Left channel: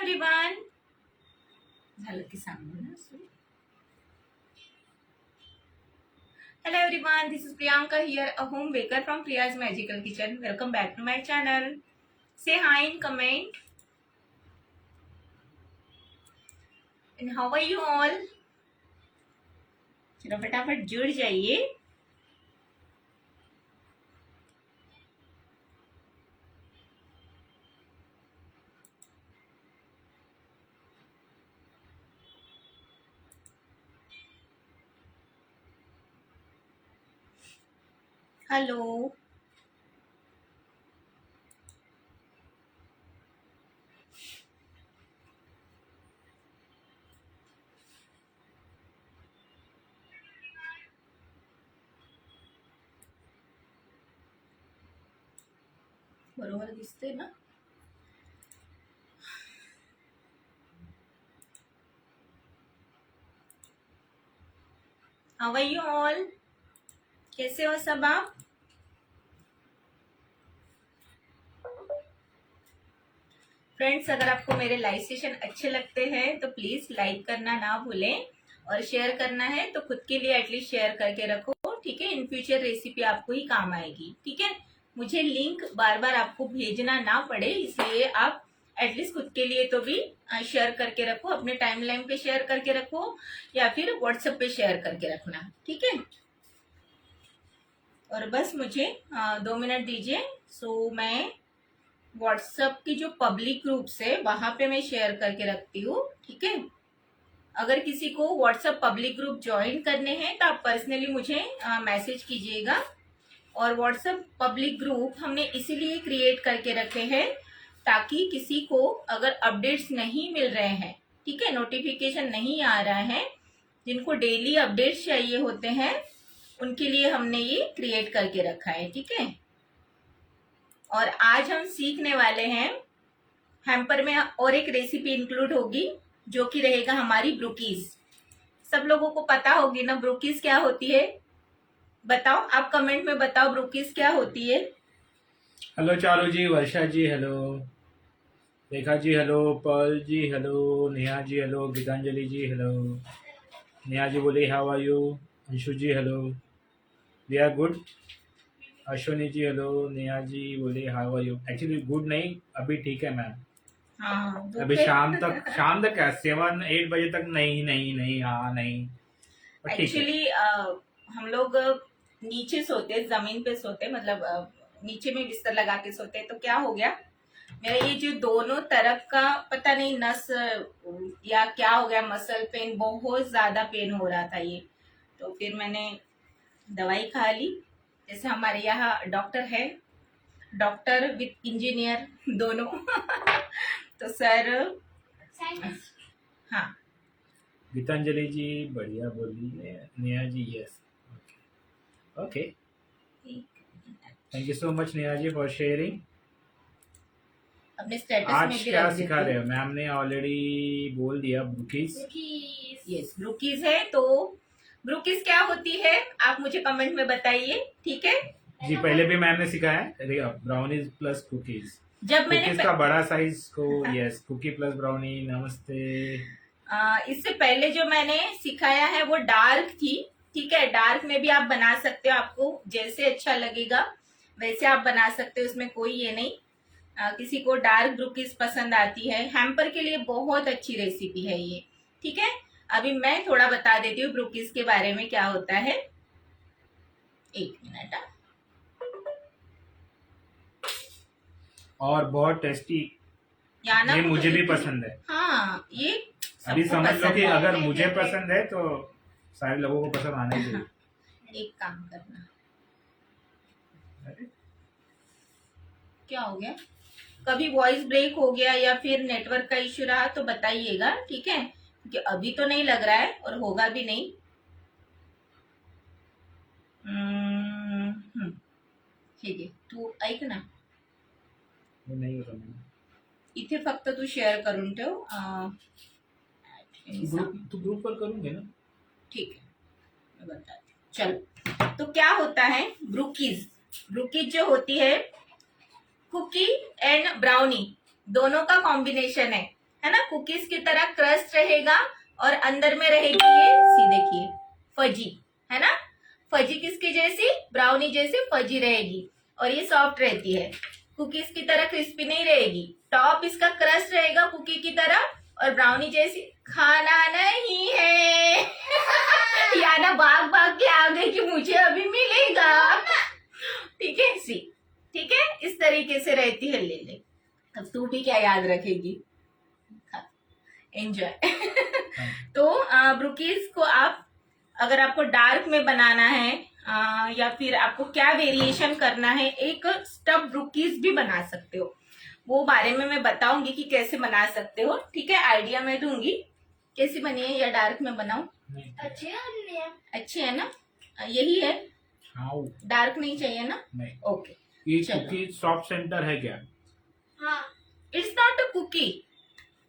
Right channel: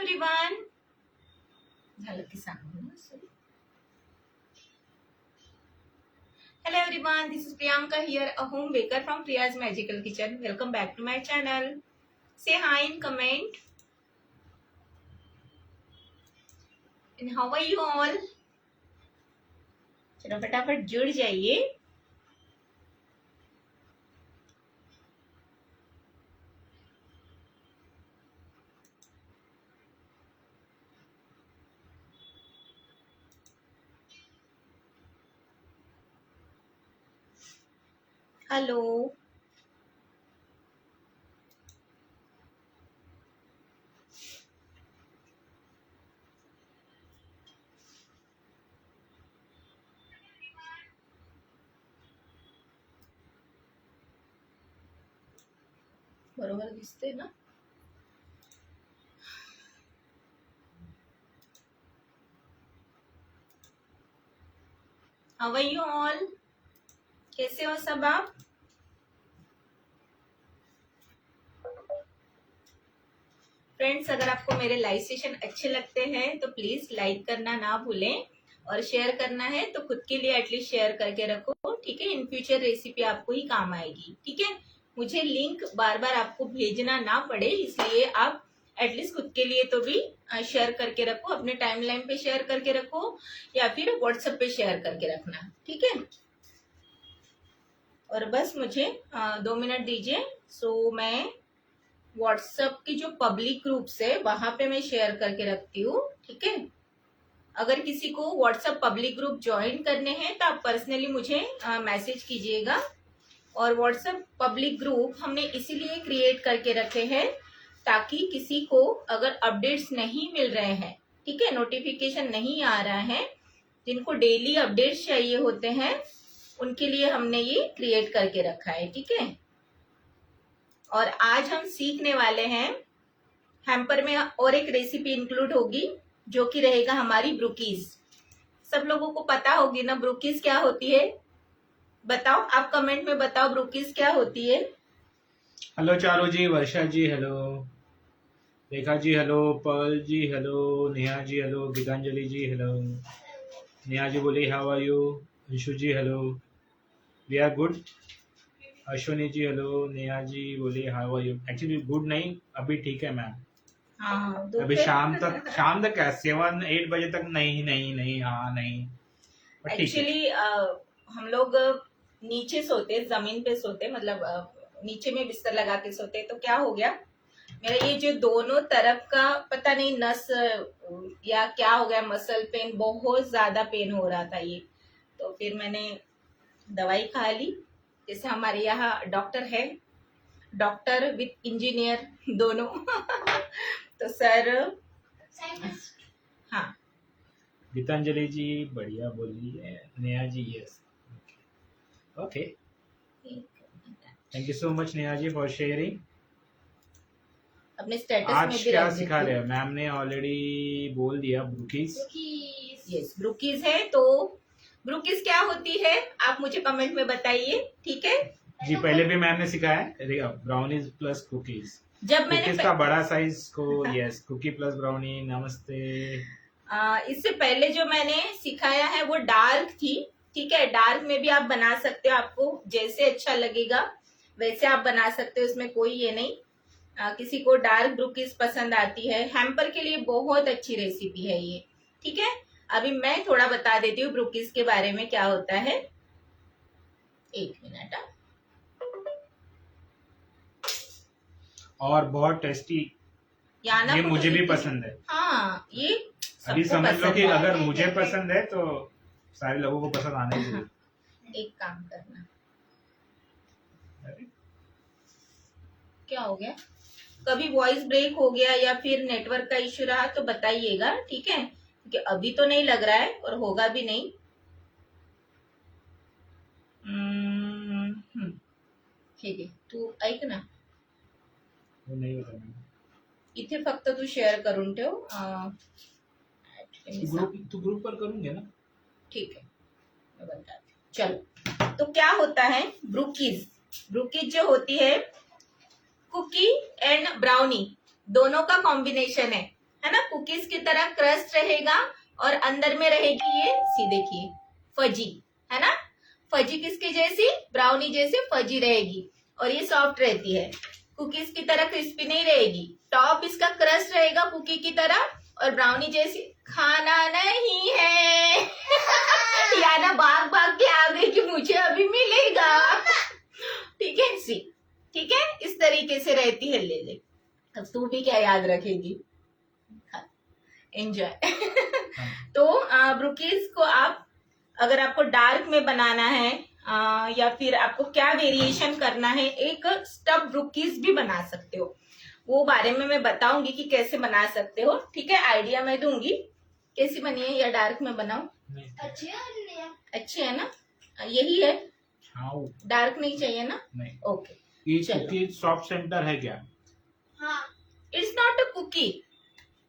Everyone, झालं की सांगू ना. Hello everyone, this is Priyanka here, a home baker from Priya's Magical Kitchen. Welcome back to my channel. Say hi in comment. And how are you all? चलो फटाफट जुड़ जाइए. Hello, बरोबर दिसते ना. How are you all? कैसे हो सब आप? फ्रेंड्स, अगर आपको मेरे लाइव सेशन अच्छे लगते हैं तो प्लीज लाइक करना ना भूलें और शेयर करना है तो खुद के लिए एटलीस्ट शेयर करके रखो. ठीक है, इन फ्यूचर रेसिपी आपको ही काम आएगी. ठीक है, मुझे लिंक बार बार आपको भेजना ना पड़े इसलिए आप एटलीस्ट खुद के लिए तो भी शेयर करके रखो. अपने टाइमलाइन पे शेयर करके रखो या फिर व्हाट्सएप पे शेयर करके रखना. ठीक है, और बस मुझे 2 मिनट दीजिए. सो मैं व्हाट्सएप की जो पब्लिक ग्रुप्स है वहां पे मैं शेयर करके रखती हूँ. ठीक है, अगर किसी को व्हाट्सएप पब्लिक ग्रुप ज्वाइन करने हैं तो आप पर्सनली मुझे मैसेज कीजिएगा. और व्हाट्सएप पब्लिक ग्रुप हमने इसीलिए क्रिएट करके रखे हैं ताकि किसी को अगर अपडेट्स नहीं मिल रहे हैं, ठीक है, नोटिफिकेशन नहीं आ रहा है, जिनको डेली अपडेट्स चाहिए होते हैं उनके लिए हमने ये क्रिएट करके रखा है. ठीक है, और आज हम सीखने वाले हैं हैम्पर में और एक रेसिपी इंक्लूड होगी जो कि रहेगा हमारी ब्रूकीज. सब लोगों को पता होगी ना ब्रूकीज क्या होती है? बताओ, आप कमेंट में बताओ ब्रूकीज क्या होती है. Hello Charu ji, Varsha ji hello, Rekha ji hello, Pearl ji hello, Neha ji hello, Gitanjali ji hello. Neha ji बोले how are you. Anshu ji hello, we are good. Ashwini ji hello. Neha ji बोले how are you. Actually good नहीं, अभी ठीक है मैम. हाँ, अभी शाम तक क्या 7-8 बजे तक नहीं नहीं नहीं हाँ नहीं. एक्चुअली हम लोग नीचे सोते, जमीन पे सोते, मतलब नीचे में बिस्तर लगा के सोते. तो क्या हो गया, मेरा ये जो दोनों तरफ का पता नहीं नस या क्या हो गया, मसल पेन, बहुत ज्यादा पेन हो रहा था ये. तो फिर मैंने दवाई खा ली. जैसे हमारे यहाँ डॉक्टर है, डॉक्टर विथ इंजीनियर दोनों. तो सर, हाँ, गीतांजलि जी बढ़िया बोलिए. Neha ji yes, okay. Thank you so much Neha ji for sharing. अपने स्टेटस आज में भी क्या रख सिखा देते रहे हैं? मैम ने ऑलरेडी बोल दिया ब्रूकीज. यस, ब्रूकीज है. तो ब्रूकीज क्या होती है आप मुझे कमेंट में बताइए. ठीक है जी, पहले भी मैम ने सिखाया ब्राउनीज प्लस कुकीज. जब मैंने कुकीज का बड़ा साइज को यस, कुकी प्लस ब्राउनी. नमस्ते. इससे पहले जो मैंने सिखाया है वो डार्क थी. ठीक है, डार्क में भी आप बना सकते हो, आपको जैसे अच्छा लगेगा वैसे आप बना सकते हो, इसमें कोई ये नहीं. किसी को डार्क ब्रूकीज पसंद आती है, हैम्पर के लिए बहुत अच्छी रेसिपी है ये. ठीक है, अभी मैं थोड़ा बता देती हूँ ब्रूकीज के बारे में क्या होता है. 1 मिनट. और बहुत टेस्टी, ये मुझे भी पसंद है. हाँ, ये अभी समझ लो कि अगर मुझे पसंद है तो सारे लोगों को पसंद आना ही चाहिए. एक काम करना, क्या हो गया, कभी वॉइस ब्रेक हो गया या फिर नेटवर्क का इश्यू रहा तो बताइएगा. ठीक है, क्योंकि अभी तो नहीं लग रहा है और होगा भी नहीं. ठीक है, तू ऐक ना, नहीं होता. इथे फक्त तू शेअर करून ठेव. तू ग्रुप पर करूंगे ना. ठीक है, मैं बताती हूँ. चलो, तो क्या होता है ब्रूकीज. ब्रूकीज जो होती है कुकी एंड ब्राउनी दोनों का कॉम्बिनेशन है. है ना, कुकीज की तरह क्रस्ट रहेगा और अंदर में रहेगी ये सी देखिए फजी, है ना, फजी किसकी जैसी, ब्राउनी जैसी फजी रहेगी और ये सॉफ्ट रहती है, कुकीज की तरह क्रिस्पी नहीं रहेगी। टॉप इसका क्रस्ट रहेगा कुकी की तरह और ब्राउनी जैसी। खाना नहीं है याना भाग भाग के आ गई कि मुझे अभी मिलेगा, ठीक है सी, ठीक है, इस तरीके से रहती है। ले ले, अब तू भी क्या याद रखेगी, एंजॉय तो ब्रुकीज को आप अगर आपको डार्क में बनाना है या फिर आपको क्या वेरिएशन करना है, एक स्टफ ब्रुकीज भी बना सकते हो, वो बारे में मैं बताऊंगी कि कैसे बना सकते हो, ठीक है, आइडिया मैं दूंगी कैसी बनी है या डार्क में बनाऊं। अच्छी है ना, यही है, डार्क नहीं चाहिए ना, नहीं, ओके। ये कुकी सॉफ्ट सेंटर है क्या? हाँ, it's not a cookie,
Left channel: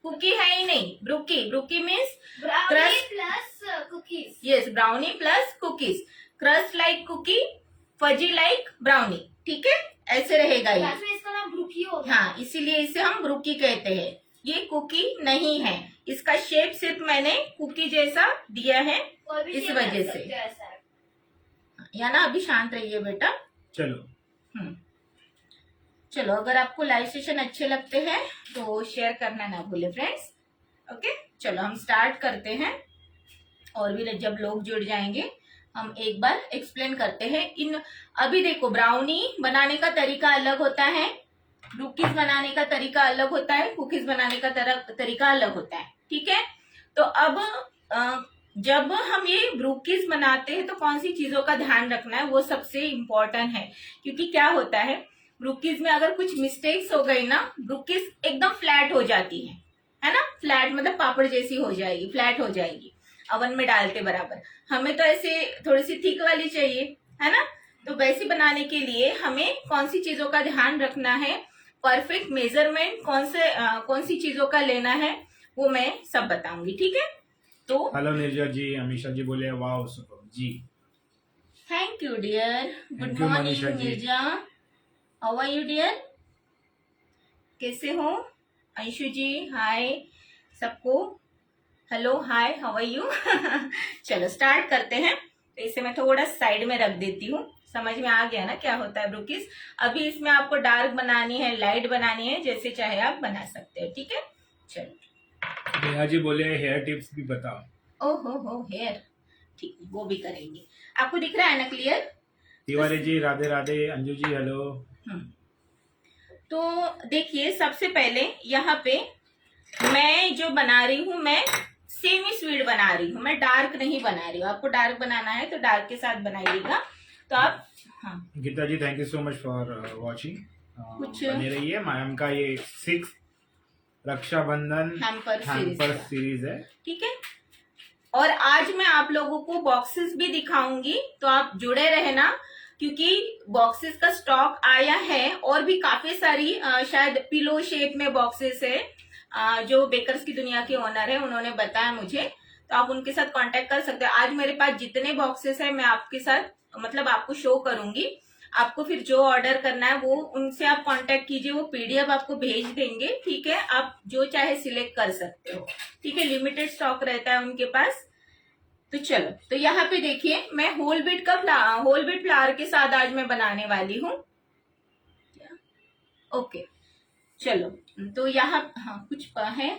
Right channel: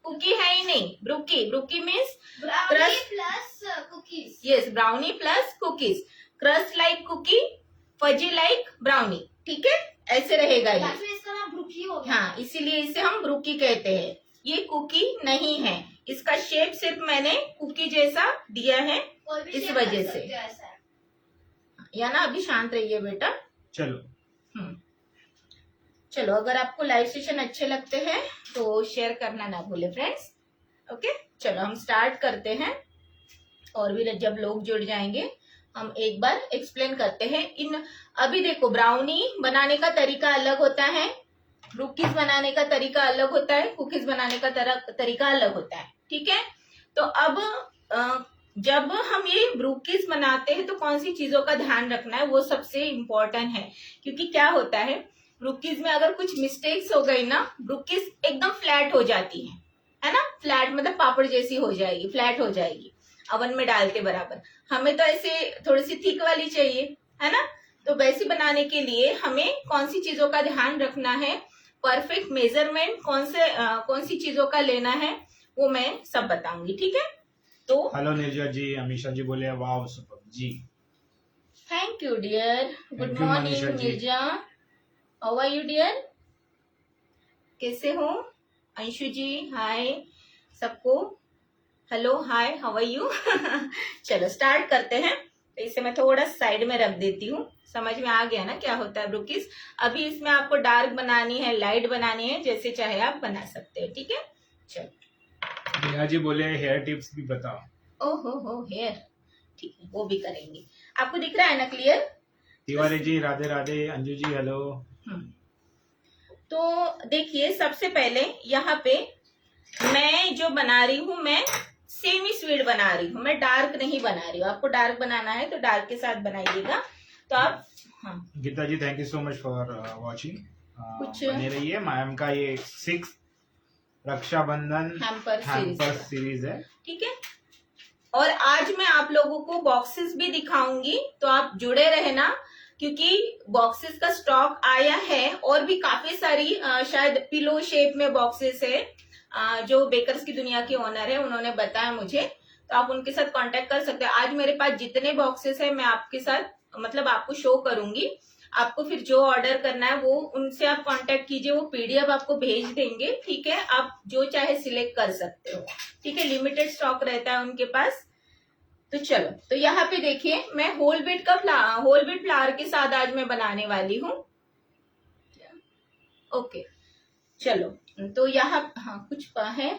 cookie है ही नहीं, brookie, brookie means brownie plus cookies, yes, brownie plus cookies, crust like cookie, fudgy like brownie, ठीक है, ऐसे रहेगा ये, इसका नाम ब्रुकी हो गया। हाँ, इसीलिए इसे हम ब्रुकी कहते हैं। ये कुकी नहीं है, इसका शेप सिर्फ मैंने कुकी जैसा दिया है इस वजह से, या ना। अभी शांत रहिए बेटा, चलो चलो, अगर आपको लाइव सेशन अच्छे लगते हैं तो शेयर करना ना भूले फ्रेंड्स, ओके। चलो हम स्टार्ट करते हैं, और भी जब लोग जुड़ जाएंगे हम एक बार एक्सप्लेन करते हैं। इन अभी देखो, ब्राउनी बनाने का तरीका अलग होता है, ब्रुकीज बनाने का तरीका अलग होता है, कुकीज बनाने का तरीका अलग होता है, ठीक है। तो अब जब हम ये ब्रुकीज बनाते हैं तो कौन सी चीजों का ध्यान रखना है, वो सबसे इम्पोर्टेंट है, क्योंकि क्या होता है ब्रुकीज में अगर कुछ मिस्टेक्स हो गई ना, ब्रुकीज एकदम फ्लैट हो जाती है ना, फ्लैट मतलब पापड़ जैसी हो जाएगी, फ्लैट हो जाएगी अवन में डालते बराबर। हमें तो ऐसे थोड़ी सी थिक वाली चाहिए, है ना, तो वैसी बनाने के लिए हमें कौन सी चीजों का ध्यान रखना है, परफेक्ट मेजरमेंट कौन सी चीजों का लेना है, वो मैं सब बताऊंगी, ठीक है। तो हेलो निर्जा जी, अमीशा जी बोले वाओ सुपर जी, thank you dear, good you, morning Manisha ji. Nirja, how are you dear, कैसे हो, अंशु जी हाय सबको, hello hi how are you चलो स्टार्ट करते हैं। तो इसे मैं थोड़ा साइड में रख देती हूँ, समझ में आ गया ना क्या होता है ब्रुकीज। अभी इसमें आपको डार्क बनानी है, लाइट बनानी है, जैसे चाहे आप बना सकते हो, ठीक है। चलो, नेहा जी बोले हेयर टिप्स भी बताओ। हो हेयर, ठीक है, वो भी करेंगे। आपको दिख रहा है ना क्लियर? तिवारी जी राधे राधे, अंजू जी हेलो। तो देखिए, सबसे पहले यहाँ पे मैं जो बना रही हूँ, मैं सेमी स्वीट बना रही हूँ, मैं डार्क नहीं बना रही हूँ। आपको डार्क बनाना है तो डार्क के साथ बनाइएगा। तो आप Gita ji thank you so much for watching, कुछ बने रहिए। मैम का ये 6 रक्षाबंधन हैम्पर सीरीज है, ठीक है। और आज मैं आप लोगों को बॉक्सेस भी दिखाऊंगी, तो आप जुड़े रहना, क्योंकि बॉक्सेस का स्टॉक आया है और भी काफी सारी शायद पिलो शेप में बॉक्सेस है, जो बेकर्स की दुनिया के ओनर है उन्होंने बताया मुझे, तो आप उनके साथ कांटेक्ट कर सकते हैं। आज मेरे पास जितने बॉक्सेस है मैं आपके साथ मतलब आपको शो करूंगी। आपको फिर जो ऑर्डर करना है वो उनसे आप कांटेक्ट कीजिए, वो पीडीएफ आपको भेज देंगे, ठीक है। आप जो चाहे सिलेक्ट कर सकते हो, ठीक है, लिमिटेड स्टॉक रहता है उनके पास। तो चलो, तो यहाँ पे देखिए, मैं होल बीट फ्लावर के साथ आज मैं बनाने वाली हूँ, ओके। चलो, तो यहाँ कुछ है,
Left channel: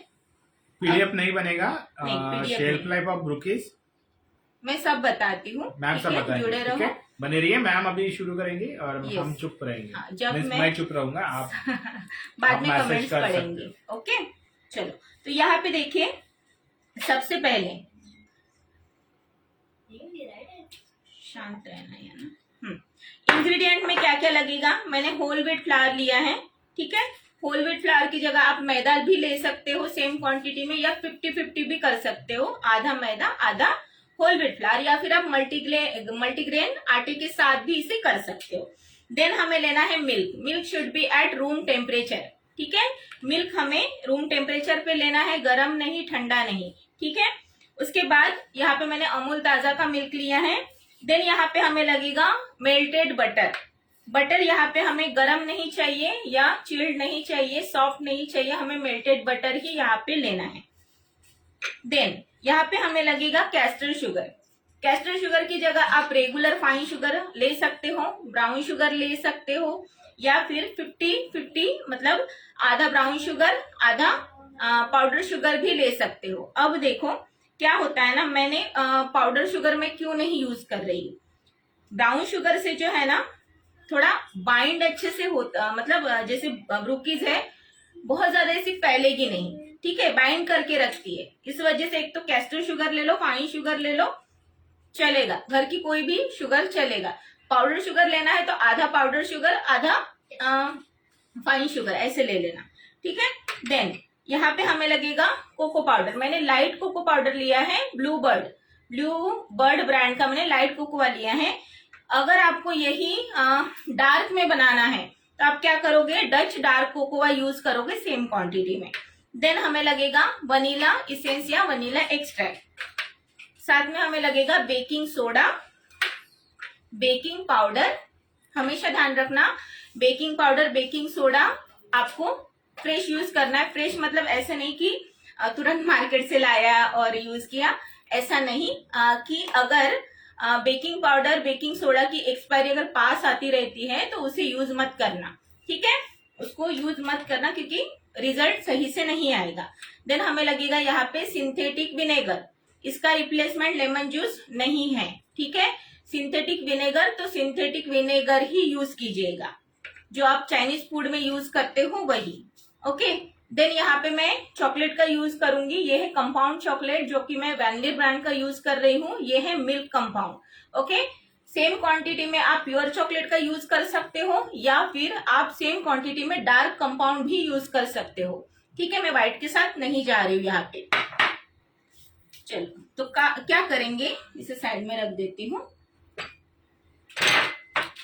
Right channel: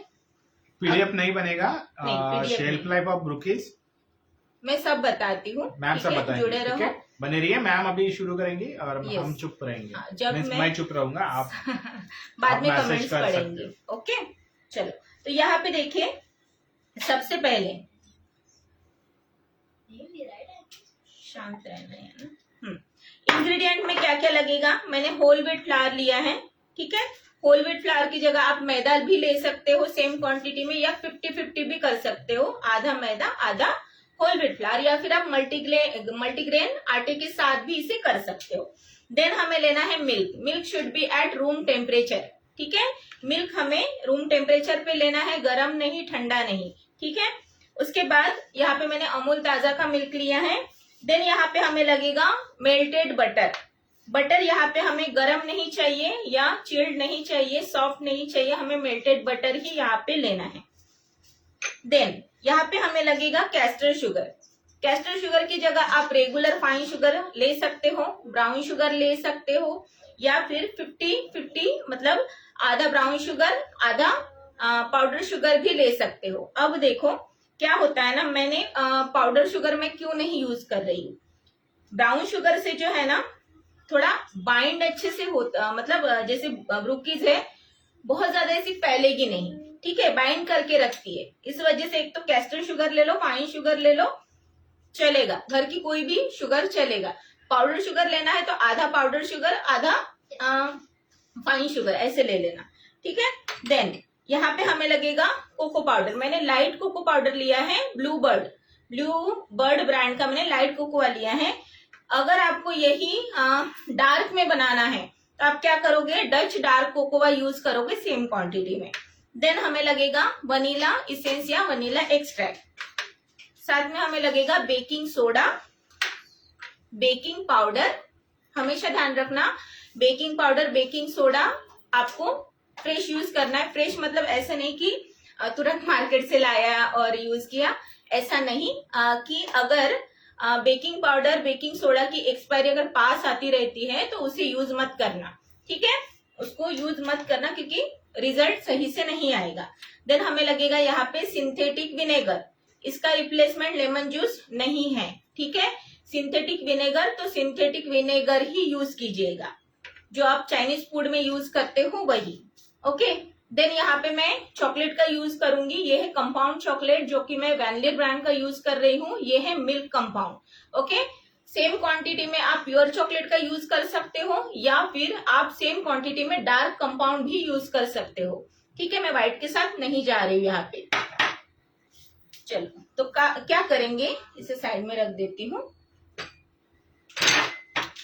पीडीएफ नहीं बनेगा, PDF शेल्फ लाइफ ऑफ ब्रुकीज मैं सब बताती हूँ, मैम सब बताएंगे, जुड़े ठीक रहो। है, बने रहिए। मैम अभी शुरू करेंगे और Yes. हम चुप रहेंगे, जब मैं चुप रहूंगा, आप बाद में मैसेज कमेंट्स कर सकते पढ़ेंगे, ओके। चलो, तो यहाँ पे देखिए, सबसे पहले शांत रहना है ना। इंग्रेडिएंट में क्या क्या लगेगा, मैंने होल व्हीट फ्लावर लिया है, ठीक है। होल व्हीट फ्लावर की जगह आप मैदा भी ले सकते हो सेम क्वांटिटी में, या 50-50 भी कर सकते हो, आधा मैदा आधा होल व्हीट फ्लावर, या फिर आप मल्टीग्रेन आटे के साथ भी इसे कर सकते हो। देन हमें लेना है milk should be eight room temperature, ठीक है। मिल्क हमें रूम टेम्परेचर पे लेना है, गर्म नहीं ठंडा नहीं, ठीक है। उसके बाद यहाँ पे मैंने अमूल ताजा का मिल्क लिया है। देन यहाँ पे हमें लगेगा मेल्टेड बटर, बटर यहाँ पे हमें गरम नहीं चाहिए या चिल्ड नहीं चाहिए, सॉफ्ट नहीं चाहिए, हमें मेल्टेड बटर ही यहाँ पे लेना है। देन यहाँ पे हमें लगेगा कैस्टर शुगर। कैस्टर शुगर की जगह आप रेगुलर फाइन शुगर ले सकते हो, ब्राउन शुगर ले सकते हो, या फिर 50-50 मतलब आधा ब्राउन शुगर आधा पाउडर शुगर भी ले सकते हो। अब देखो क्या होता है ना, मैंने पाउडर शुगर में क्यों नहीं यूज कर रही हूँ। ब्राउन शुगर से जो है ना थोड़ा बाइंड अच्छे से होता, मतलब जैसे ब्रूकीज है बहुत ज्यादा ऐसी फैलेगी नहीं, ठीक है, बाइंड करके रखती है। इस वजह से एक तो कैस्टर शुगर ले लो, फाइन शुगर ले लो, चलेगा, घर की कोई भी शुगर चलेगा। पाउडर शुगर लेना है तो आधा पाउडर शुगर आधा फाइन शुगर ऐसे ले लेना, ठीक है। देन यहाँ पे हमें लगेगा कोको पाउडर। मैंने लाइट कोको पाउडर लिया है, ब्लू बर्ड ब्रांड का मैंने लाइट कोकोआ लिया है। अगर आपको यही डार्क में बनाना है तो आप क्या करोगे, डच डार्क कोकोआ यूज करोगे सेम क्वांटिटी में। देन हमें लगेगा वनीला इसेंस या वनीला एक्सट्रैक्ट, साथ में हमें लगेगा बेकिंग सोडा, बेकिंग पाउडर। हमेशा ध्यान रखना बेकिंग पाउडर बेकिंग सोडा आपको फ्रेश यूज करना है। फ्रेश मतलब ऐसा नहीं कि तुरंत मार्केट से लाया और यूज किया, ऐसा नहीं कि अगर बेकिंग पाउडर बेकिंग सोडा की एक्सपायरी अगर पास आती रहती है तो उसे यूज मत करना, ठीक है, उसको यूज मत करना क्योंकि रिजल्ट सही से नहीं आएगा। देन हमें लगेगा यहाँ पे सिंथेटिक विनेगर, इसका रिप्लेसमेंट लेमन जूस नहीं है, ठीक है। सिंथेटिक विनेगर तो सिंथेटिक विनेगर ही यूज कीजिएगा, जो आप चाइनीज फूड में यूज करते हो वही, ओके। देन यहाँ पे मैं चॉकलेट का यूज करूंगी, ये है कंपाउंड चॉकलेट जो कि मैं वैनिली ब्रांड का यूज कर रही हूँ, ये है milk compound, okay. Same quantity में आप प्योर चॉकलेट का यूज कर सकते हो या फिर आप सेम क्वांटिटी में डार्क कंपाउंड भी यूज कर सकते हो, ठीक है। मैं व्हाइट के साथ नहीं जा रही हूँ यहाँ पे। चलो तो क्या करेंगे, इसे साइड में रख देती हूँ।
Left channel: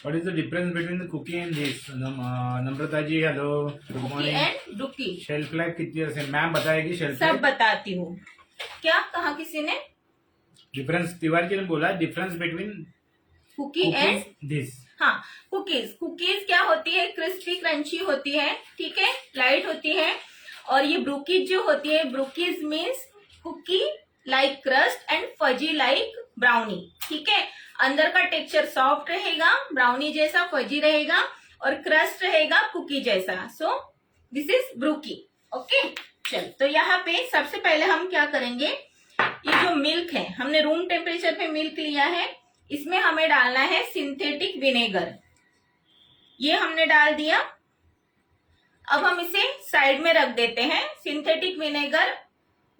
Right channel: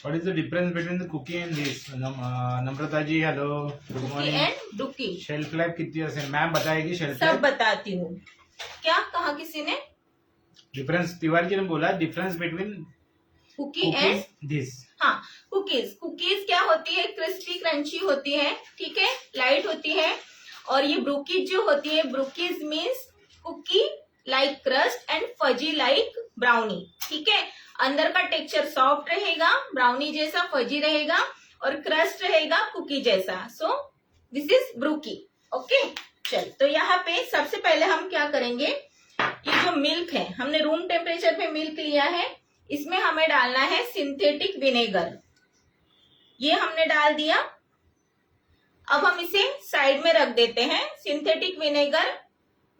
What is the difference between the cookie and this? Namrata ji hello, good morning. And brookie shelf life कितनी है मैम बताएगी? शेल्फ सब लाइफ बताती हूँ। क्या कहा किसी ने? डिफरेंस तिवारी जी ने बोला difference between cookie and this. हाँ, कुकीज क्या होती है, क्रिस्पी क्रंची होती है, ठीक है, लाइट होती है। और ये ब्रूकीज जो होती है, brookies means cookie like crust and fudgy like brownie, ठीक है। अंदर का टेक्सचर सॉफ्ट रहेगा, ब्राउनी जैसा फजी रहेगा, और क्रस्ट रहेगा कुकी जैसा। So this is brookie, okay. चल तो यहाँ पे सबसे पहले हम क्या करेंगे, ये जो मिल्क है हमने रूम टेम्परेचर पे मिल्क लिया है, इसमें हमें डालना है सिंथेटिक विनेगर, ये हमने डाल दिया। अब हम इसे साइड में रख देते हैं। सिंथेटिक विनेगर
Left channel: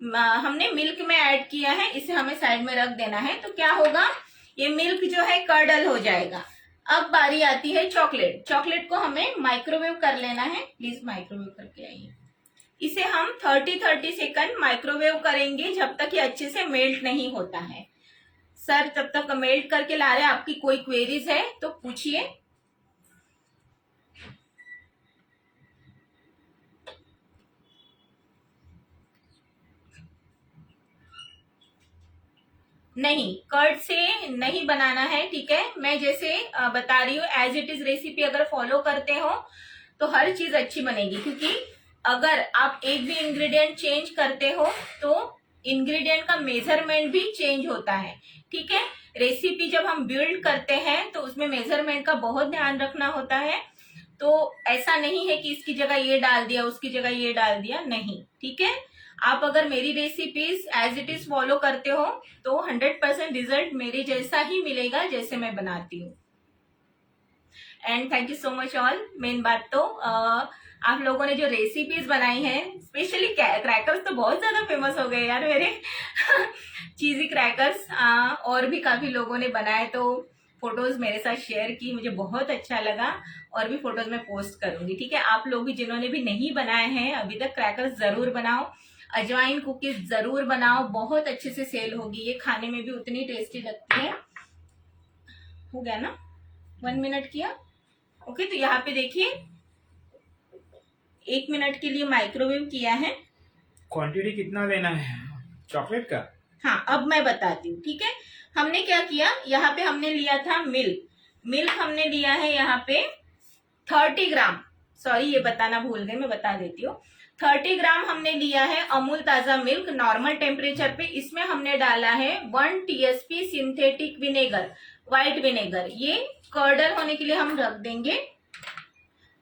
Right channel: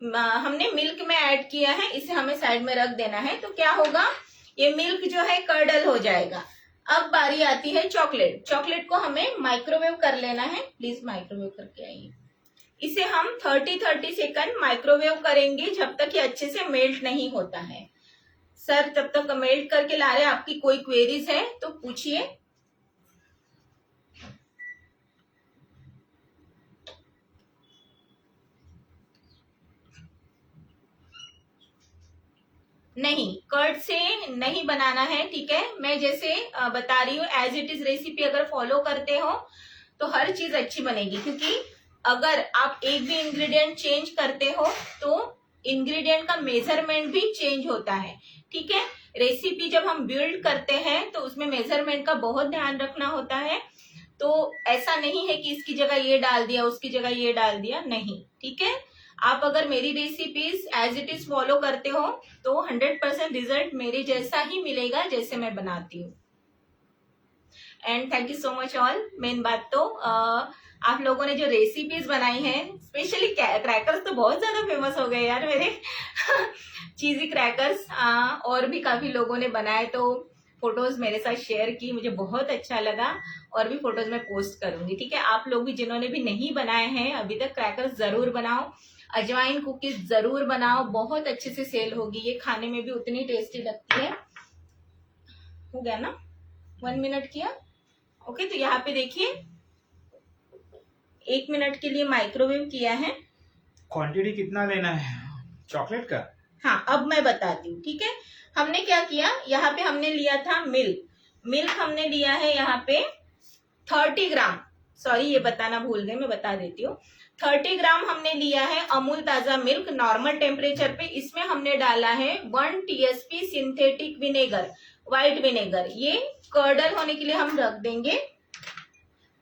हमने मिल्क में ऐड किया है, इसे हमें साइड में रख देना है। तो क्या होगा, ये मिल्क जो है कर्डल हो जाएगा। अब बारी आती है चॉकलेट। चॉकलेट को हमें माइक्रोवेव कर लेना है, प्लीज माइक्रोवेव करके आइए। इसे हम 30 सेकंड माइक्रोवेव करेंगे जब तक ये अच्छे से मेल्ट नहीं होता है। सर तब तक मेल्ट करके ला रहे हैं, आपकी कोई क्वेरीज है तो पूछिए। नहीं, कर्ड से नहीं बनाना है, ठीक है। मैं जैसे बता रही हूँ एज इट इज रेसिपी अगर फॉलो करते हो तो हर चीज अच्छी बनेगी, क्योंकि अगर आप एक भी इंग्रेडिएंट चेंज करते हो तो इंग्रेडिएंट का मेजरमेंट भी चेंज होता है, ठीक है। रेसिपी जब हम बिल्ड करते हैं तो उसमें मेजरमेंट का बहुत ध्यान रखना होता है। तो ऐसा नहीं है कि इसकी जगह ये डाल दिया उसकी जगह ये डाल दिया, नहीं, ठीक है। आप अगर मेरी recipes as it is follow करते हो तो 100% रिजल्ट मेरे जैसा ही मिलेगा जैसे मैं बनाती हूँ। And thank you so much all. Main बात तो आप लोगों ने जो रेसिपीज बनाई हैं, स्पेशली क्रैकर्स तो बहुत ज्यादा फेमस हो गए यार मेरे चीजी क्रैकर्स, और भी काफी लोगों ने बनाए तो फोटोज मेरे साथ शेयर की, मुझे बहुत अच्छा लगा। और भी फोटोज मैं पोस्ट करूंगी, ठीक है। आप लोग भी जिन्होंने भी नहीं बनाए हैं अभी तक, क्रैकर्स जरूर बनाओ, अजवाइन कुकीज जरूर बनाओ, बहुत अच्छे से सेल होगी, ये खाने में भी उतनी टेस्टी लगती है। हो गया ना, 1 मिनट किया, ओके। तो यहाँ पे देखिए 1 मिनट के लिए माइक्रोवेव किया है। क्वांटिटी कितना लेना है चॉकलेट का? हाँ, अब मैं बताती हूँ, ठीक है। हमने क्या किया, यहाँ पे हमने लिया था मिल्क। मिल्क हमने लिया है यहाँ पे 30 ग्राम, सॉरी ये बताना भूल गए, मैं बता देती हूँ। 30 ग्राम हमने लिया है अमूल ताजा मिल्क नॉर्मल टेम्परेचर पे। इसमें हमने डाला है 1 TSP synthetic vinegar, white vinegar. ये कर्डल होने के लिए हम रख देंगे।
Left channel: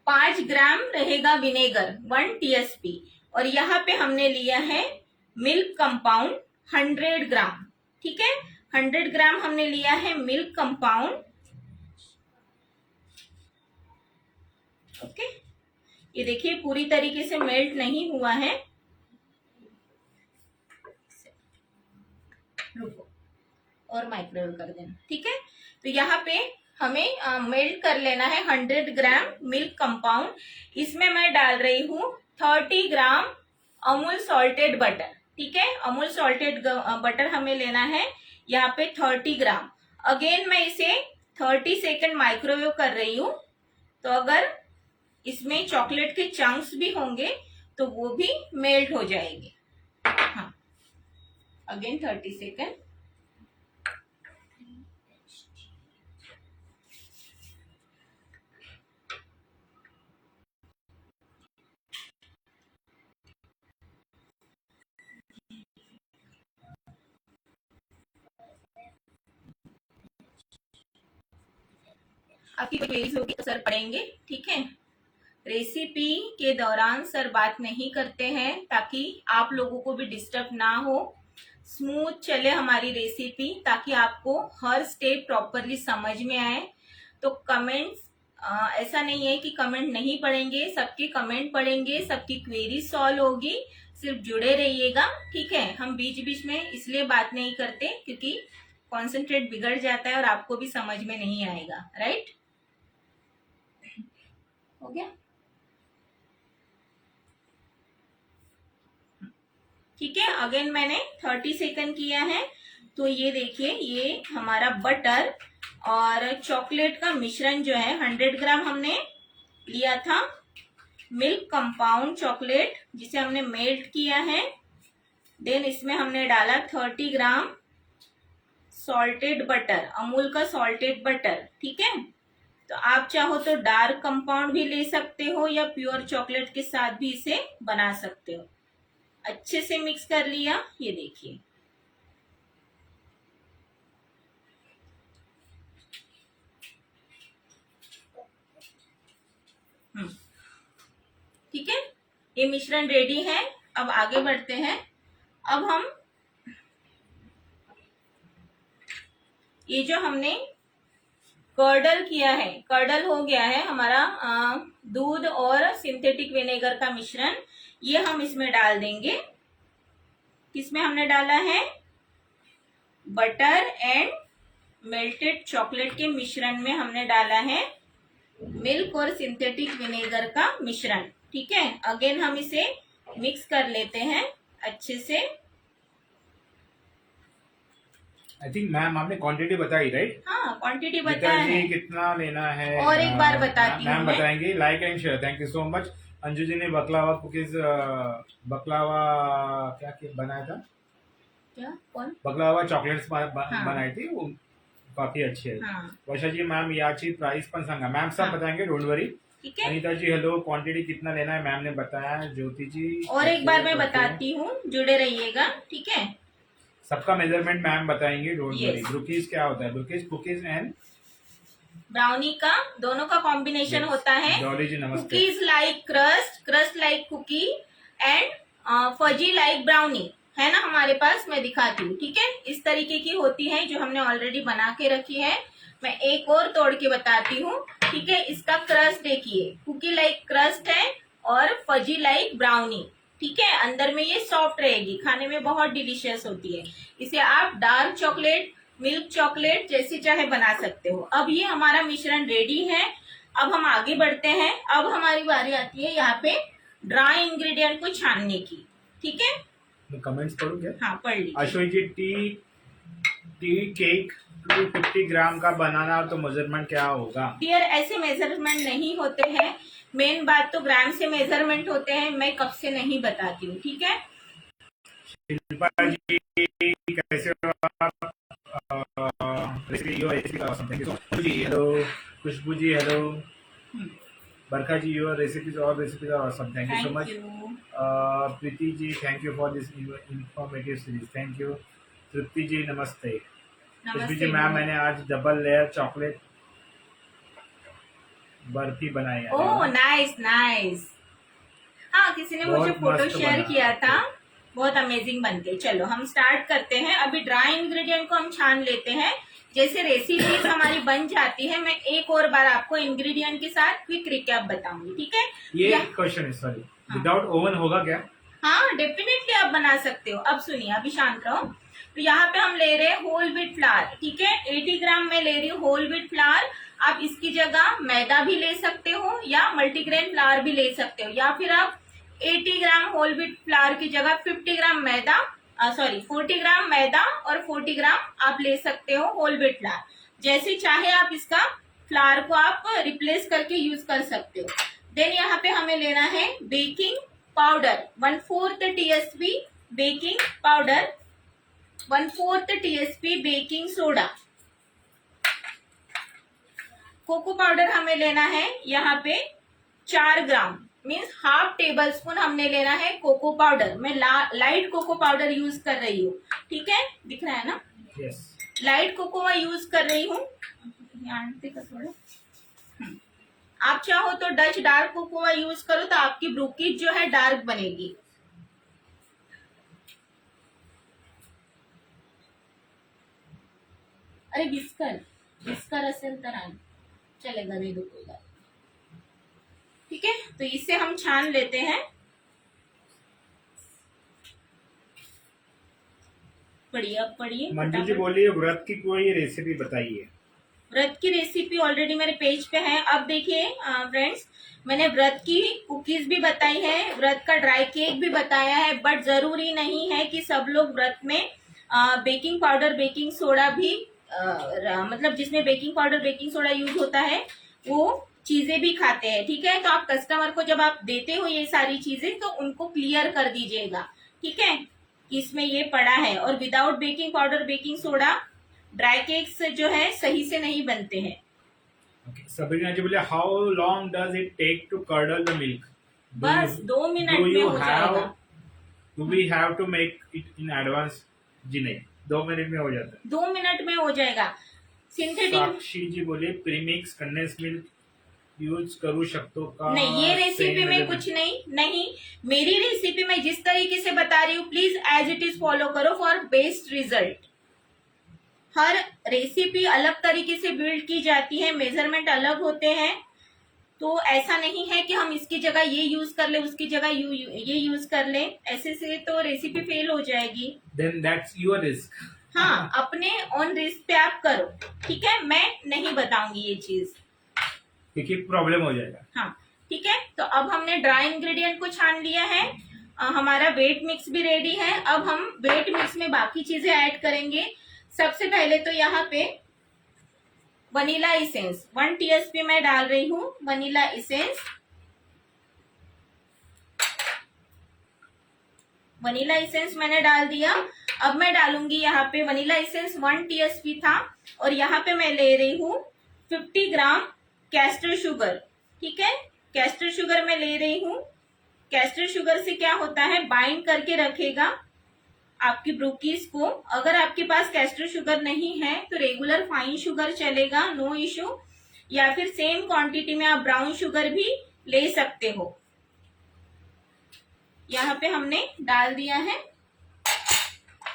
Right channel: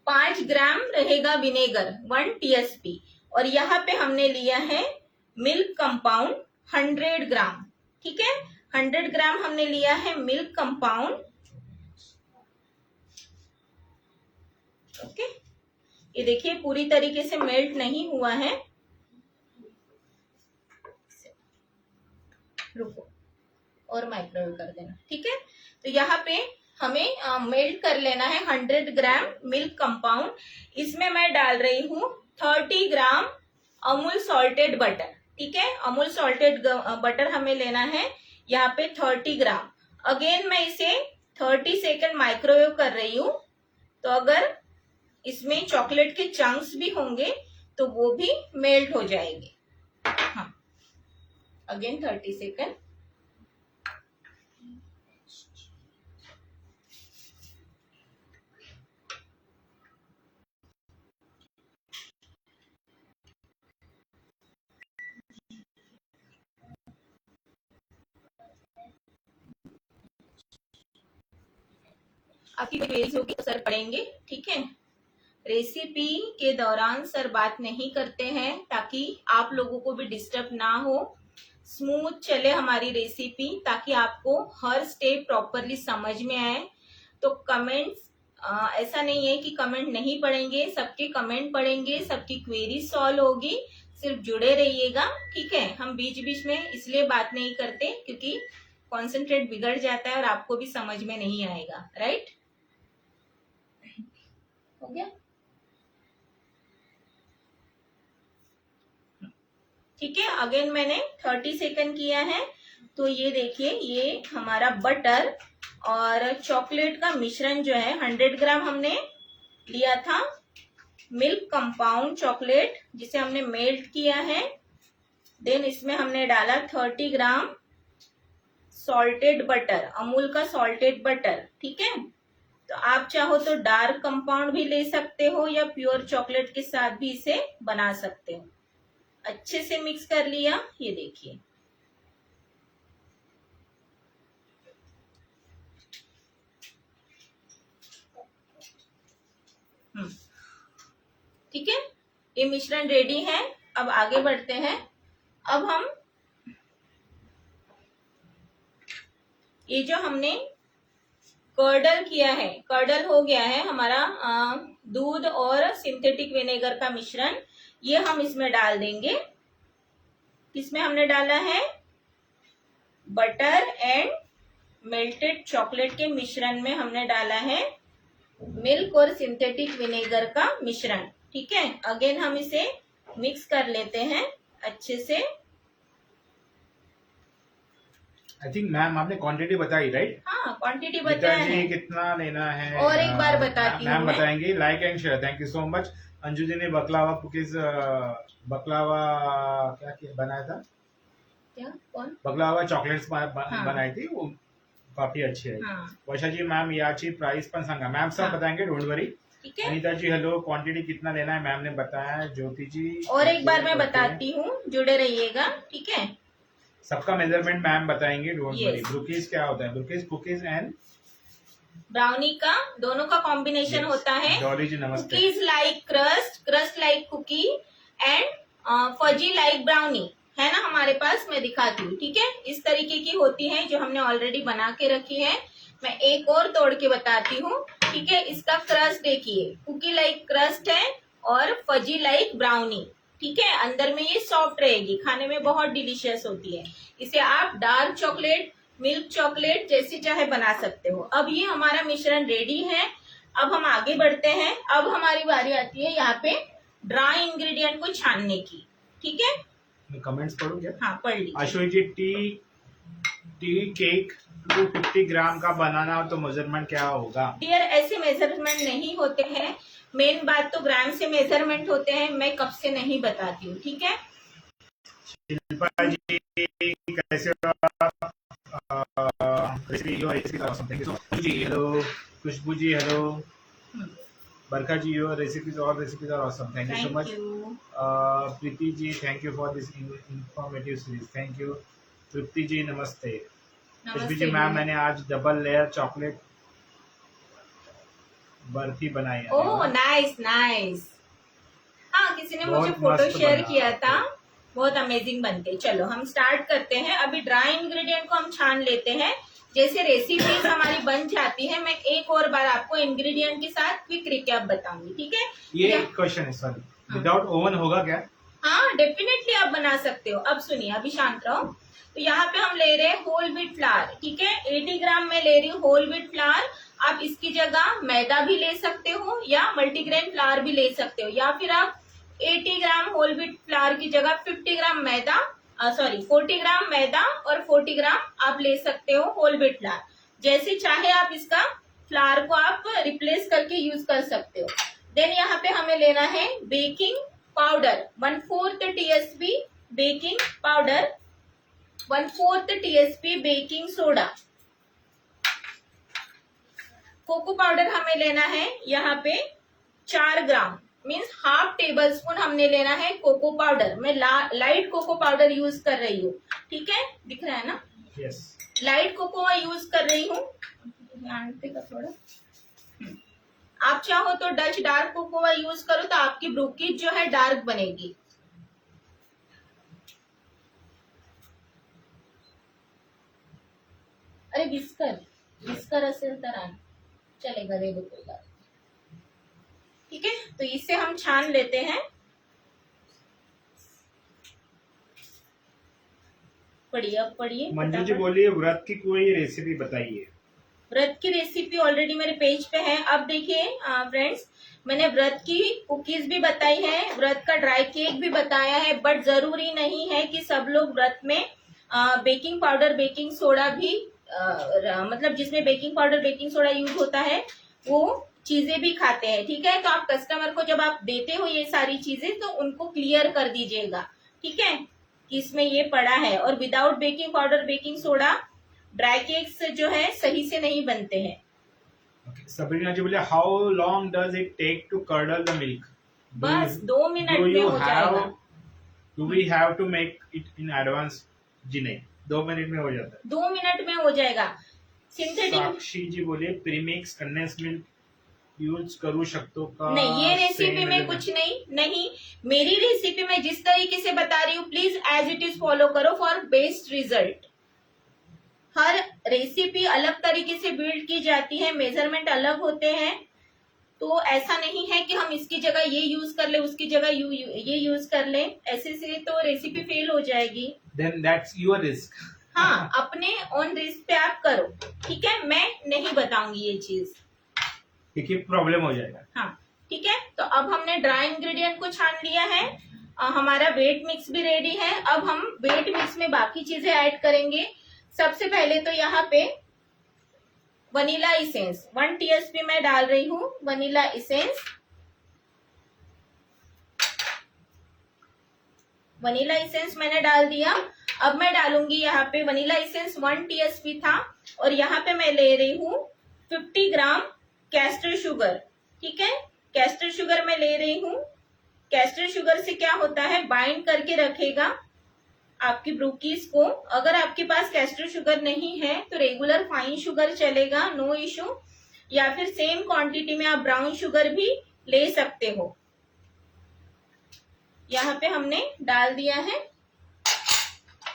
5 ग्राम रहेगा विनेगर 1 टीएसपी। और यहाँ पे हमने लिया है मिल्क कंपाउंड 100 ग्राम, ठीक है। 100 ग्राम हमने लिया है मिल्क कंपाउंड, ओके। ये देखिए पूरी तरीके से मेल्ट नहीं हुआ है, रुको और माइक्रोवेव कर देना, ठीक है। तो यहाँ पे हमें मेल्ट कर लेना है 100 ग्राम मिल्क कंपाउंड। इसमें मैं डाल रही हूँ 30 ग्राम अमूल सॉल्टेड बटर, ठीक है। अमूल सॉल्टेड बटर हमें लेना है यहाँ पे 30 ग्राम। अगेन मैं इसे 30 सेकेंड माइक्रोवेव कर रही हूँ। तो अगर इसमें चॉकलेट के चंक्स भी होंगे तो वो भी मेल्ट हो जाएंगे। हाँ, अगेन 30 सेकेंड। आपकी क्वेरीज होगी तो सर पढ़ेंगे, ठीक है। रेसिपी के दौरान सर बात नहीं करते हैं ताकि आप लोगों को भी डिस्टर्ब ना हो, स्मूथ चले हमारी रेसिपी, ताकि आपको हर स्टेप प्रॉपरली समझ में आए। तो कमेंट्स ऐसा नहीं है कि कमेंट नहीं पढ़ेंगे, सबके कमेंट पढ़ेंगे, सबकी क्वेरी सॉल्व होगी। सिर्फ जुड़े रहिएगा, ठीक है। हम बीच बीच में इसलिए बात नहीं करते क्योंकि कॉन्सेंट्रेट बिगड़ जाता है और आपको भी समझ में नहीं आएगा, राइट। हो गया, ठीक है। अगेन मैंने 30 सेकंड किया है। तो ये देखिए ये हमारा बटर और चॉकलेट का मिश्रण जो है 100 ग्राम हमने लिया था मिल्क कंपाउंड चॉकलेट, जिसे हमने मेल्ट किया है। देन इसमें हमने डाला 30 ग्राम सॉल्टेड बटर, अमूल का सॉल्टेड बटर, ठीक है। तो आप चाहो तो डार्क कंपाउंड भी ले सकते हो या प्योर चॉकलेट के साथ भी इसे बना सकते हो। अच्छे से मिक्स कर लिया, ये देखिए। ठीक है, ये मिश्रण रेडी है। अब आगे बढ़ते हैं। अब हम ये जो हमने कर्डल किया है, कर्डल हो गया है हमारा दूध और सिंथेटिक विनेगर का मिश्रण, ये हम इसमें डाल देंगे। इसमें हमने डाला है बटर एंड मेल्टेड चॉकलेट के मिश्रण में हमने डाला है मिल्क और सिंथेटिक विनेगर का मिश्रण, ठीक है। अगेन हम इसे मिक्स कर लेते हैं अच्छे से। आई थिंक मैम आपने क्वांटिटी बताई, राइट? हाँ, क्वांटिटी बताया है। कितना लेना है और एक बार बताती हूँ, मैम बताएंगे। Like and share, thank you so much. Anju ji ने बकलावा कुकीज, बकलावा क्या बनाया था? क्या, कौन? बकलावा चॉकलेट्स बनाई थी, वो काफी अच्छी है। हाँ। वर्षा जी, मैम याची प्राइस पण सांगा। मैम सब बताएंगे, डोंट वरी। ठीक है। अनीता जी हेलो, क्वांटिटी कितना लेना है मैम ने बताया है। ज्योति जी और एक बार मैं बताती हूँ, जुड़े रहिएगा, ठीक है। सबका मेजरमेंट मैम बताएंगे, डोंट वरी। Yes. ब्रूकीज क्या होता है? ब्रूकीज कुकीज एंड ब्राउनी का दोनों का कॉम्बिनेशन होता है। डॉली जी नमस्ते। Cookies like crust, crust like cookie and fudgy like brownie है ना हमारे पास, मैं दिखाती हूँ, ठीक है। इस तरीके की होती है जो हमने ऑलरेडी बना के रखी है। मैं एक और तोड़ के बताती हूँ, ठीक है। इसका क्रस्ट देखिए, कुकी लाइक क्रस्ट है और फजी लाइक ब्राउनी, ठीक है। अंदर में ये सॉफ्ट रहेगी, खाने में बहुत डिलीशियस होती है। इसे आप डार्क चॉकलेट, मिल्क चॉकलेट जैसे चाहे बना सकते हो। अब ये हमारा मिश्रण रेडी है। अब हम आगे बढ़ते हैं। अब हमारी बारी आती है यहाँ पे ड्राई इंग्रेडिएंट को छानने की, ठीक है। मैं कमेंट्स पढ़ूं क्या? हाँ, पढ़ लीजिए। अश्विनी जी, टी केक 250 ग्राम का बनाना तो मेजरमेंट क्या होगा? डियर, ऐसे मेजरमेंट नहीं होते हैं। मेन बात तो ग्राम से मेजरमेंट होते हैं, मैं कब से नहीं बताती हूँ, ठीक है। शिल्पा जी कैसे हो आप? Recipe your recipe are awesome, thank you so much जी, hello Khushboo ji, hello Barkha ji, your recipes are awesome, thank you so much. Preeti ji, thank you for this informative series, thank you. Tripti ji नमस्ते। खुशबू जी मैम, मैंने आज डबल लेयर चॉकलेट बर्फी बनाई है। Oh nice nice. हाँ, किसी ने मुझे बहुत फोटो मस्त शेयर बना। किया था, बहुत अमेजिंग बनते। चलो हम स्टार्ट करते हैं। अभी ड्राई इंग्रेडिएंट को हम छान लेते हैं। जैसे रेसिपीज हमारी बन जाती है, मैं एक और बार आपको इंग्रेडिएंट के साथ क्विक रिकैप बताऊंगी, ठीक है? ये क्वेश्चन है, सॉरी, विदाउट ओवन होगा क्या? हाँ डेफिनेटली आप बना सकते हो। अब सुनिए, अभी शांत रहो। तो यहाँ पे हम ले रहे हैं होल व्हीट फ्लावर, ठीक है? 80 ग्राम में ले रही हूँ होल व्हीट फ्लावर। आप इसकी जगह मैदा भी ले सकते हो या मल्टीग्रेन फ्लावर भी ले सकते हो, या फिर आप 80 ग्राम होल व्हीट फ्लावर की जगह 50 ग्राम मैदा, 40 ग्राम मैदा और 40 ग्राम आप ले सकते हो होल व्हीट फ्लावर। जैसे चाहे आप इसका फ्लावर को आप रिप्लेस करके यूज कर सकते हो। देन यहाँ पे हमें लेना है baking powder 1/4 TSP baking powder, 1/4 TSP baking soda. Cocoa powder हमें लेना है यहाँ पे 4 gram, means half tablespoon हमने लेना है कोको पाउडर। मैं लाइट कोको पाउडर यूज कर रही हूँ, ठीक है? दिख रहा है ना? यस। लाइट कोको यूज कर रही हूँ। थोड़ा आप चाहो तो डच डार्क कोकोआ यूज करो, तो आपकी ब्रूकीज जो है डार्क बनेगी। अरे विस्कर असेल तर आण, चलेगा, दे दो कोई बात, ठीक है? तो इसे हम छान लेते हैं। पढ़िए मंजू जी बोलिए, व्रत की कोई रेसिपी बताइए। व्रत की रेसिपी ऑलरेडी मेरे पेज पे है। अब देखिए फ्रेंड्स, मैंने व्रत की कुकीज भी बताई है, व्रत का ड्राई केक भी बताया है, बट जरूरी नहीं है कि सब लोग व्रत में बेकिंग पाउडर बेकिंग सोडा भी मतलब जिसमें baking powder baking soda use होता है वो चीजें भी खाते हैं, ठीक है? तो आप कस्टमर को जब आप देते हो ये सारी चीजें, तो उनको क्लियर कर दीजिएगा, ठीक है, कि इसमें ये पड़ा है। और without baking powder baking soda dry cakes जो है सही से नहीं बनते हैं। सबरीना जी बोले, how long does it take to curdle the milk? बस 2 मिनट में हो जाएगा। Do we have to make it in advance? जी नहीं, 2 मिनट में हो जाता है। 2 मिनट में हो जाएगा। सिंथेटिक साक्षी जी बोले, प्रीमिक्स कंडेंस मिल्क यूज करू शकतो का? नहीं, ये रेसिपी में कुछ नहीं, मेरी रेसिपी में जिस तरीके से बता रही हूँ, please as it is follow करो फॉर बेस्ट रिजल्ट। हर रेसिपी अलग तरीके से बिल्ड की जाती है, मेजरमेंट अलग होते हैं, तो ऐसा नहीं है कि हम इसकी जगह ये यूज कर ले, उसकी जगह ये यूज कर ले, ऐसे से तो रेसिपी फेल हो जाएगी। Then that's your risk. हाँ, अपने ऑन रिस्क पे आप करो, ठीक है? मैं नहीं बताऊंगी ये चीज, क्योंकि प्रॉब्लम हो जाएगा। हाँ ठीक है। तो अब हमने ड्राई इंग्रेडिएंट को छान लिया है, हमारा वेट मिक्स भी रेडी है। अब हम वेट मिक्स में बाकी चीजें ऐड करेंगे। सबसे पहले तो यहाँ पे वनीला इसेंस 1 TSP मैं डाल रही हूँ, वनीला इसेंस। वनीला इसेंस मैंने डाल दिया। अब मैं डालूंगी यहाँ पे वनीला इसेंस 1 TSP था, और यहाँ पे मैं ले रही हूँ 50 ग्राम कैस्टर शुगर, ठीक है? कैस्टर शुगर मैं ले रही हूँ। कैस्टर शुगर से क्या होता है, बाइंड करके रखेगा आपकी ब्रूकीज को। अगर आपके पास कैस्टर शुगर नहीं है तो रेगुलर फाइन शुगर चलेगा, नो इशू, या फिर सेम क्वांटिटी में आप ब्राउन शुगर भी ले सकते हो। यहाँ पे हमने डाल दिया है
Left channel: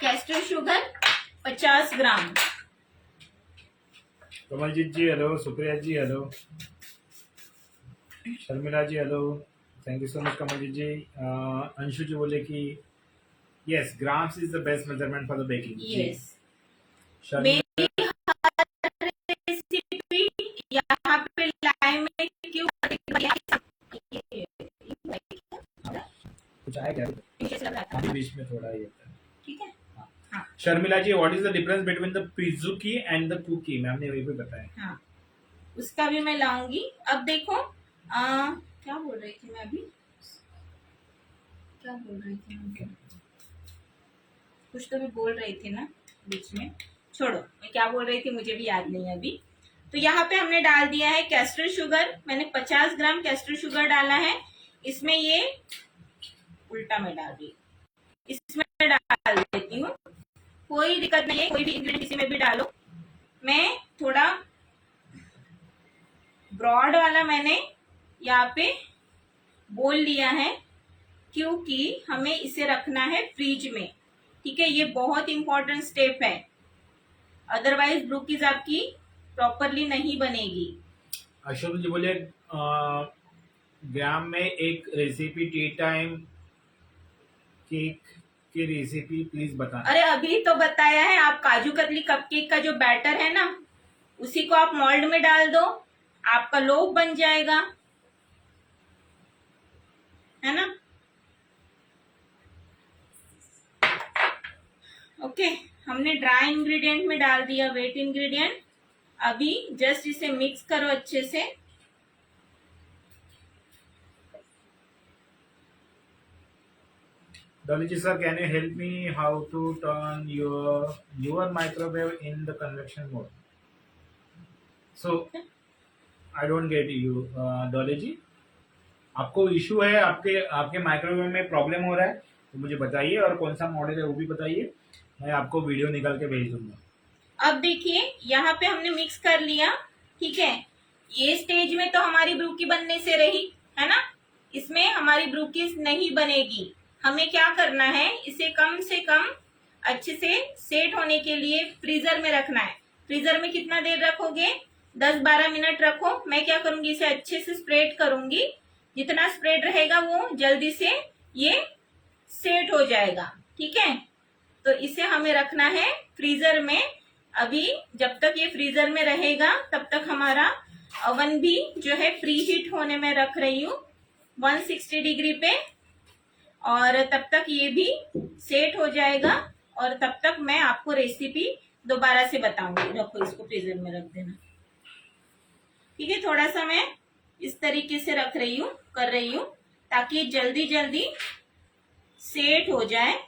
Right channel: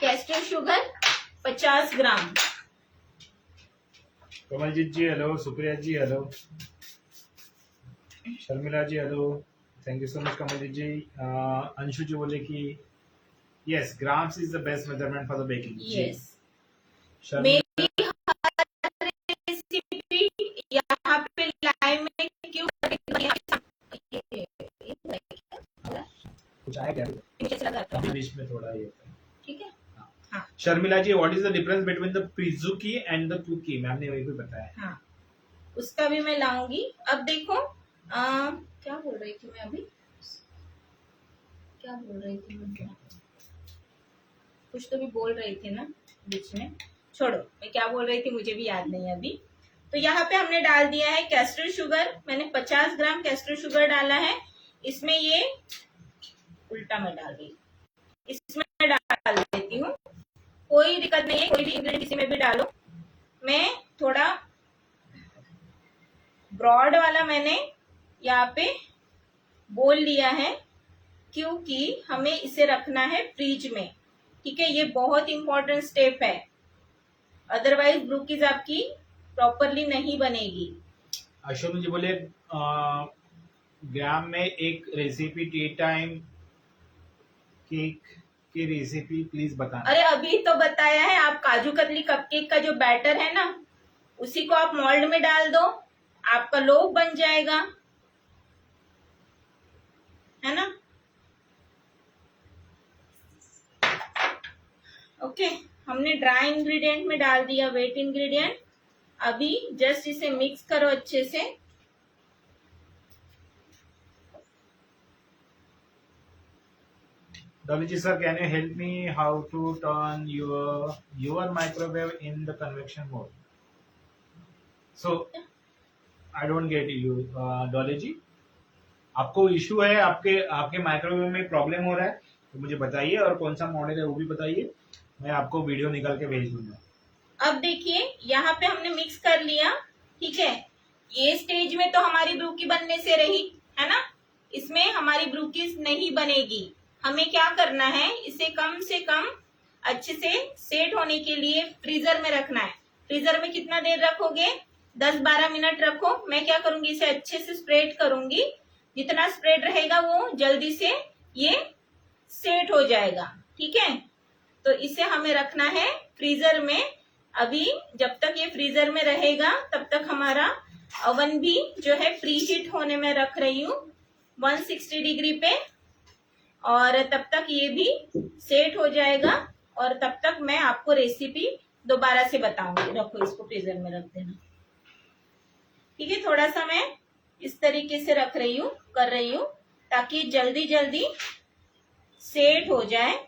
caster sugar 50 gram. Kamaljeet ji hello, Supriya ji hello, Sharmila ji hello, thank you so much Kamaljeet ji. Anshu ji बोले कि yes, grams is the best measurement for the baking. Yes, मेरी रेसिपी यहाँ पे लाइव में क्यों कुछ आया क्या? अभी बीच में थोड़ा ये होता है, ठीक है? हाँ। Sharmila ji, what is the difference between the brookie and the cookie? Ma'am ने वही भी बताया। हाँ, उसका भी मैं लाऊंगी। अब देखो क्या बोल रही थी मैं अभी, क्या बोल रही थी मैं? कुछ तो भी बोल रही थी ना बीच में, छोड़ो, मैं क्या बोल रही थी मुझे भी याद नहीं है अभी। तो यहाँ पे हमने डाल दिया है कैस्टर शुगर। मैंने 50 ग्राम कैस्टर शुगर डाला है। इसमें ये उल्टा मैं डाल रही हूँ, इसमें डाल देती हूँ, कोई दिक्कत नहीं है, कोई भी इंग्रेडिएंट किसी में भी डालो। मैं थोड़ा ब्रॉड वाला मैंने यहाँ पे बोल लिया है, क्योंकि हमें इसे रखना है फ्रिज में। ठीक है, ये बहुत इंपॉर्टेंट स्टेप है, अदरवाइज ब्रूकीज आपकी प्रॉपरली नहीं बनेगी। अशोक जी बोले ग्राम में एक रेसिपी टी टाइम केक की रेसिपी प्लीज बताना। अरे अभी तो बताया है, आप काजू कतली कपकेक का जो बैटर है ना, उसी को आप मोल्ड में डाल दो, आपका लोफ बन जाएगा, है ना। ओके, हमने ड्राई इंग्रेडिएंट में डाल दिया वेट इंग्रेडिएंट। अभी जस्ट इसे मिक्स करो अच्छे से। Dolly ji sir, can you help me how to turn your microwave in the convection mode? So I don't get you, Dolly ji. आपको इशू है, आपके आपके माइक्रोवेव में प्रॉब्लम हो रहा है तो मुझे बताइए, और कौन सा मॉडल है वो भी बताइए, मैं आपको वीडियो निकाल के भेज दूंगा। अब देखिए यहाँ पे हमने मिक्स कर लिया, ठीक है। ये स्टेज में तो हमारी ब्रूकी बनने से रही, है ना। इसमें हमारी ब्रूकीज नहीं बनेगी। हमें क्या करना है, इसे कम से कम अच्छे से सेट होने के लिए फ्रीजर में रखना है। फ्रीजर में कितना देर रखोगे, 10-12 मिनट रखो। मैं क्या करूंगी, इसे अच्छे से स्प्रेड करूंगी। जितना स्प्रेड रहेगा वो जल्दी से ये सेट हो जाएगा, ठीक है। तो इसे हमें रखना है फ्रीजर में। अभी जब तक ये फ्रीजर में रहेगा तब तक हमारा ओवन भी जो है प्री हीट होने में रख रही हूँ 160 डिग्री पे, और तब तक ये भी सेट हो जाएगा, और तब तक मैं आपको रेसिपी दोबारा से बताऊंगी। रखो, इसको फ्रीजर में रख देना, ठीक है। थोड़ा सा मैं इस तरीके से रख रही हूँ, कर रही हूँ, ताकि जल्दी जल्दी सेट हो जाए।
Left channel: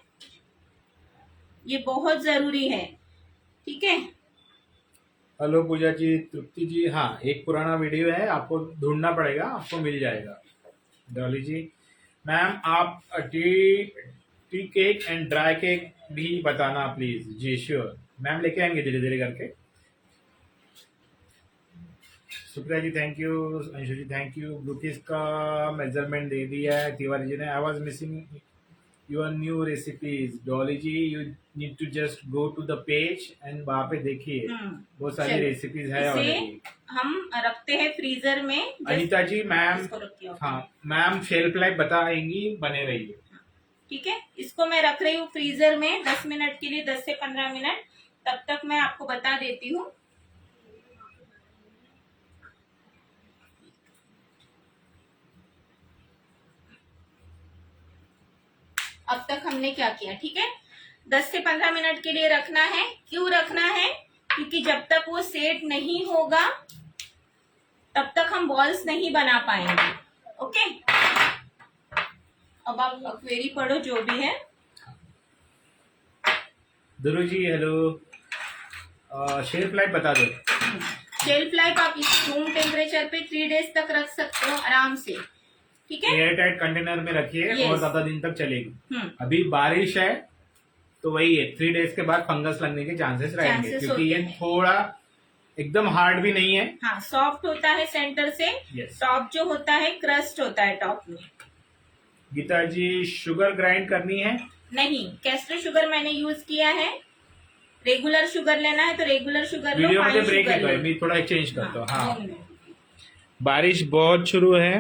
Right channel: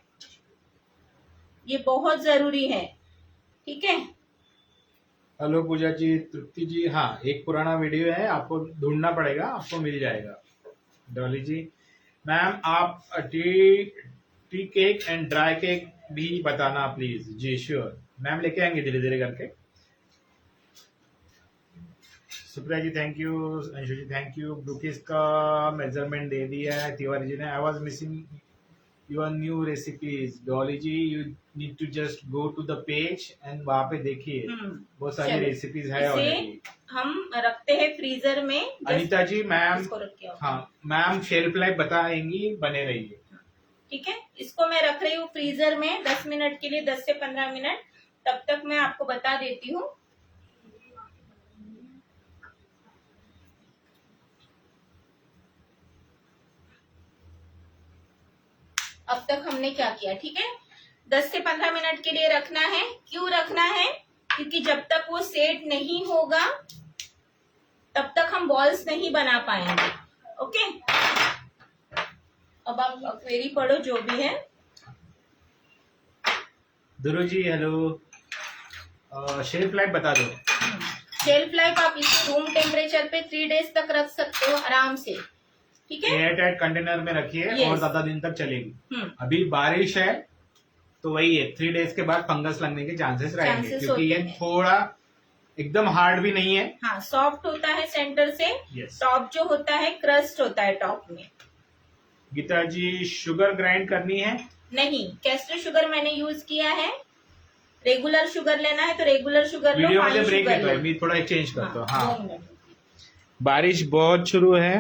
ये बहुत जरूरी है, ठीक है। हेलो पूजा जी, तृप्ति जी, हाँ एक पुराना वीडियो है, आपको ढूंढना पड़ेगा, आपको मिल जाएगा। डॉली जी, मैम आप T tea cake and dry cake भी बताना प्लीज। जी श्योर मैम, लेके आएंगे धीरे धीरे करके। Supriya ji thank you, Anshu ji thank you. Brookies का मेजरमेंट दे दिया है तिवारी जी ने। I was missing your new recipes. Dolly ji you need to just go to the page and वहां पे देखिए, बहुत सारी रेसिपीज है ऑलरेडी। हम रखते हैं फ्रीजर में। अनीता जी मैम, हाँ मैम शेल्फ लाइफ बताएंगी, बने रहिए, ठीक है। इसको मैं रख रही हूँ फ्रीजर में 10 मिनट के लिए, 10 से 15 मिनट। तब तक मैं आपको बता देती हूँ। अब तक हमने क्या किया, ठीक है। 10 से 15 मिनट के लिए रखना है। क्यों रखना है, क्योंकि जब तक वो सेट नहीं होगा तब तक हम बॉल्स नहीं बना पाएंगे। ओके, अब आप क्वेरी पढ़ो जो भी है। Dhruv ji hello, shelf life बता दो। शेल्फ लाइफ आप इसे रूम टेम्परेचर पे 3 डेज तक रख सकते हो आराम से, ठीक है। एयर टाइट कंटेनर में रखिए और ज्यादा दिन तक चलेगी। अभी बारिश है तो वही है, 3 डेज के बाद फंगस लगने के चांसेस रहेंगे, क्योंकि ये थोड़ा एकदम हार्ड भी नहीं है। हाँ, सॉफ्ट होता है सेंटर से। टॉप जो होता है क्रस्ट होता है टॉप में। गीता जी शुगर ग्राइंड करनी है? नहीं, कैस्टर शुगर मैंने यूज किया है। रेगुलर शुगर लेना है तो रेगुलर शुगर लो। वीडियो में ब्रेक है, मैं थोड़ा चेंज करता हूँ। हाँ, बारिश बहुत शुरू है।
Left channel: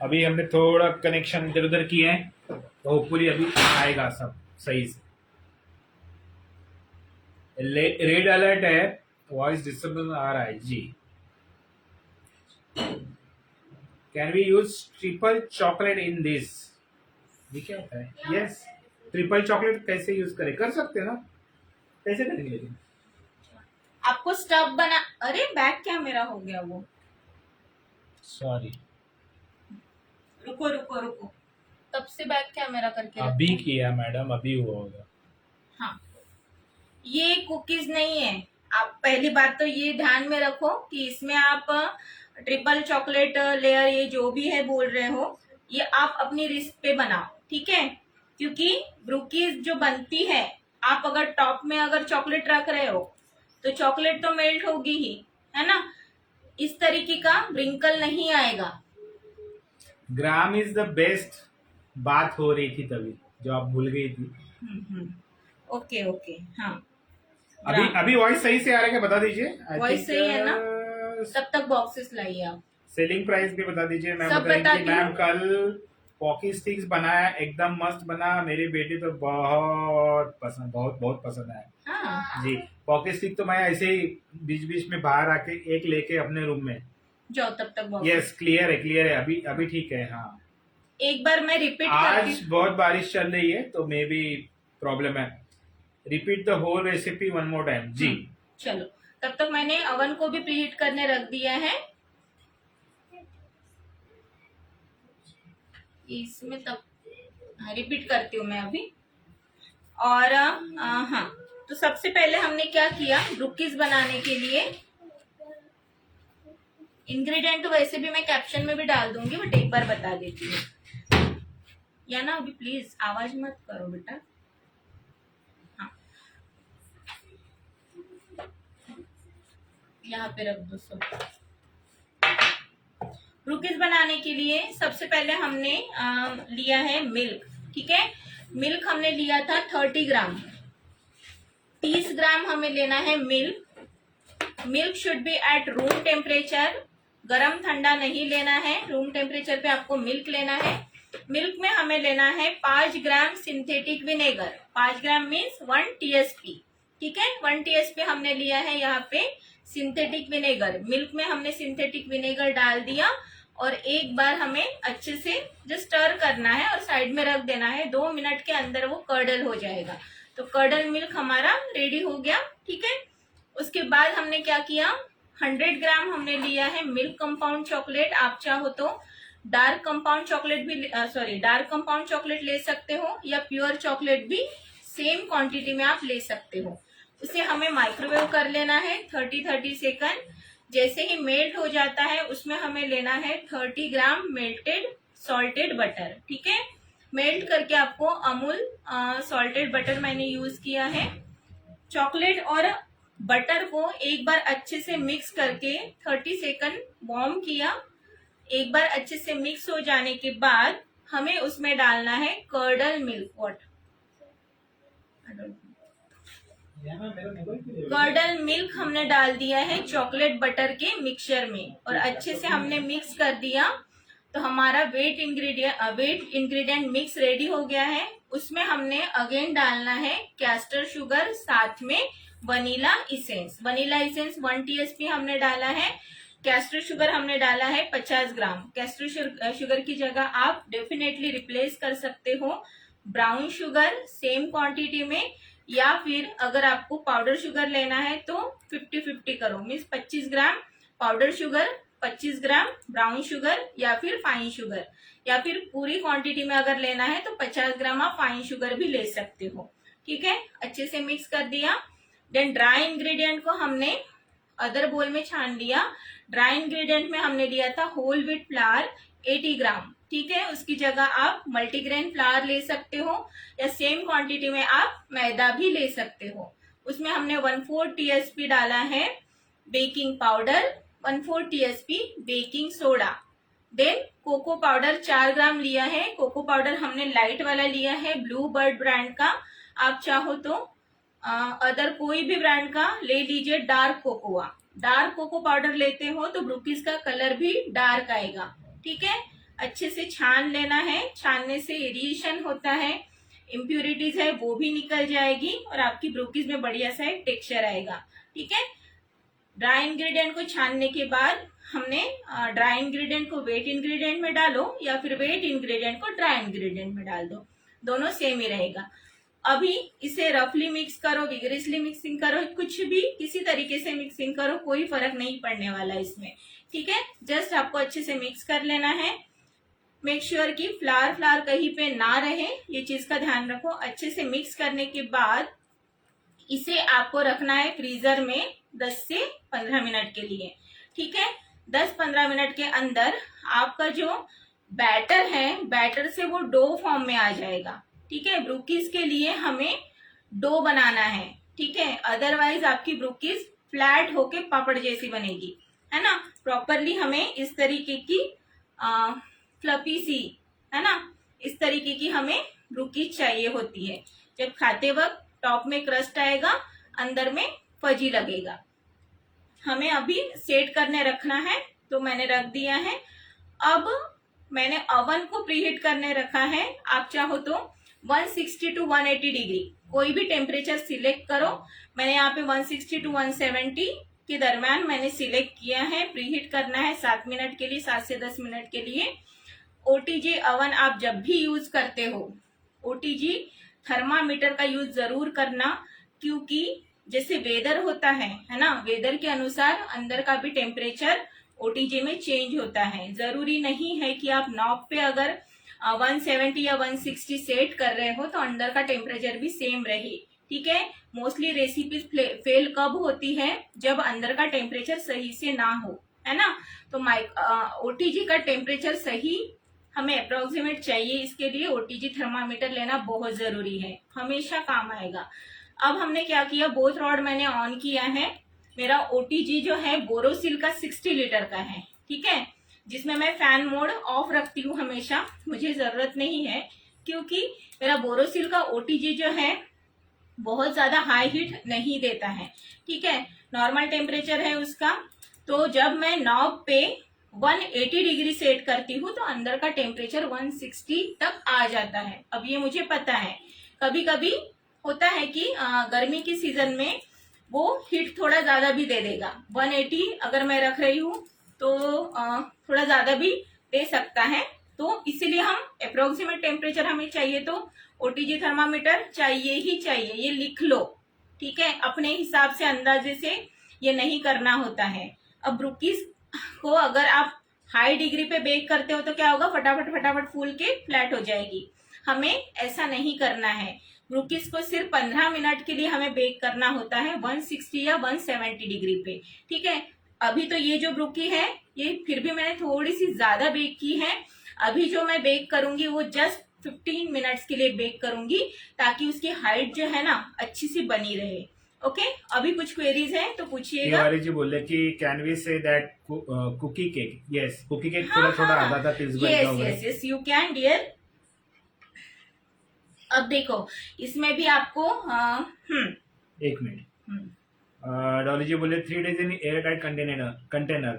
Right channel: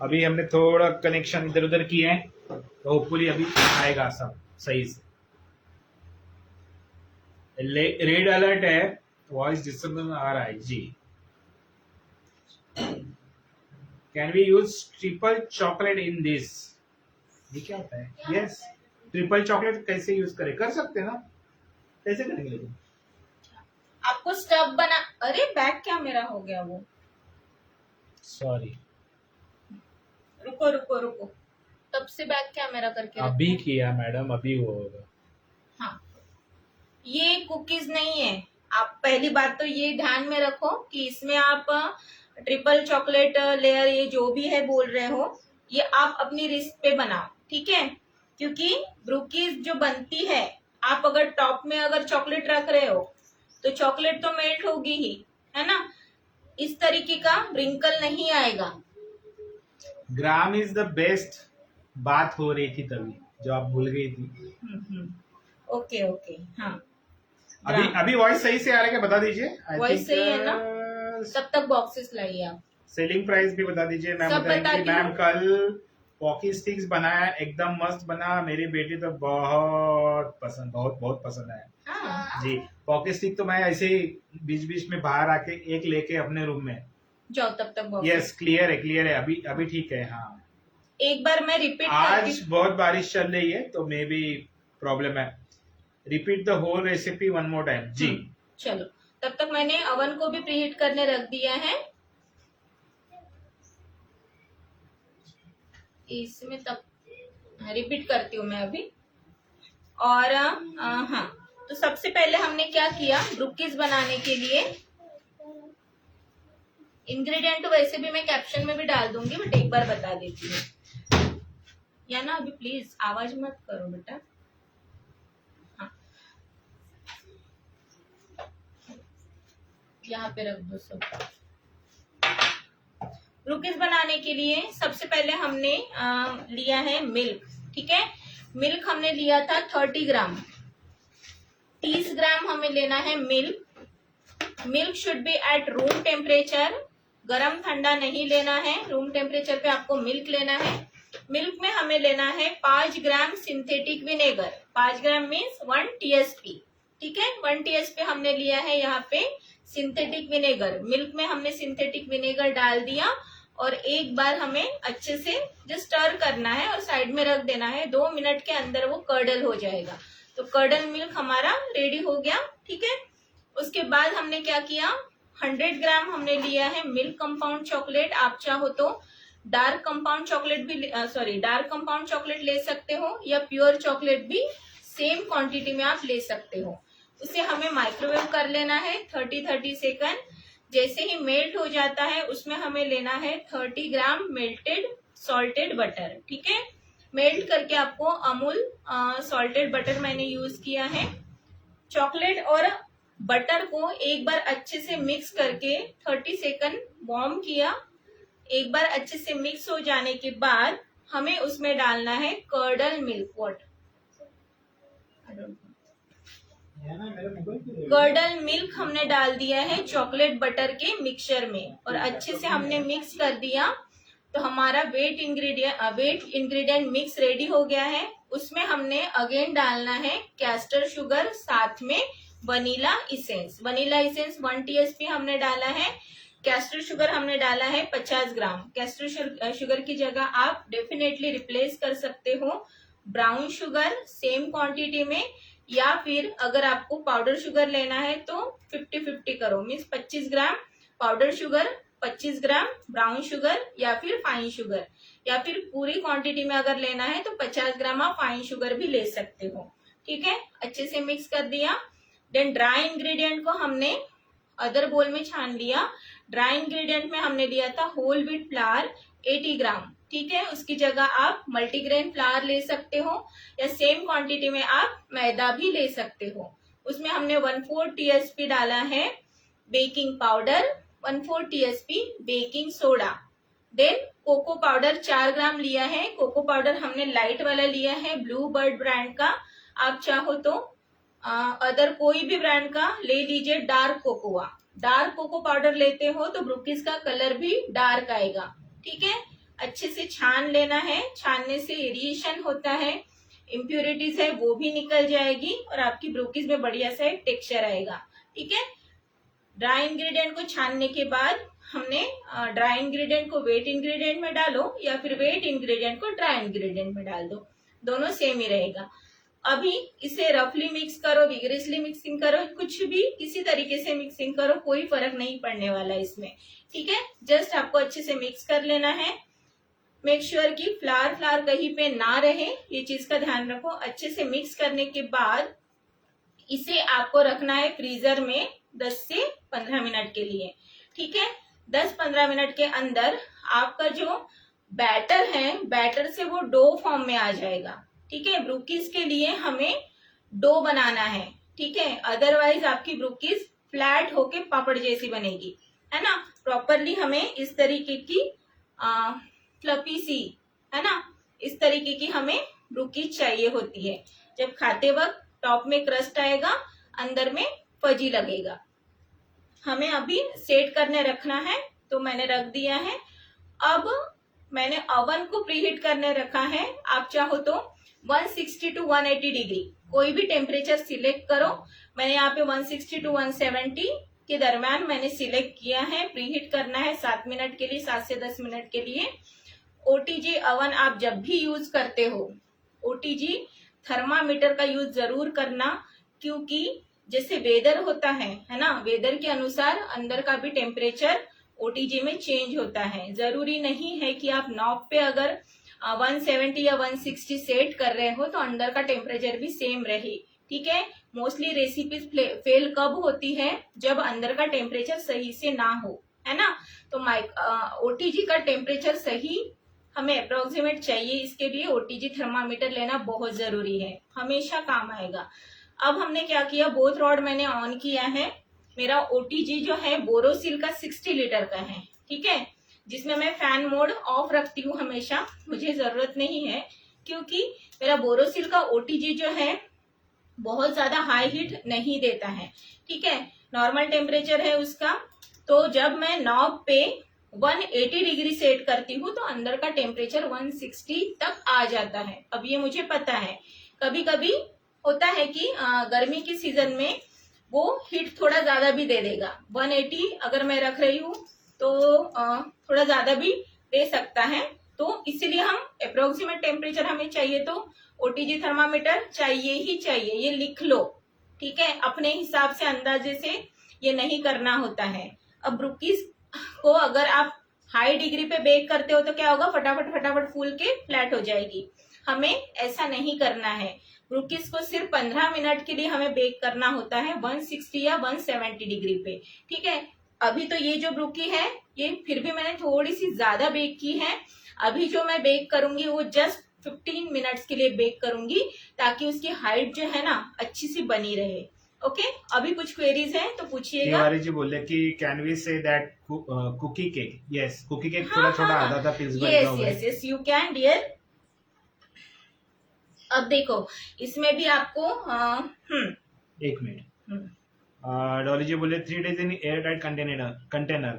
अभी हमने थोड़ा कनेक्शन इधर उधर किए हैं, तो होपफुली अभी आएगा सब सही से। रेड अलर्ट है, वॉइस डिस्टर्बेंस आ रहा है जी। Can we use triple chocolate in this? ये क्या होता है? यस, ट्रिपल चॉकलेट कैसे यूज करें? कर सकते हैं ना, कैसे करेंगे लेकिन? आपको स्टफ बना, अरे बैग क्या मेरा हो गया वो, सॉरी, रुको रुको रुको, तब से बैग क्या मेरा करके अभी किया मैडम, अभी हुआ होगा। हाँ, ये कुकीज नहीं है। आप पहली बात तो ये ध्यान में रखो कि इसमें आप ट्रिपल चॉकलेट लेयर ये जो भी है बोल रहे हो, ये आप अपनी रिस्क पे बनाओ, ठीक है। क्योंकि ब्रूकीज जो बनती है, आप अगर टॉप में अगर चॉकलेट रख रहे हो तो चॉकलेट तो मेल्ट होगी ही, है ना। इस तरीके का रिंकल नहीं आएगा। ग्राम इज द बेस्ट बात हो रही थी तभी, जो आप भूल गई थी। ओके ओके, हाँ। अभी अभी वॉइस सही से आ रहा है क्या, बता दीजिए। वॉइस सही है ना? तब तक बॉक्सेस लाइए आप। सेलिंग प्राइस भी बता दीजिए। मैम सब बताएंगे बता कि दूं? मैम कल पॉकी स्टिक्स बनाया, एकदम मस्त बना, मेरी बेटी तो बहुत पसंद, बहुत बहुत पसंद आया। हाँ, जी, पॉकी स्टिक तो मैं ऐसे ही बीच बीच में बाहर आके एक लेके अपने रूम में। जाओ तब तक boxes। यस, क्लियर है क्लियर है, अभी अभी ठीक है। हाँ, एक बार मैं रिपीट आज बहुत बारिश चल रही है तो मे बी प्रॉब्लम है। Repeat the whole recipe one more time जी। चलो, तब तक मैंने अवन को भी प्रीहीट करने रख दिया है। इसमें तब रिपीट करती हूँ मैं अभी। और हाँ, तो सबसे पहले हमने क्या किया, ब्रूकीज बनाने के लिए इंग्रेडिएंट तो वैसे भी मैं कैप्शन में भी डाल दूंगी, बट एक बार बता देती हूँ। या ना अभी प्लीज आवाज मत करो बेटा। हाँ, यहाँ पे रख दो सब। ब्रूकीज बनाने के लिए सबसे पहले हमने लिया है मिल्क, ठीक है। मिल्क हमने लिया था 30 ग्राम। 30 ग्राम हमें लेना है milk. Milk should be eight room temperature. गरम ठंडा नहीं लेना है, रूम टेम्परेचर पे आपको मिल्क लेना है। मिल्क में हमें लेना है 5 gram synthetic vinegar. 5 gram means 1 TSP, ठीक है। 1 टीएसपी हमने लिया है यहाँ पे सिंथेटिक विनेगर। मिल्क में हमने सिंथेटिक विनेगर डाल दिया और एक बार हमें अच्छे से जस्ट स्टर करना है और साइड में रख देना है। 2 मिनट के अंदर वो कर्डल हो जाएगा। तो कर्डल मिल्क हमारा रेडी हो गया, ठीक है। उसके बाद हमने क्या किया, 100 ग्राम हमने लिया है मिल्क कंपाउंड चॉकलेट। आप चाहो तो डार्क कंपाउंड चॉकलेट भी डार्क कंपाउंड चॉकलेट ले सकते हो या प्योर चॉकलेट भी सेम क्वांटिटी में आप ले सकते हो। उसे हमें माइक्रोवेव कर लेना है 30 सेकंड। जैसे ही मेल्ट हो जाता है उसमें हमें लेना है 30 ग्राम मेल्टेड सॉल्टेड बटर, ठीक है। मेल्ट करके आपको अमूल सॉल्टेड बटर मैंने यूज किया है। चॉकलेट और बटर को एक बार अच्छे से मिक्स करके 30 सेकंड वार्म किया। एक बार अच्छे से मिक्स हो जाने के बाद हमें उसमें डालना है कर्डल मिल्क। कर्डल मिल्क हमने डाल दिया है चॉकलेट बटर के मिक्सचर में और अच्छे से हमने मिक्स कर दिया। तो हमारा वेट इंग्रेडिएंट मिक्स रेडी हो गया है। उसमें हमने अगेन डालना है कैस्टर शुगर, साथ में vanilla essence. Vanilla essence 1 TSP हमने डाला है। कैस्टर शुगर हमने डाला है 50 ग्राम। कैस्टर शुगर की जगह आप डेफिनेटली रिप्लेस कर सकते हो ब्राउन शुगर सेम क्वांटिटी में, या फिर अगर आपको पाउडर शुगर लेना है तो 50-50 करो, मीन्स 25 ग्राम powder sugar, 25 gram brown sugar या फिर फाइन शुगर, या फिर पूरी क्वांटिटी में अगर लेना है तो 50 ग्राम आप फाइन शुगर भी ले सकते हो, ठीक है। अच्छे से मिक्स कर दिया। देन ड्राई इंग्रेडिएंट को हमने अदर बोल में छान लिया। ड्राई इंग्रेडिएंट में हमने लिया था होल व्हीट फ्लावर 80 ग्राम, ठीक है। उसकी जगह आप मल्टीग्रेन फ्लावर ले सकते हो या सेम क्वांटिटी में आप मैदा भी ले सकते हो। उसमें हमने 1/4 टीएसपी डाला है baking powder, 1/4 TSP baking soda. Then cocoa powder 4 gram लिया है। कोको पाउडर हमने लाइट वाला लिया है ब्लू बर्ड ब्रांड का। आप चाहो तो अदर कोई भी ब्रांड का ले लीजिए। Dark cocoa, dark cocoa powder लेते हो तो ब्रूकीज का कलर भी डार्क आएगा, ठीक है। अच्छे से छान लेना है। छानने से एरिएशन होता है, इम्प्यूरिटीज है वो भी निकल जाएगी और आपकी ब्रूकीज में बढ़िया सा एक टेक्सचर आएगा, ठीक है। ड्राई इंग्रेडिएंट को छानने के बाद हमने ड्राई इंग्रेडिएंट को वेट इंग्रेडिएंट में डालो या फिर वेट इंग्रेडिएंट को ड्राई इंग्रेडिएंट में डाल दो, दोनों सेम ही रहेगा। अभी इसे रफली मिक्स करो, विगरसली मिक्सिंग करो, कुछ भी किसी तरीके से मिक्सिंग करो, कोई फर्क नहीं पड़ने वाला इसमें, ठीक है। जस्ट आपको अच्छे से मिक्स कर लेना है। मेक श्योर कि फ्लावर कहीं पे ना रहे, ये चीज का ध्यान रखो। अच्छे से मिक्स करने के बाद इसे आपको रखना है फ्रीजर में 10 से 15 मिनट के लिए। ठीक है, 10-15 मिनट के अंदर आपका जो बैटर है, बैटर से वो डो फॉर्म में आ जाएगा। ठीक है, ब्रूकीज के लिए हमें डो बनाना है। ठीक है, अदरवाइज आपकी ब्रूकीज फ्लैट होके पापड़ जैसी बनेगी, है ना। प्रॉपरली हमें इस तरीके की फ्लफी सी, है ना, इस तरीके की हमें ब्रूकीज चाहिए होती है। जब खाते वक्त टॉप में क्रस्ट आएगा, अंदर में फजी लगेगा। हमें अभी सेट करने रखना है, तो मैंने रख दिया है। अब मैंने ओवन को प्रीहीट करने रखा है। आप चाहो तो 160 to 180 डिग्री कोई भी टेम्परेचर सिलेक्ट करो। मैंने यहाँ पे 160 to 170 के दरम्यान मैंने सिलेक्ट किया है। प्रीहीट करना है 7 मिनट के लिए, 7 से 10 मिनट के लिए। ओटीजी अवन आप जब भी यूज करते हो, ओटीजी थर्मामीटर का यूज जरूर करना, क्योंकि जैसे वेदर होता है ना, वेदर के अनुसार अंदर का भी टेम्परेचर ओटीजी में चेंज होता है। जरूरी नहीं है कि आप नॉब पे अगर 170 या 160 सेट कर रहे हो तो अंदर का टेम्परेचर भी सेम रहे। ठीक है, मोस्टली रेसिपीज फेल कब होती है, जब अंदर का टेम्परेचर सही से ना हो, है ना। तो ओटीजी का टेम्परेचर सही हमें अप्रोक्सीमेट चाहिए। इसके लिए ओटीजी थर्मामीटर लेना बहुत जरूरी है, हमेशा काम आएगा। अब हमने क्या किया, बोथ रॉड मैंने ऑन किया है। मेरा ओटीजी जो है बोरोसिल का 60 लीटर का है। ठीक है, जिसमें मैं फैन मोड ऑफ रखती हूँ हमेशा, मुझे जरूरत नहीं है, क्योंकि मेरा बोरोसिल का ओटीजी जो है बहुत ज्यादा हाई हीट नहीं देता है। ठीक है, नॉर्मल टेम्परेचर है उसका। तो जब मैं नॉब पे 180 डिग्री सेट करती हूँ तो अंदर का टेम्परेचर 160 तक आ जाता है। अब ये मुझे पता है, कभी कभी होता है कि गर्मी की सीजन में वो हीट थोड़ा ज्यादा भी दे देगा। 180 अगर मैं रख रही हूँ तो थोड़ा ज्यादा भी दे सकता है। तो इसीलिए हम अप्रोक्सीमेट टेम्परेचर हमें चाहिए तो ओटीजी थर्मामीटर चाहिए ही चाहिए, ये लिख लो। ठीक है, अपने हिसाब से अंदाजे से ये नहीं करना होता है। अब ब्रूकीज को अगर आप हाई डिग्री पे बेक करते हो तो क्या होगा, फटाफट फटाफट फूल के फ्लैट हो जाएगी। हमें ऐसा नहीं करना है। ब्रूकीज को सिर्फ 15 मिनट के लिए हमें बेक करना होता है 160 या 170 डिग्री पे। ठीक है, अभी तो ये जो ब्रूकी है ये फिर भी मैंने थोड़ी सी ज्यादा बेक की है। अभी जो मैं बेक करूंगी वो जस्ट 15 मिनट्स के लिए बेक करूंगी, ताकि उसकी हाइट जो है ना अच्छी सी बनी रहे। ओके, अभी कुछ क्वेरीज हैं तो पूछिएगा। तिवारी जी बोल रहे कि can we say that cookie cake, yes cookie cake थोड़ा छोटा आधा था पीस बन yes yes yes, you can dear. अब देखो इसमें भी आपको एक मिनट। डॉली जी बोले 3 days in air tight container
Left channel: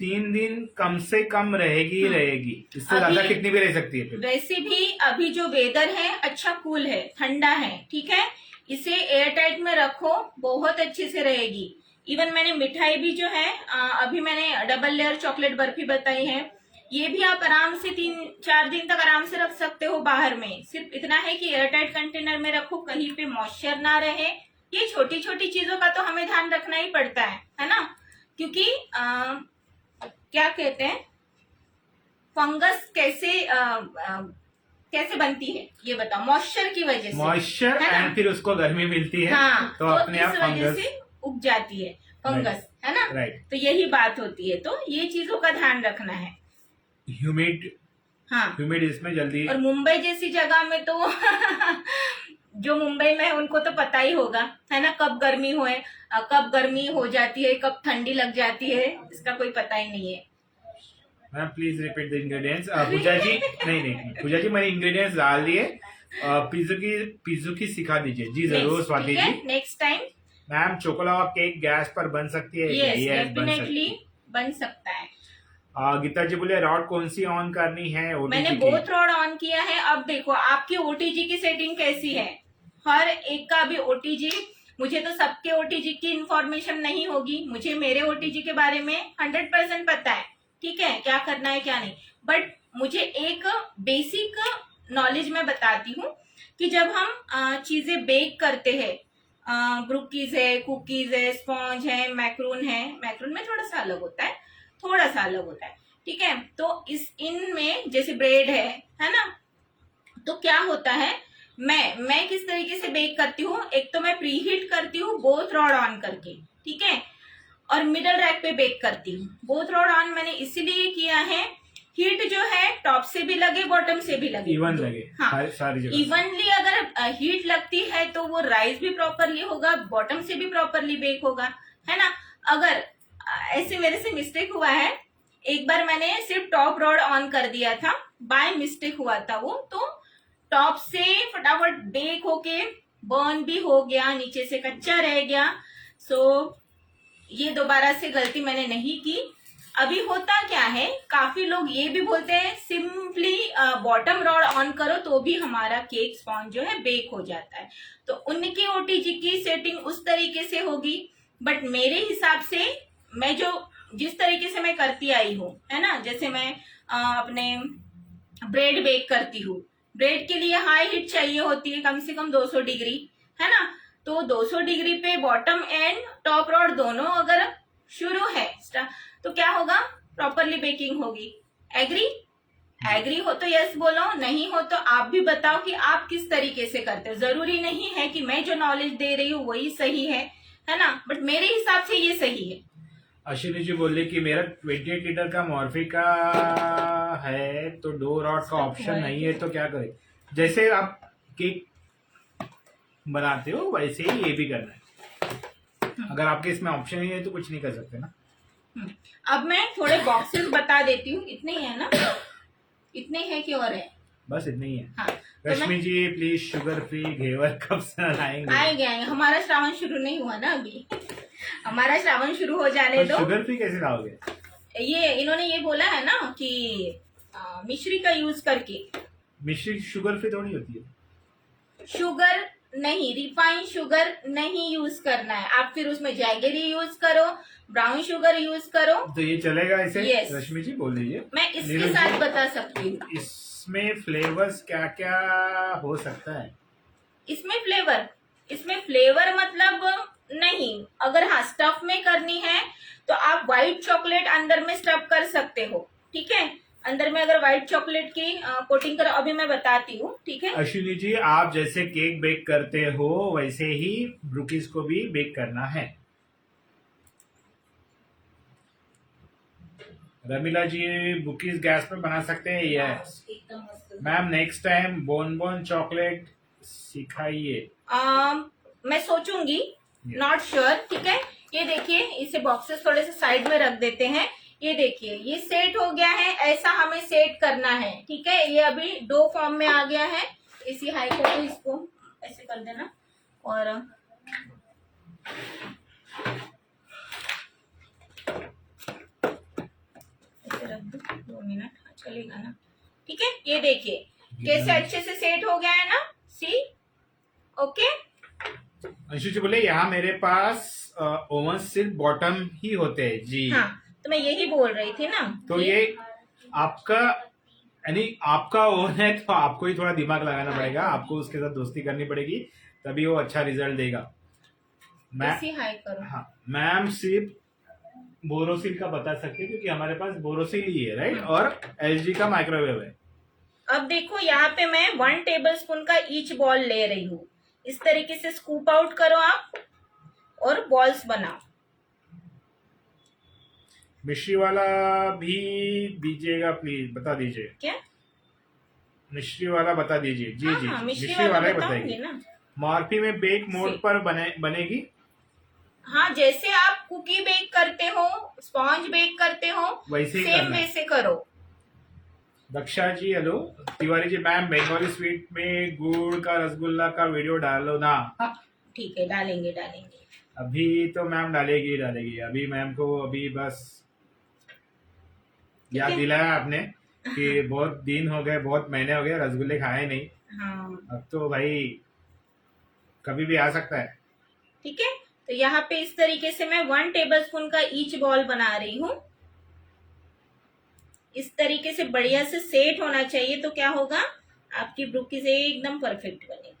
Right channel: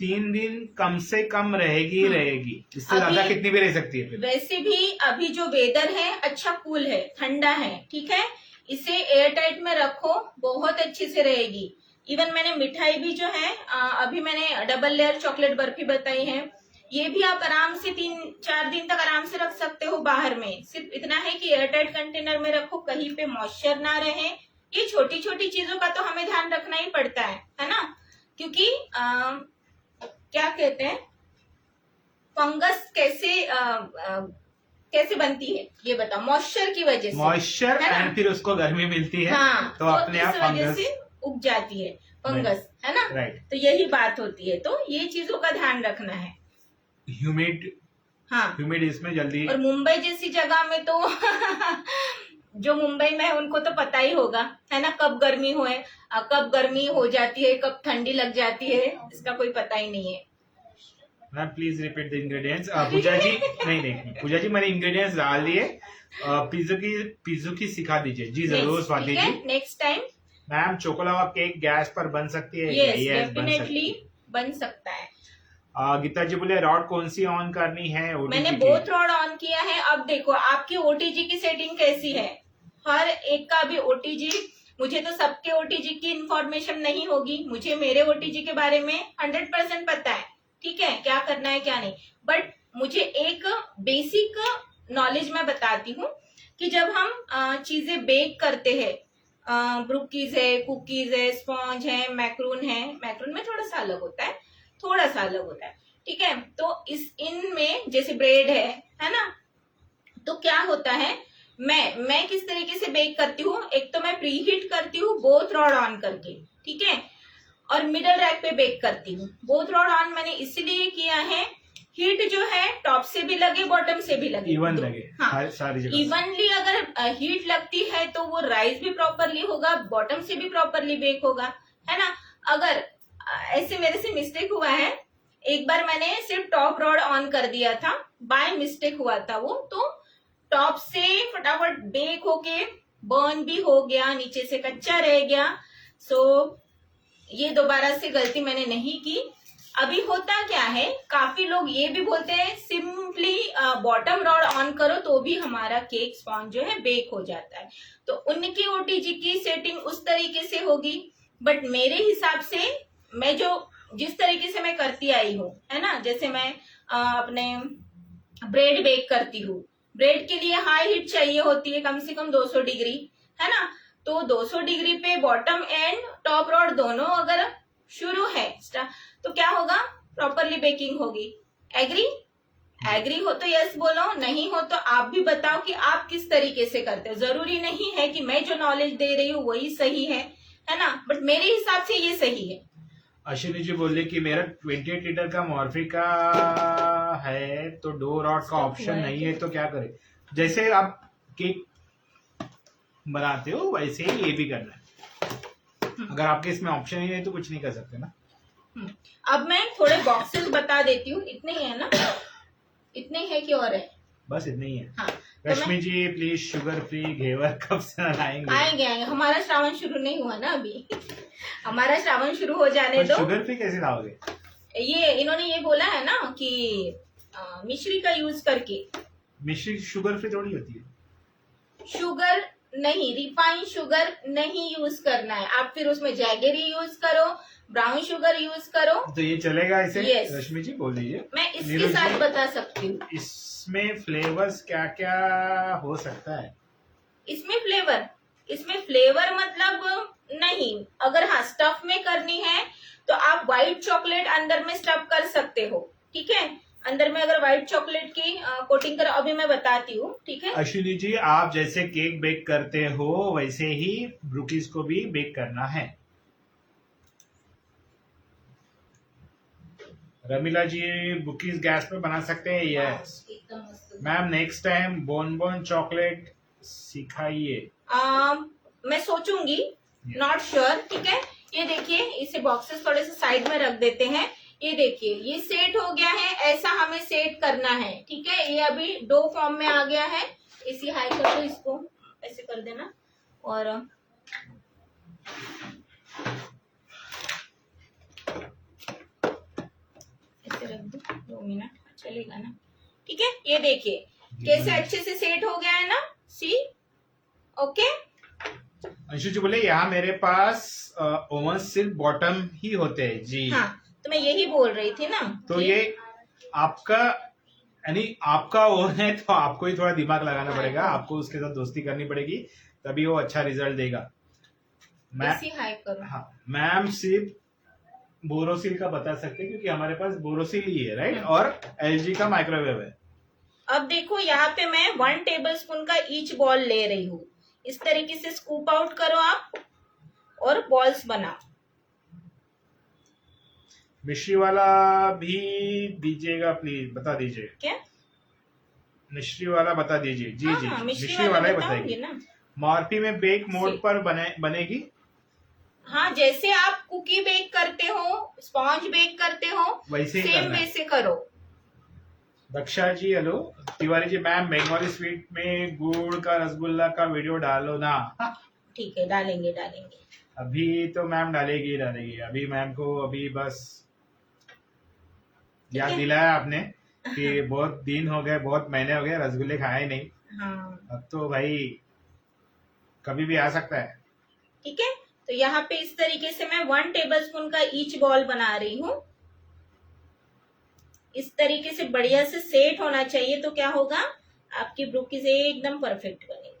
3 दिन कम से कम रहेगी रहेगी, इससे ज्यादा कितनी भी रह सकती है फिर? वैसे भी अभी जो वेदर है अच्छा कूल है, ठंडा है। ठीक है, इसे एयर टाइट में रखो, बहुत अच्छे से रहेगी। इवन मैंने मिठाई भी जो है अभी मैंने डबल लेयर चॉकलेट बर्फी बताई है, ये भी आप आराम से 3-4 दिन तक आराम से रख सकते हो बाहर में। सिर्फ इतना है कि एयर टाइट कंटेनर में रखो, कहीं पे मॉइस्चर ना रहे। ये छोटी छोटी चीजों का तो हमें ध्यान रखना ही पड़ता है ना, क्योंकि क्या कहते हैं, फंगस कैसे बनती है ये बताओ, मॉइस्चर की वजह से। मॉइस्चर एंड फिर उसको गर्मी मिलती है, हाँ, तो अपने आप फंगस से उग जाती है फंगस, है ना। राइट, तो यही बात होती है, तो ये चीजों का ध्यान रखना है। ह्यूमिड, हाँ, ह्यूमिड इसमें जल्दी। और मुंबई जैसी जगह में तो जो मुंबई में है उनको तो पता ही होगा, है ना, कब गर्मी कब गर्मी हो जाती है, कब ठंडी लग जाती है, इसका कोई पता ही नहीं है। Ma'am please repeat the ingredients. Pooja ji नहीं पूजा जी मैंने इंग्रेडिएंट्स डाल दिए। पिज्जू की सिखा दीजिए जी, जरूर Swati ji, next time. Ma'am choco lava cake gas पर बन सकती है? यस, डेफिनेटली बन सकता है। गीता जी बोले रॉड कौन सी ऑन करनी है? ओटीजी मैंने बोथ रॉड ऑन किया है। अब देखो आपकी ओटीजी की सेटिंग कैसी है, हर एक का भी ओटीजी, मुझे तो सबके ओटीजी की इंफॉर्मेशन नहीं होगी, मुझे मेरे ओटीजी के बारे में 100% पता है। ठीक है, क्या करना है क्या नहीं, बट मुझे एक बेसिक नॉलेज मैं बताती हूँ कि जब हम चीजें बेक करते हैं, ब्रूकीज है, कुकीज है, स्पॉन्ज है, मैक्रून है, मैक्रून में थोड़ा सा अलग होता है, थोड़ा सा अलग होता है। ठीक है, तो इनमें जैसे ब्रेड है ना, तो क्या होता है, मैं किस तरीके से बेक करती हूँ, एक तो मैं प्रीहीट करती हूँ बोथ रॉड ऑन करके, ठीक है, और मिडल रैक पे बेक करती हूँ। बोथ रॉड ऑन मैंने इसीलिए किया है, हीट जो है टॉप से भी लगे बॉटम से भी लगे, इवन लगे। हाँ, सारी जगह इवनली अगर हीट लगती है तो वो राइस भी प्रॉपरली होगा, बॉटम से भी प्रॉपरली बेक होगा, है ना। अगर ऐसे मेरे से मिस्टेक हुआ है, एक बार मैंने सिर्फ टॉप रॉड ऑन कर दिया था, बाय मिस्टेक हुआ था वो, तो टॉप से फटाफट बेक होके बर्न भी हो गया, नीचे से कच्चा रह गया। सो ये दोबारा से गलती मैंने नहीं की। अभी होता क्या है, काफी लोग ये भी बोलते हैं सिंपली बॉटम रॉड ऑन करो तो भी हमारा केक स्पॉन्ज जो है बेक हो जाता है, तो उनकी ओटीजी की सेटिंग उस तरीके से होगी। बट मेरे हिसाब से मैं जो जिस तरीके से मैं करती आई हूँ, है ना, जैसे मैं अपने ब्रेड बेक करती हूँ, ब्रेड के लिए हाई हीट चाहिए होती है, कम से कम 200 डिग्री, है ना। तो 200 डिग्री पे बॉटम एंड टॉप रॉड दोनों अगर शुरू है तो क्या होगा, प्रॉपरली बेकिंग होगी। एग्री हो तो यस बोलो, नहीं हो तो आप भी बताओ कि आप किस तरीके से करते हो। जरूरी नहीं है कि मैं जो नॉलेज दे रही हूँ वही सही है ना, बट मेरे हिसाब से ये सही है। अश्विनी जी बोल रही कि मेरा 28 लीटर का मॉर्फी का है तो डो रॉड का ऑप्शन नहीं है, तो क्या करें। जैसे आप केक बनाते हो वैसे ही ये भी करना है। अगर आपके इसमें ऑप्शन ही है तो कुछ नहीं कर सकते ना। अब मैं थोड़े बॉक्सेस बता देती हूँ, इतने ही है ना, इतने है कि और है, बस इतना ही है। हाँ, रश्मि जी प्लीज शुगर फ्री घेवर कब से लाएंगे? आएंगे। हमारा श्रावण शुरू नहीं हुआ ना अभी हमारा श्रावण शुरू हो जाने दो। शुगर फ्री कैसे लाओगे? ये इन्होंने ये बोला है ना कि मिश्री का यूज करके। मिश्री शुगर फ्री थोड़ी होती है। शुगर नहीं, रिफाइंड शुगर नहीं यूज करना है, आप फिर उसमें जैगरी यूज करो, ब्राउन शुगर यूज करो तो ये चलेगा इसे? Yes. रश्मि जी बोल दीजिए। मैं इसके साथ बता सकती हूँ। इसमें फ्लेवर्स क्या क्या हो सकता है? इसमें फ्लेवर मतलब नहीं, अगर हाँ स्टफ में करनी है तो आप व्हाइट चॉकलेट अंदर में स्टफ कर सकते हो, ठीक है। अंदर में अगर व्हाइट चॉकलेट की कोटिंग करो, अभी मैं बताती हूँ, ठीक है। अश्विनी जी आप जैसे केक बेक करते हो वैसे ही ब्रूकीज को भी बेक करना है। रमीला जी ब्रूकीज गैस पे बना सकते हैं? Yes ma'am, next time bone chocolate सिखाइए। मैं सोचूंगी, नॉट श्योर, ठीक है। ये देखिए, इसे बॉक्सेस थोड़े से साइड में रख देते हैं। ये देखिए, ये सेट हो गया है, ऐसा हमें सेट करना है, ठीक है। ये अभी डो फॉर्म में आ गया है, इसी हाई को तो इसको ऐसे कर देना और ऐसे रख दो, 2 मिनट चलेगा ना, ठीक है। ये देखिए कैसे अच्छे से सेट हो गया है ना, सी ओके। अंशु जी बोले यहाँ मेरे पास ओवन सिर्फ बॉटम ही होते हैं जी। हाँ, तो मैं यही बोल रही थी ना। तो ये आपका यानी आपका ओवन है तो आपको ही थोड़ा दिमाग लगाना पड़ेगा, आपको उसके साथ दोस्ती करनी पड़ेगी, तभी वो अच्छा रिजल्ट देगा। हाई करो। हाँ मैम, सिर्फ बोरोसिल का बता सकते हैं क्योंकि हमारे पास बोरोसिल ही है, राइट, और एलजी का माइक्रोवेव है। अब देखो यहाँ पे मैं 1 टेबलस्पून का ईच बॉल ले रही हूँ, इस तरीके से स्कूप आउट करो आप और बॉल्स बनाओ। मिश्री वाला भी दीजिएगा प्लीज, बता दीजिए। क्या मिश्री वाला बता दीजिए जी। हाँ, जी हाँ, मिश्री वाला ही बताएगी ना। मॉर्फी में बेक मोड पर बनेगी। हाँ, जैसे आप कुकी बेक करते हो, स्पॉन्ज बेक करते हो, वैसे ही सेम करना है। वैसे करो। दक्षा जी hello. Tiwari ji ma'am, Bengali sweet में गुड़ का रसगुल्ला का वीडियो डालो ना। ठीक है, डालेंगे। अभी तो मैम डालेगी। अभी मैम को अभी बस याद दिलाया आपने कि बहुत दिन हो गए, बहुत महीने हो गए रसगुल्ले खाए नहीं। हाँ, अब तो भाई कभी भी आ सकता है। ठीक है। तो यहाँ पे इस तरीके से मैं 1 टेबलस्पून का ईच बॉल बना रही हूँ। इस तरीके से बढ़िया से सेट होना चाहिए, तो क्या होगा, आपकी ब्रूकीज एकदम परफेक्ट बनेगी।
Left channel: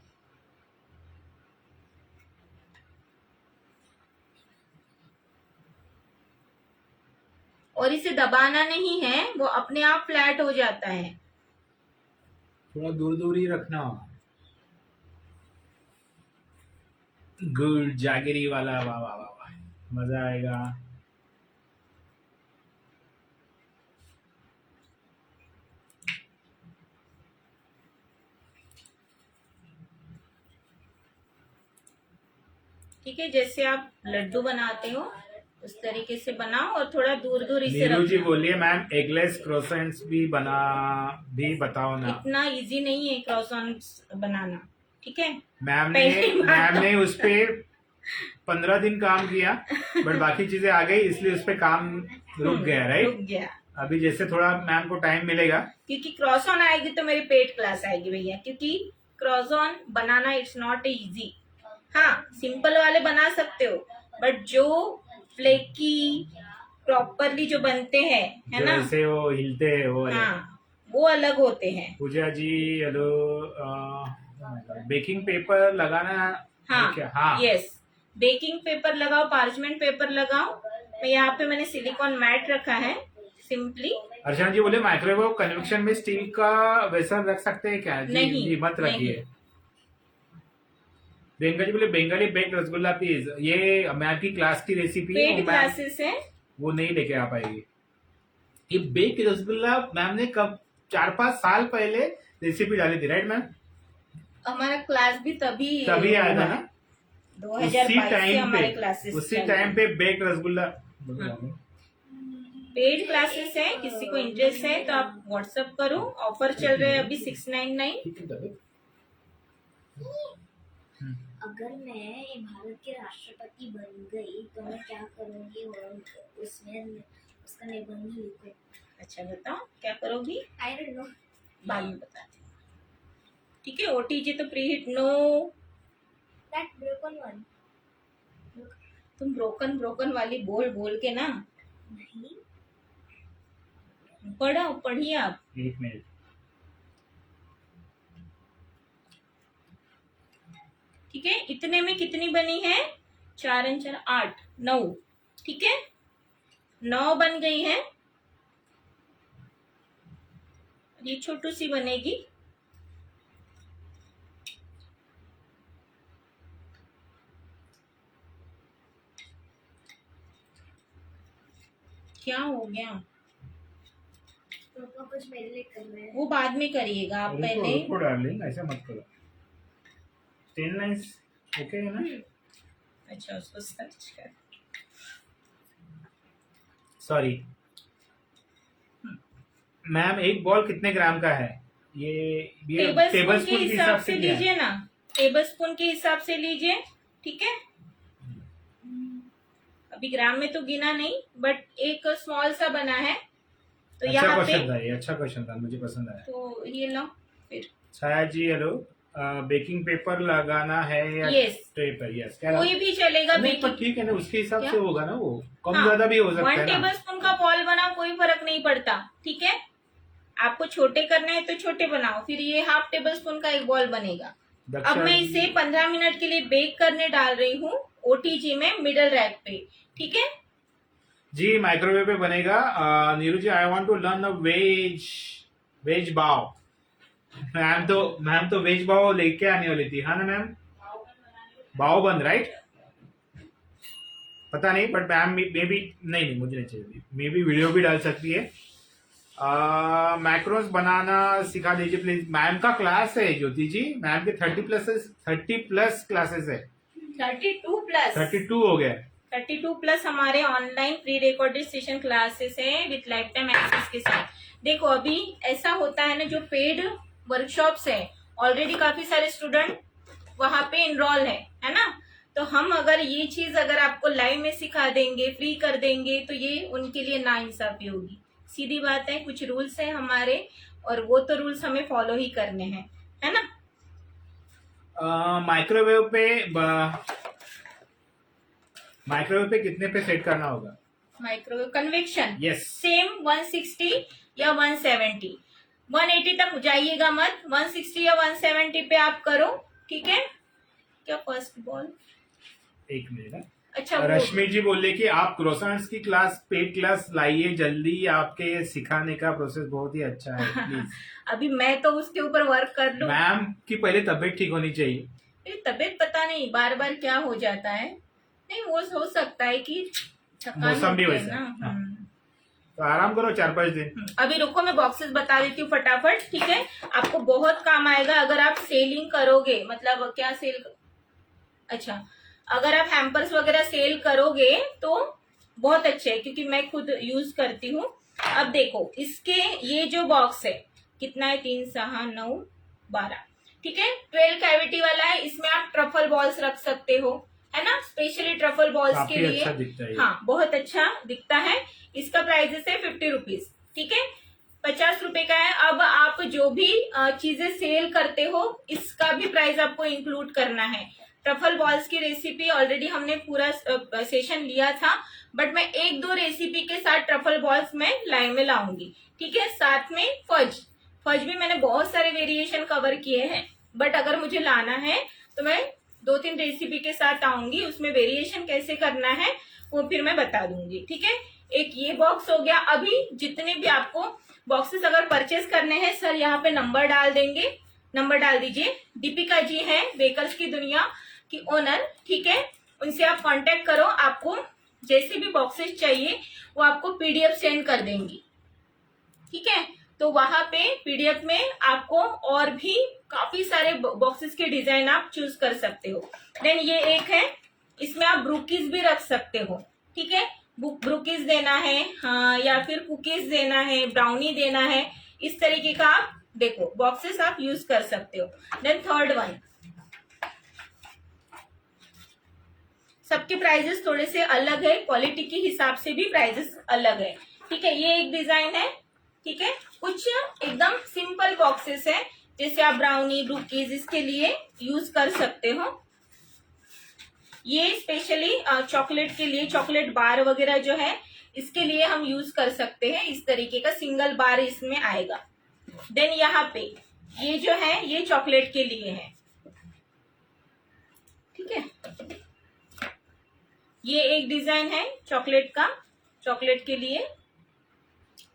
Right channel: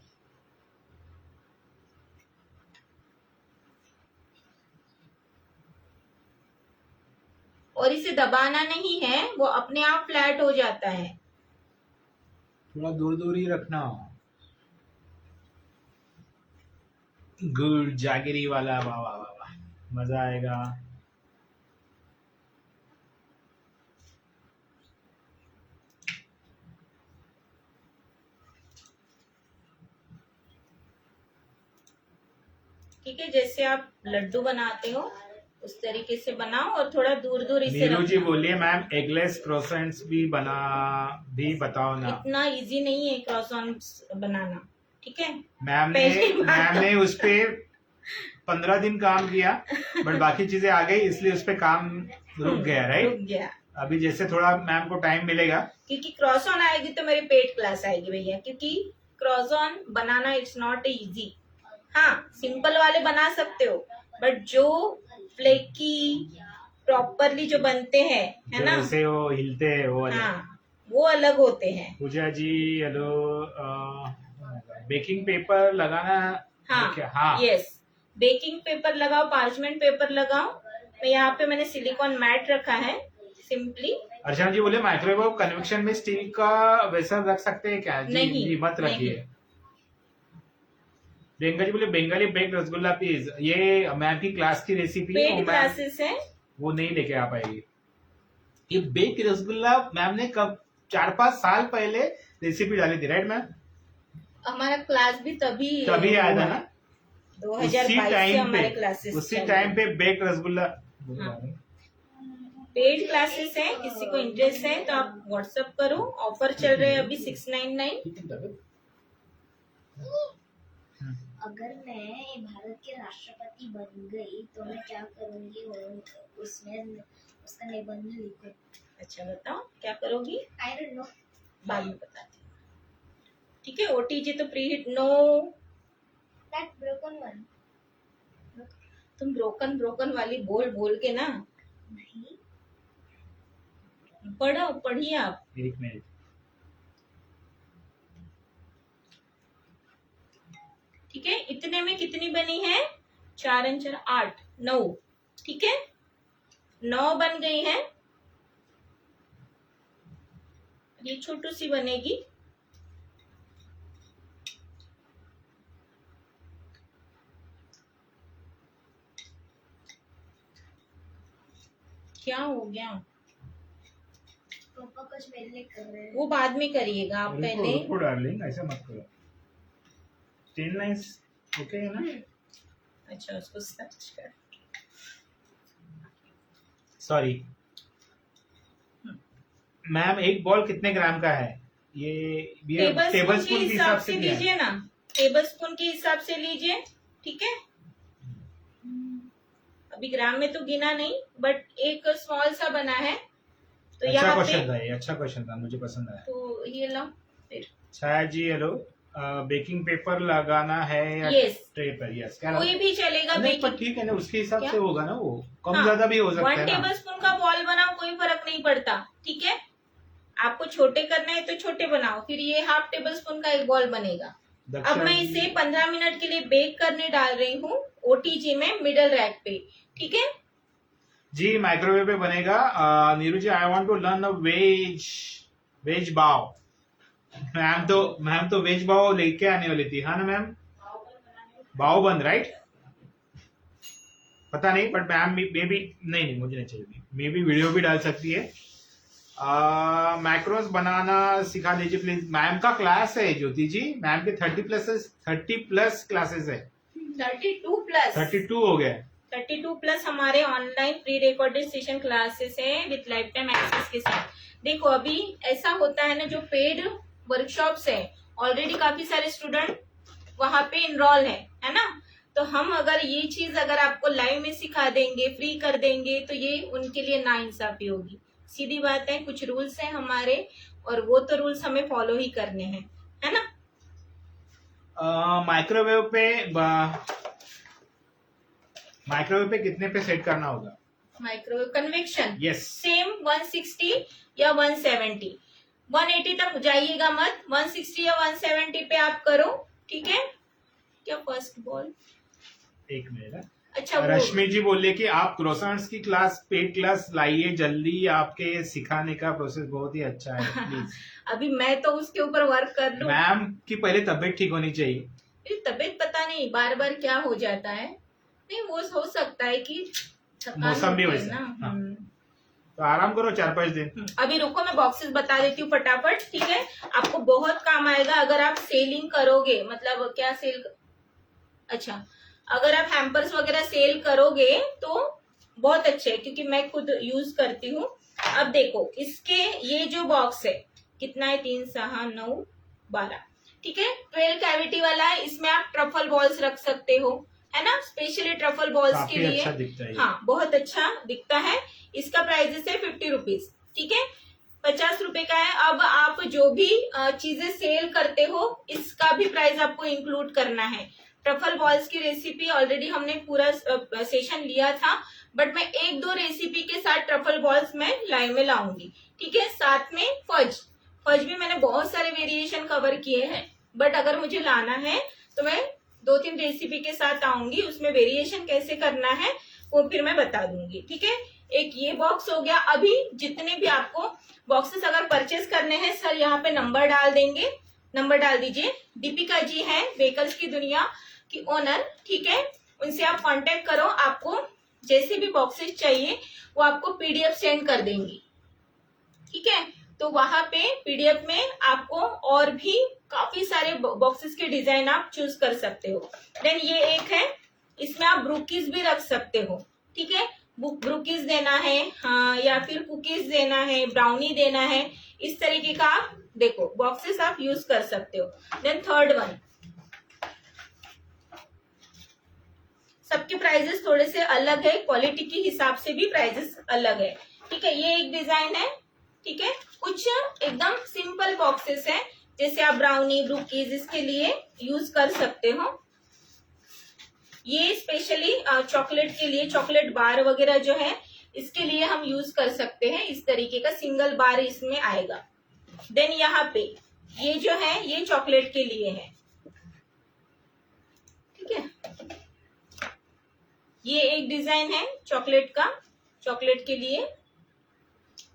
और इसे दबाना नहीं है, वो अपने आप फ्लैट हो जाता है। थोड़ा दूर दूर ही रखना। गुड जागीरी वाला, वाह वाह वाह वाह, मजा आएगा। ठीक है, जैसे आप लड्डू बनाते हो उस तरीके से बनाओ और थोड़ा दूर दूर इसे नीरू जी रखना। बोलिए मैम एगलेस क्रोसेंट्स भी बताओ ना। इतना इजी नहीं है क्रॉसॉन्स बनाना, ठीक है। मैम पहली बात मैम तो- ने उस पे 15 दिन काम किया, बट बाकी चीजें आ गई इसलिए उस पे काम रुक गया, रुक राइट। गया, अभी जैसे थोड़ा मैम को टाइम मिलेगा। क्योंकि क्रॉसॉन आएगी तो मेरी पेड क्लास आएगी भैया, क्योंकि क्रॉसॉन बनाना इट्स नॉट इजी। हाँ, सिंपल वाले बना सकते हो, बट जो फ्लेकी प्रॉपरली जो बनते हैं, है जो ना, जैसे वो हिलते हैं वो वाले। हाँ, वो अलग होते हैं। पूजा जी हेलो। बेकिंग पेपर लगाना हाँ, है क्या? हाँ यस, बेकिंग पेपर लगाओ, पार्चमेंट पेपर लगाओ। तो यहाँ पे मैंने सिलिकॉन मैट रखा है सिंपली। अर्चना जी बोले माइक्रोवेव कन्वेक्शन में स्टील का वेसल रख सकते हैं क्या? जी नहीं, जी मत रखिए। प्रियंका जी बोले बंगाली बेक्ड रसगुल्ला प्लीज। ये मैम की क्लास की रेसिपी है, पेड वो मैम क्लासेस है। वो नहीं लेके आ पाएगी। ये बेक्ड रसगुल्ला मैम ने कब 4-5 साल पहले रेसिपी डाली थी, राइट मैम? हमारा क्लास भी तभी आया था ना, 2022 से हमारे क्लासेस उसी टाइम पे बेक्ड रसगुल्ला। हाँ। पेड क्लासेस है, किसी को इंटरेस्ट है तो आप व्हाट्सएप करो। ऑफर चल रहे हैं अभी 699। अगर मैं भारत के राष्ट्रपति बन गई तो मैं क्या करूंगी और उसमें उसका निबंध लिखूं। अच्छा बताओ क्या करोगी? I don't know. बाद में बताती हूँ, ठीक है। ओटीजी तो preheat no. That broken one. तुम ब्रोकन ब्रोकन वाली बोल बोल के ना, नहीं, पढ़िए आप। एक मिनट। ठीक है, इतने में कितनी बनी है? 4 और 4 8, 9। ठीक है, 9 बन गई है। ये छोटू सी बनेगी। क्या हो गया? पापा कुछ मेरे लिए कर रहे हैं। वो बाद में करिएगा, आप पहले। रुको डार्लिंग, ऐसा मत करो। 10 लाइन्स ओके है ना? अच्छा, उसको सर्च कर। सॉरी मैम, एक बॉल कितने ग्राम का है? ये टेबल स्पून के हिसाब से लीजिए ना, टेबल स्पून के हिसाब से लीजिए, ठीक है। अभी ग्राम में तो गिना नहीं, बट एक स्मॉल सा बना है तो अच्छा यहाँ क्वेश्चन पे था, ये अच्छा क्वेश्चन था, मुझे पसंद आया। तो ये लो फिर। छाया जी हेलो। बेकिंग पेपर लगाना है या Yes. ट्रे पर? यस, क्या कोई भी चलेगा। नहीं पर ठीक है ना, उसके हिसाब क्या? से होगा ना, वो कम हाँ, ज्यादा भी हो सकता 1 है ना। टेबल स्पून का बॉल बनाओ, कोई फर्क नहीं पड़ता, ठीक है। आपको छोटे करना है तो छोटे बनाओ, फिर ये हाफ टेबल स्पून का एक बॉल बनेगा। अब मैं इसे 15 मिनट के लिए बेक करने डाल रही हूँ ओटीजी में, मिडल रैक पे, ठीक है। जी माइक्रोवेव पे बनेगा। Neeru ji I want to learn a veg bao. Ma'am तो वेज बाव लेके आने वाली थी, हाँ ना मैम? बाव बन राइट? पता नहीं, बट मैम मे बी नहीं मुझे नहीं चाहिए, मे बी वीडियो भी डाल सकती है। मैक्रोस बनाना सिखा दीजिए प्लीज। मैम का क्लास है ज्योति जी, मैम के 30 प्लस क्लासेस है। 32 हो गया। 32 प्लस हमारे online pre recorded session classes है विथ लाइफ टाइम एक्सेस के साथ। देखो अभी ऐसा होता है ना, जो पेड वर्कशॉप्स है ऑलरेडी काफी सारे स्टूडेंट वहां पे इनरोल है ना। तो हम अगर ये चीज अगर आपको लाइव में सिखा देंगे, फ्री कर देंगे, तो ये उनके लिए नाइंसाफी होगी। सीधी बात है, कुछ रूल्स हैं हमारे और वो तो रूल्स हमें फॉलो ही करने हैं, है ना। माइक्रोवेव पे कितने पे सेट करना होगा? माइक्रोवेव कन्वेक्शन यस सेम 160 या 170। 180 तक जाइएगा मत, 160 या 170 पे आप करो, ठीक है। क्या फर्स्ट बॉल? एक मिनट। अच्छा, रश्मि जी बोले कि आप क्रोसेंट्स की क्लास, पेड क्लास लाइए जल्दी, आपके सिखाने का प्रोसेस बहुत ही अच्छा है प्लीज। अभी मैं तो उसके ऊपर वर्क कर लूं। मैम की पहले तबीयत ठीक होनी चाहिए। मेरी तबीयत पता नहीं बार बार क्या हो जाता है। नहीं वो हो सकता है कि थकान मौसम भी होती है वैसा ना। है, हाँ। तो आराम करो 4-5 दिन। अभी रुको मैं बॉक्सेस बता देती हूँ फटाफट, ठीक है। आपको बहुत काम आएगा अगर आप सेलिंग करोगे, मतलब क्या सेल, अच्छा अगर आप हैम्पर्स वगैरह सेल करोगे तो बहुत अच्छे है, क्योंकि मैं खुद यूज करती हूँ। अब देखो इसके ये जो बॉक्स है कितना है, 3, 6, 9, 12, ठीक है। 12 कैविटी वाला है। इसमें आप ट्रफल बॉल्स रख सकते हो, है ना, स्पेशली ट्रफल बॉल्स के काफी लिए। अच्छा दिखता है ये। हाँ बहुत अच्छा दिखता है। इसका प्राइस है 50 रुपीज, ठीक है, 50 रुपए का है। अब आप जो भी चीजें सेल करते हो इसका भी प्राइस आपको इंक्लूड करना है। ट्रफल बॉल्स की रेसिपी ऑलरेडी हमने पूरा सेशन लिया था, बट मैं 1-2 रेसिपी के साथ ट्रफल बॉल्स मैं लाइव में लाऊंगी, ठीक है। साथ में फज, फज भी मैंने बहुत सारे वेरिएशन कवर किए हैं, बट अगर मुझे लाना है तो मैं 2-3 रेसिपी के साथ आऊंगी, उसमें वेरिएशन कैसे करना है वो फिर मैं बता दूंगी, ठीक है। एक ये बॉक्स हो गया। अभी जितने भी आपको बॉक्सेस अगर परचेस करने हैं, सर यहाँ पे नंबर डाल देंगे, नंबर डाल दीजिए। दीपिका जी हैं व्हीकल्स की दुनिया की ओनर, ठीक है, उनसे आप कांटेक्ट करो। आपको जैसे भी बॉक्सेस चाहिए वो आपको पीडीएफ सेंड कर देंगी, ठीक है। तो वहां पे पीडीएफ में आपको और भी काफी सारे बॉक्सेस के डिजाइन आप चूज कर सकते हो। देन ये एक है, इसमें आप ब्रूकीज भी रख सकते हो, ठीक है। ब्रूकीज देना है, हाँ, या फिर कुकीज देना है, ब्राउनी देना है, इस तरीके का आप देखो बॉक्सेस आप यूज कर सकते हो। देन थर्ड वन, सबके प्राइजेस थोड़े से अलग है, क्वालिटी के हिसाब से भी प्राइजेस अलग है, ठीक है। ये एक डिजाइन है, ठीक है। कुछ एकदम सिंपल बॉक्सेस है, जैसे आप ब्राउनी, ब्रूकीज इसके लिए यूज कर सकते हो। ये स्पेशली चॉकलेट के लिए, चॉकलेट बार वगैरह जो है इसके लिए हम यूज कर सकते हैं। इस तरीके का सिंगल बार इसमें आएगा। देन यहाँ पे ये जो है ये चॉकलेट के लिए है, ठीक है। ये एक डिजाइन है चॉकलेट का, चॉकलेट के लिए।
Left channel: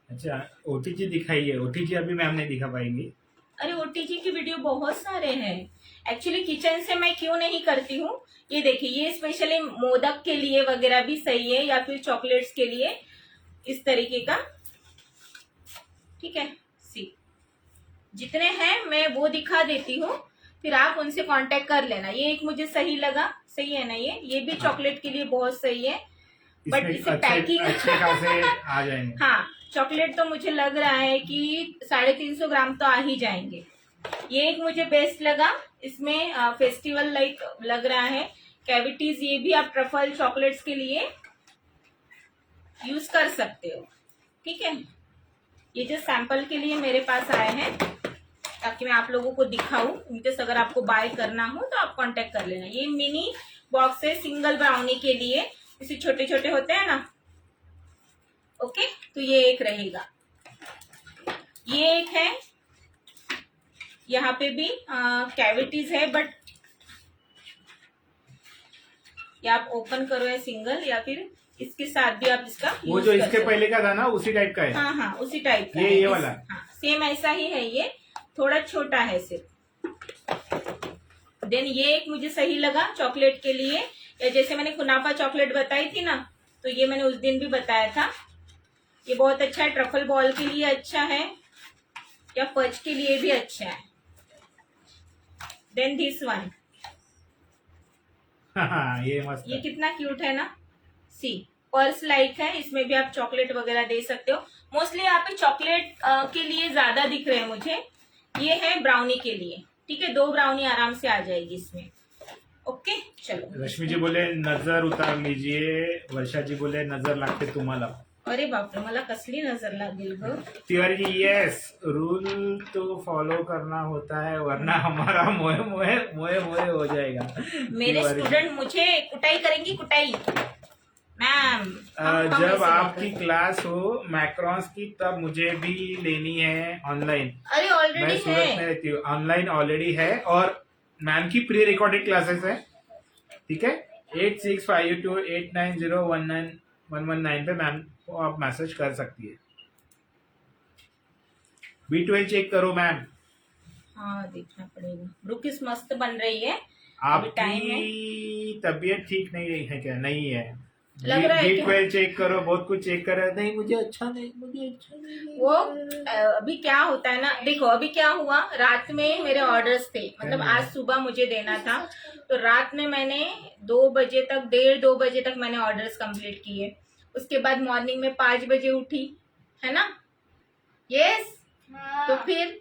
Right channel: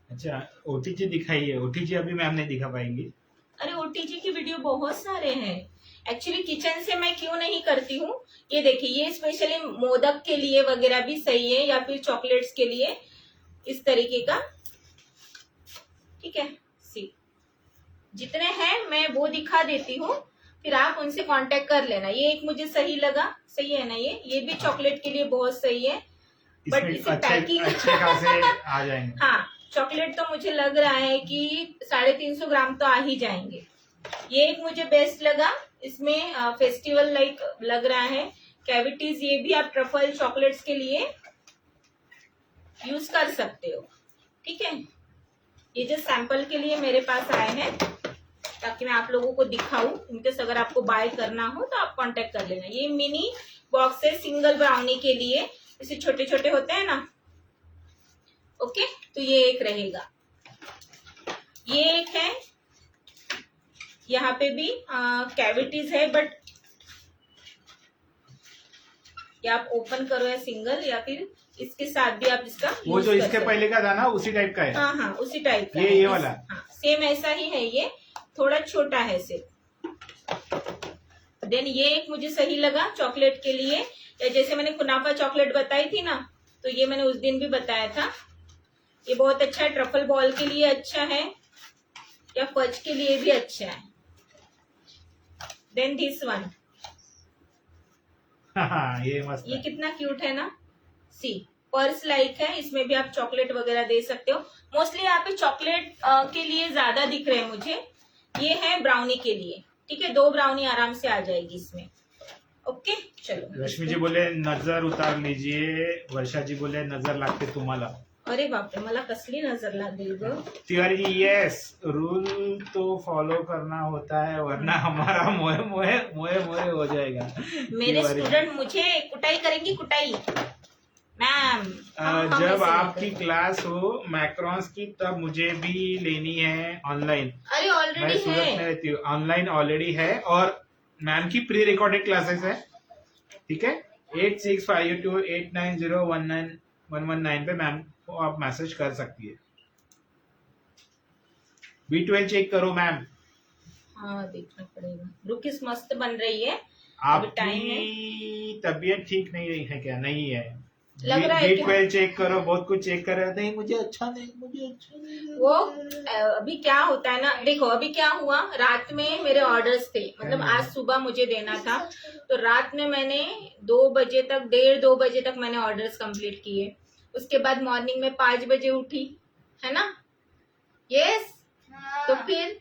अच्छा ओटीजी दिखाइए, ओटीजी अभी मैम नहीं दिखा पाएंगी। अरे ओटीजी की वीडियो बहुत सारे हैं, एक्चुअली किचन से मैं क्यों नहीं करती हूँ। ये देखिए ये स्पेशली मोदक के लिए वगैरह भी सही है, या फिर चॉकलेट्स के लिए, इस तरीके का, ठीक है। सी जितने हैं मैं वो दिखा देती हूँ, फिर आप उनसे कांटेक्ट कर लेना। ये एक मुझे सही लगा, सही है ना, ये भी चॉकलेट के लिए बहुत सही है, बट इसे पैकिंग अच्छे खासे आ जाएंगे। हाँ चॉकलेट तो मुझे लग रहा है कि 350 ग्राम तो आ ही जाएंगे। ये एक मुझे बेस्ट लगा, इसमें फेस्टिवल लाइक लग रहा है, कैविटीज। ये भी आप ट्रफल चॉकलेट्स के लिए यूज कर सकते हो, ठीक है। ये जो सैंपल के लिए मेरे पास आए हैं ताकि मैं आप लोगों को दिखाऊं, इनकेस अगर आपको बाय करना हो तो आप कांटेक्ट कर लेना। ये मिनी बॉक्स है सिंगल ब्राउनी के लिए, इसे छोटे छोटे होते हैं ना, ओके। तो ये एक रहेगा, ये एक है, यहाँ पे भी कैविटीज है, बट या आप ओपन करो या सिंगल, या फिर इसके साथ भी आप इसका वो जो इसके पहले का था ना उसी टाइप का है। हाँ हाँ उसी टाइप का ये वाला, हाँ सेम ऐसा ही है, ये थोड़ा छोटा है सिर्फ। देन ये एक मुझे सही लगा चॉकलेट के लिए, या जैसे मैंने कुनाफा चॉकलेट बताई थी ना, तो ये मैंने उस दिन भी बताया था। ये बहुत अच्छा है, ट्रफल बॉल के लिए अच्छा है, या फज के लिए भी अच्छा है। देन दिस वन, ये मस्त ये है। कितना क्यूट है ना, सी पर्स लाइक है, इसमें भी आप चॉकलेट वगैरह दे सकते हो। मोस्टली यहाँ पे चॉकलेट के लिए ज्यादा दिख रहे हैं मुझे। ये है ब्राउनी के लिए, ठीक है, 2 ब्राउनी आराम से आ जाएगी इसमें, ओके। चलो रश्मि जी बोले नजर उतार लीजिए, वर्षा जी बोले नजर लागते तुम्हाला। अरे बापरे, मला कसली नजर लागेल ग। तिवारी जी यस, रूल तो फॉलो करना होता है वरना हमारा मोए मोए मोए मोए हो जाएगा। मेरे स्टूडेंट मुझे कुटाई करेंगी, कुटाई मैम। जब आपकी क्लास हो मैक्रॉन्स की तब मुझे भी लेनी है ऑनलाइन। अरे मैं ऑलरेडी सूरत है, में रहती हूँ, ऑनलाइन ऑलरेडी है, और मैम की प्री रिकॉर्डेड क्लासेस है, ठीक है। 8652289019 पे मैम को आप मैसेज कर सकती है। B12 चेक करो मैम। हाँ देखना पड़ेगा। ब्रूकिस मस्त बन रही है, टाइम है, आपकी तबीयत ठीक नहीं है क्या? नहीं है? लग रहा है क्या? B12 चेक करो, बहुत कुछ चेक करो। नहीं मुझे अच्छा नहीं लग वो रहा है। अभी क्या होता है ना, देखो अभी क्या हुआ, रात में मेरे ऑर्डर्स थे, मतलब क्या आज सुबह मुझे देना था, तो रात में मैंने 2 बजे तक, 1:30-2 बजे तक मैंने ऑर्डर्स कंप्लीट किए। उसके बाद मॉर्निंग में 5 बजे उठी, है ना? यस। तो फिर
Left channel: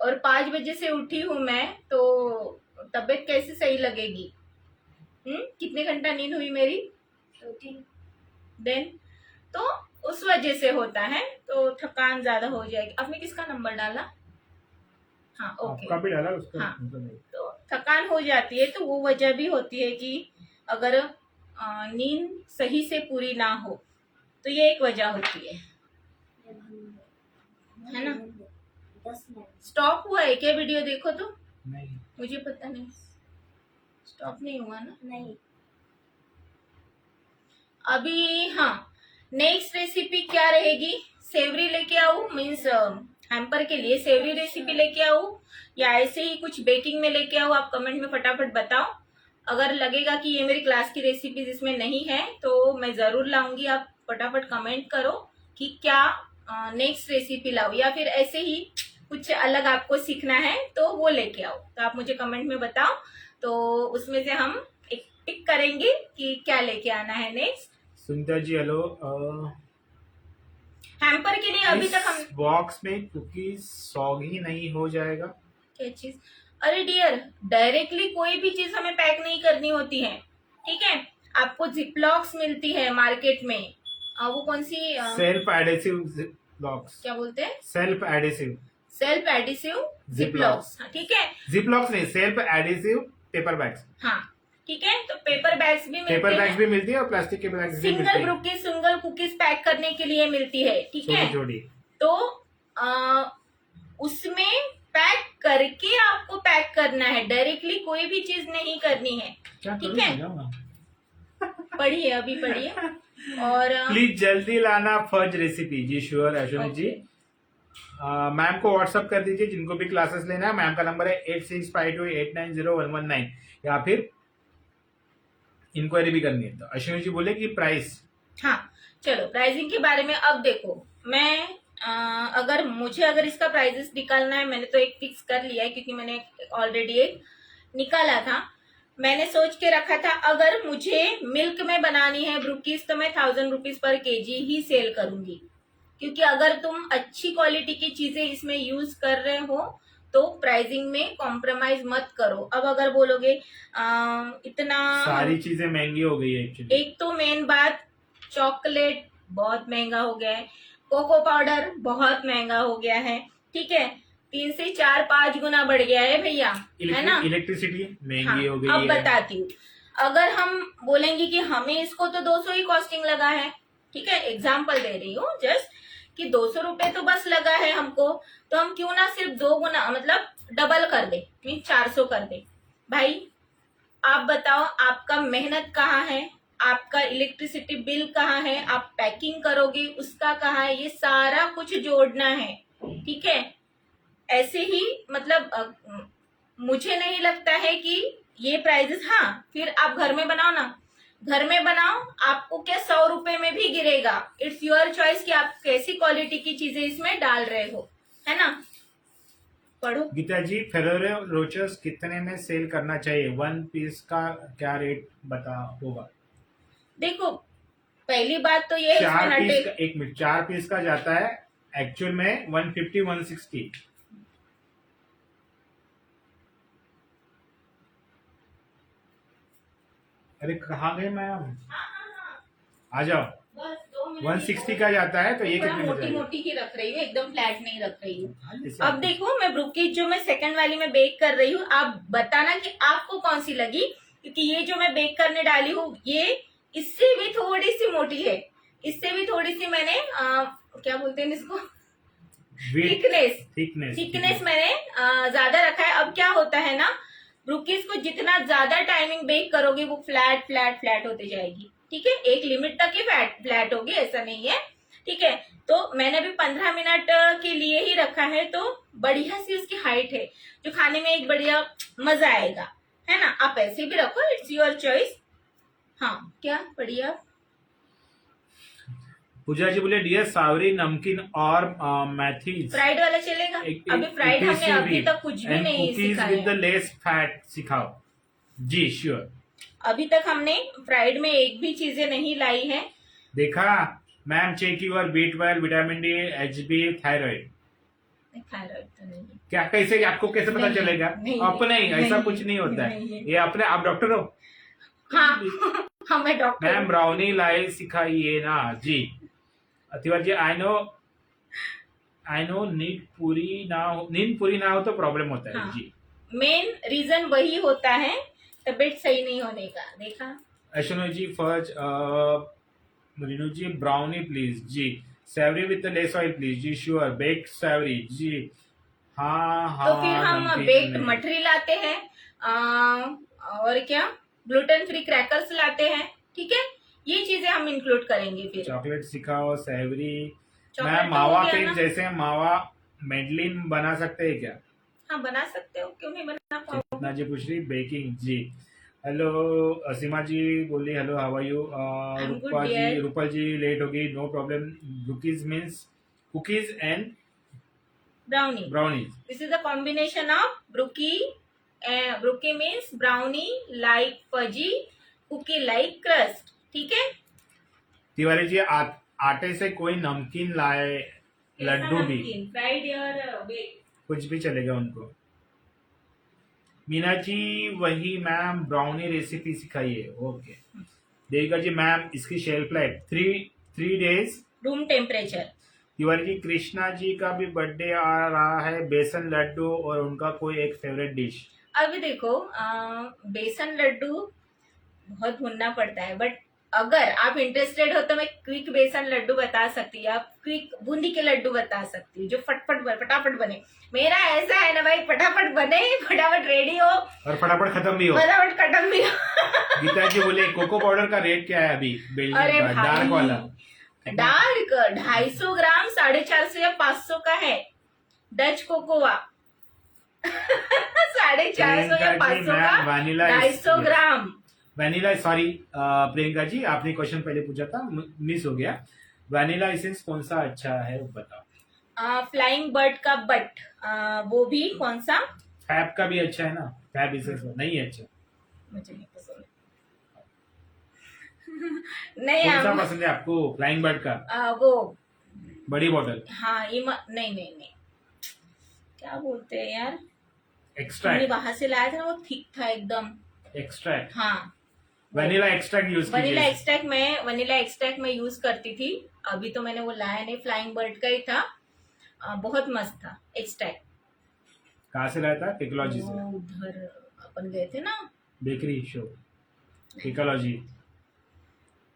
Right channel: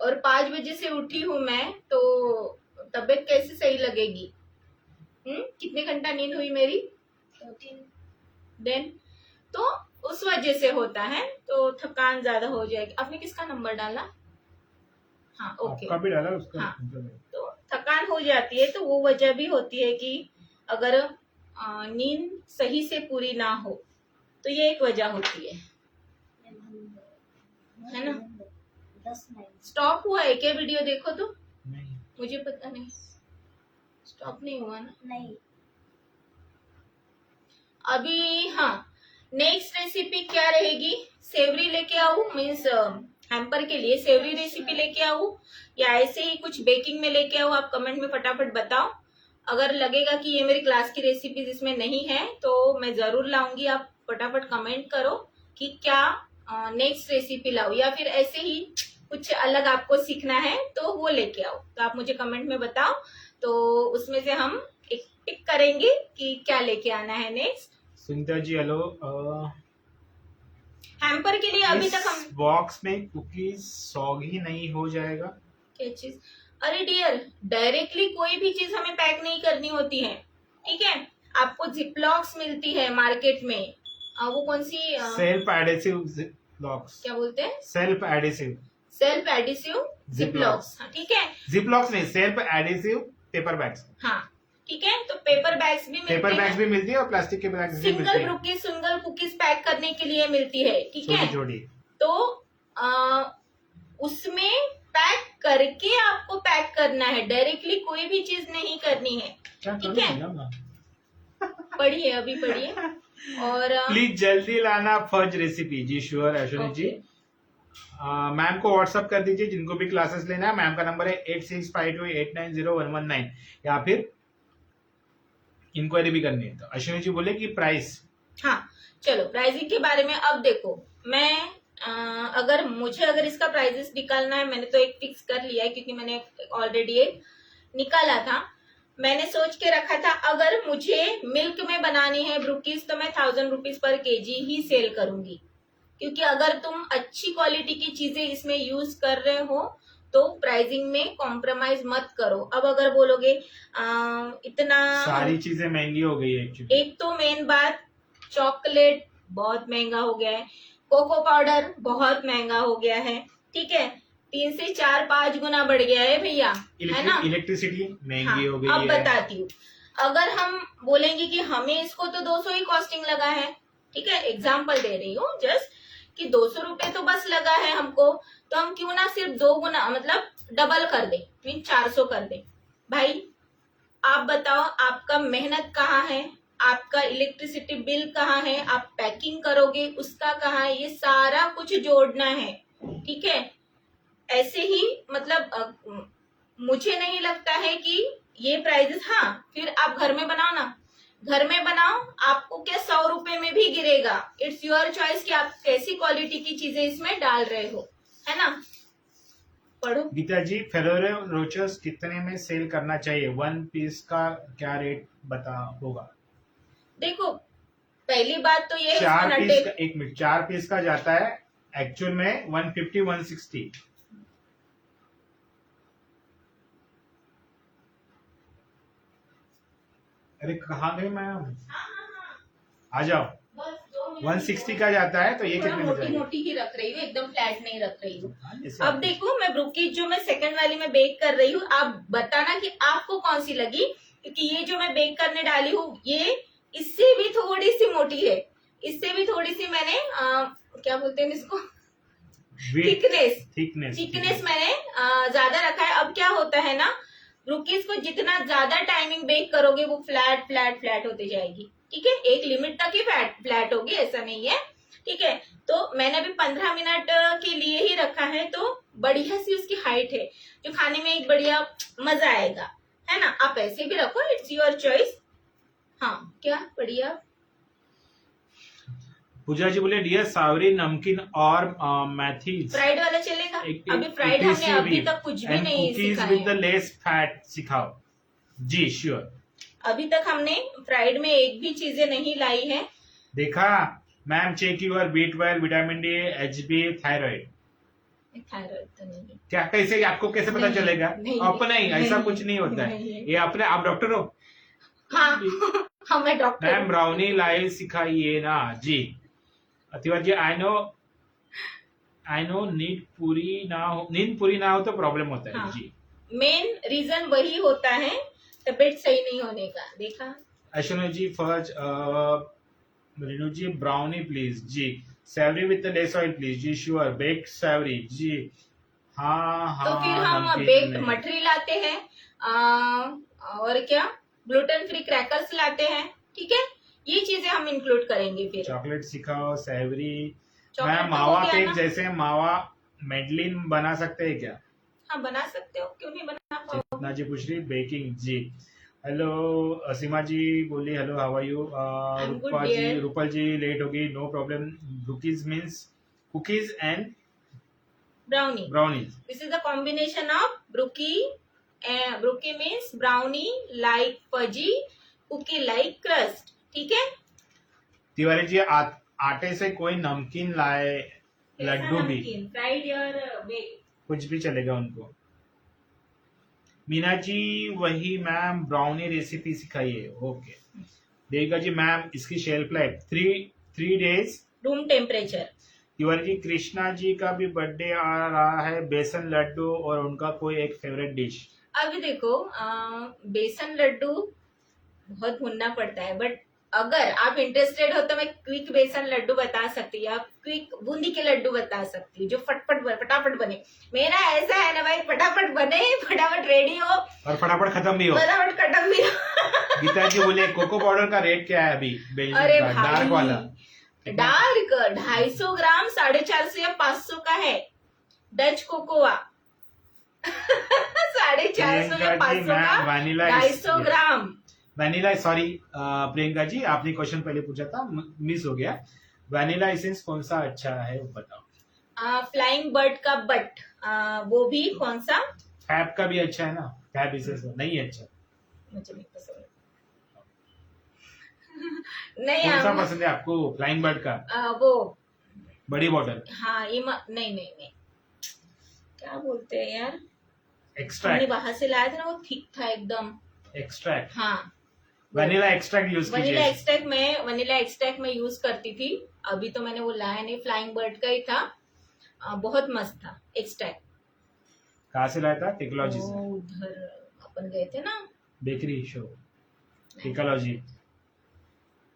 और 5 बजे से उठी हूं मैं, तो तबीयत कैसे सही लगेगी? कितने घंटा नींद हुई मेरी? 13। देन तो उस वजह से होता है, तो थकान ज्यादा हो जाएगी। आपने किसका नंबर डाला? हाँ, ओके। आपका भी डाला उसका? हाँ, तो थकान हो जाती है, तो वो वजह भी होती है कि अगर नींद सही से पूरी ना हो, तो ये एक वजह होती है ना? 10 मिनट। स्टॉप हुआ है क्या वीडियो? देखो तो, नहीं। मुझे पता नहीं, स्टॉप नहीं हुआ ना नहीं। अभी। हाँ, नेक्स्ट रेसिपी क्या रहेगी? सेवरी लेके आऊं, मीन्स हैम्पर के लिए सेवरी रेसिपी लेके आऊं, या ऐसे ही कुछ बेकिंग में लेके आऊं? आप कमेंट में फटाफट बताओ। अगर लगेगा कि ये मेरी क्लास की रेसिपी जिसमें नहीं है, तो मैं जरूर लाऊंगी। आप फटाफट कमेंट करो कि क्या नेक्स्ट रेसिपी लाऊं, या फिर ऐसे ही कुछ अलग आपको सीखना है तो वो लेके आओ। तो आप मुझे कमेंट में बताओ, तो उसमें से हम एक पिक करेंगे कि क्या लेके आना है next. Sunita ji hello. Hamper के लिए अभी तक हम बॉक्स में कुकीज सॉगी नहीं हो जाएगा? क्या चीज? अरे डियर, डायरेक्टली कोई भी चीज हमें पैक नहीं करनी होती है, ठीक है? आपको जिपलॉक्स मिलती है मार्केट में, वो कौन सी सेल्फ एडेसिव जिपलॉक्स। क्या बोलते हैं? सेल्फ एडेसिव सेल्फ एडिसिव जिपलॉक्स, ठीक है। जिपलॉक्स नहीं, सेल्फ एडेसिव पेपर बैग्स। हाँ, ठीक है। तो पेपर बैग्स भी मिलते पेपर हैं, बैग्स भी मिलती है और प्लास्टिक के बैग्स भी मिलते सिंगल हैं। ब्रुकीज, सिंगल कुकीज पैक करने के लिए मिलती है, ठीक है? छोटी छोटी। तो उसमें पैक करके आपको पैक करना है, डायरेक्टली कोई भी चीज नहीं करनी है, ठीक है? पढ़िए, अभी पढ़िए। और प्लीज जल्दी लाना फज रेसिपी। जी श्योर अश्विनी जी। मैम को व्हाट्सअप कर दीजिए जिनको भी क्लासेस लेना है। मैम का नंबर है 8652890119, या फिर इंक्वायरी भी करनी है तो अश्विनी जी बोले कि प्राइस। हाँ, चलो प्राइसिंग के बारे में अब देखो। मैं अगर इसका प्राइजेस निकालना है, मैंने तो एक फिक्स कर लिया है, क्योंकि मैंने ऑलरेडी एक निकाला था। मैंने सोच के रखा था अगर मुझे मिल्क में बनानी है ब्रुकीज, तो मैं 1000 रुपीज पर केजी ही सेल करूंगी, क्योंकि अगर तुम अच्छी क्वालिटी की चीजें इसमें यूज कर रहे हो तो प्राइसिंग में कॉम्प्रोमाइज मत करो। अब अगर बोलोगे इतना, सारी चीजें महंगी हो गई है एक्चुअली। एक तो मेन बात, चॉकलेट बहुत महंगा हो गया है, कोको पाउडर बहुत महंगा हो गया है, ठीक है? 3 से 4-5 गुना बढ़ गया है भैया, है ना? इलेक्ट्रिसिटी महंगी हाँ, हो गई अब है। बताती हूँ। अगर हम बोलेंगे कि हमें इसको तो 200 ही कॉस्टिंग लगा है, ठीक है, एग्जाम्पल दे रही हूँ जस्ट, कि 200 रुपए तो बस लगा है हमको, तो हम क्यों ना सिर्फ 2 गुना, मतलब डबल कर दे, मीन 400 कर दे। भाई आप बताओ, आपका मेहनत कहाँ है, आपका इलेक्ट्रिसिटी बिल कहाँ है, आप पैकिंग करोगे उसका कहाँ है, ये सारा कुछ जोड़ना है, ठीक है? ऐसे ही मतलब मुझे नहीं लगता है कि ये प्राइजेस, हाँ फिर आप घर में बनाओ ना, घर में बनाओ, आपको क्या 100 रुपए में भी गिरेगा। इट्स योर चॉइस कि आप कैसी क्वालिटी की चीजें इसमें डाल रहे हो, है ना? पढ़ो। गीता जी, फेरोरो रोचर्स कितने में सेल करना चाहिए? 1 पीस का क्या रेट बता होगा? देखो, पहली बात तो ये 4 पीस का, 1 मिनट, 4 पीस का जाता है एक्चुअल में 150-160। अरे कहाँ गए मैम? आ जाओ। बस 2 मिनट 160 का जाता है, तो ये कितने में मोटी जाएगा? मोटी ही रख रही हूँ, एकदम फ्लैट नहीं रख रही हूँ। जैसे अब देखो, मैं ब्रुकीज जो मैं सेकंड वाली में बेक कर रही हूँ, आप बताना कि आपको कौन सी लगी, क्योंकि ये जो मैं बेक करने डाली हूँ ये इससे भी थोड़ी सी मोटी है, इससे भी थोड़ी सी मैंने क्या बोलते हैं इसको, थिकनेस मैंने ज्यादा रखा है। अब क्या होता है ना, ब्रुकीज को जितना ज्यादा टाइमिंग बेक करोगे वो फ्लैट फ्लैट फ्लैट होती जाएगी, ठीक है? एक लिमिट तक ही फ्लैट होगी, ऐसा नहीं है, ठीक है? तो मैंने अभी 15 मिनट के लिए ही रखा है, तो बढ़िया सी उसकी हाइट है, जो खाने में एक बढ़िया मजा आएगा, है ना, आप ऐसे भी रखो, इट्स योर चॉइस। हाँ क्या पढ़िए आप। पूजा जी बोले डियर सावरी नमकीन और मैथी फ्राइड वाला चलेगा। अभी फ्राइड इट इज हमने अभी तक कुछ भी एंड नहीं कुकीज सिखाया विद द है। लेस फैट सिखाओ। जी श्योर। अभी तक हमने फ्राइड में एक भी चीजें नहीं लाई है। देखा ma'am, check your B12 vitamin D HB thyroid. Thyroid तो नहीं है। क्या कैसे आपको कैसे पता नहीं, चलेगा? नहीं, अपने ही ऐसा नहीं, कुछ नहीं होता नहीं है है। ये अपने। आप डॉक्टर हो? हाँ हाँ मैं डॉक्टर मैम हूँ। ब्राउनी लाई सिखाइए ना जी। तिवारी जी आई नो नींद पूरी ना हो तो प्रॉब्लम होता है हाँ जी। मेन रीजन वही होता है, तबीयत सही नहीं होने का। देखा अश्विनी जी फर्ज रिनू जी ब्राउनी प्लीज जी। Savoury with the less oil please जी श्योर। बेक्ड सेवरी जी। हाँ तो फिर हम नमकीन बेक्ड में मठरी लाते हैं, और क्या ग्लूटेन फ्री क्रैकर्स लाते हैं। ठीक है, ये चीजें हम इंक्लूड करेंगे फिर। चॉकलेट सिखाओ सेवरी। चॉकलेट मैम तो हो मावा गया केक ना। जैसे मावा मेडलिन बना सकते हैं क्या? हाँ बना सकते हो, क्यों नहीं बना पाओगे। चितना जी पूछ रही बेकिंग जी। हेलो सीमा जी बोली hello how are you. I am good Rupa ji dear. Rupal ji late होगी no problem. Brookies means cookies and brownie, brownies. This is the combination of brookie. Brookie means brownie like fudgy, cookie like crust. ठीक है, तिवारी जी आटे से कोई नमकीन लाए, लड्डू भी fried और बेक। कुछ भी चलेगा उनको। मीना जी वही मैम ब्राउनी रेसिपी सिखाइए। ओके देविका जी मैम इसकी shelf life 3 days। Room temperature. Tiwari ji Krishna ji का भी बर्थडे आ रहा है, बेसन लड्डू और उनका कोई एक फेवरेट डिश। अभी देखो बेसन लड्डू बहुत भूनना पड़ता है, बट अगर आप इंटरेस्टेड हो तो मैं क्विक बेसन लड्डू बता सकती हूँ, आप क्विक बूंदी के लड्डू बता सकती हूँ जो फटाफट बने। मेरा ऐसा है ना भाई, फटाफट बने, फटाफट रेडी हो और फटाफट खत्म भी हो। फटाफट खत्म भी हो। गीता जी बोले कोको पाउडर का रेट क्या है अभी अरे बेल्जियम का डार्क वाला? डार्क 250 ग्राम 450 या 500 का है डच कोकोआ। 450 या प्रियंका जी 500 का मैम वनीला 250 ग्राम। वनीला सॉरी प्रियंका जी आपने क्वेश्चन पहले पूछा था मिस हो गया। वनीला एसेंस कौन सा अच्छा है वो बताओ। फ्लाइंग बर्ड का बट, वो भी कौन सा? फैब का भी अच्छा है ना? फैब एसेंस नहीं है अच्छा? मुझे नहीं पसंद। नहीं कौन सा पसंद है आपको फ्लाइंग बर्ड का? वो बड़ी बॉटल हाँ नहीं क्या बोलते हैं यार, हमने एक्सट्रैक्ट। बाहर से लाया था ना, वो थिक था एकदम। एक्सट्रैक्ट हाँ वनीला एक्सट्रैक्ट यूज वनीला कीजिए। एक्सट्रैक्ट में यूज करती थी। अभी तो मैंने वो लाया नहीं, फ्लाइंग बर्ड का ही था। बहुत मस्त था एक्सट्रैक्ट। कहाँ से लाया था? टेक्नोलॉजी से। उधर अपन गए थे ना bakery show technology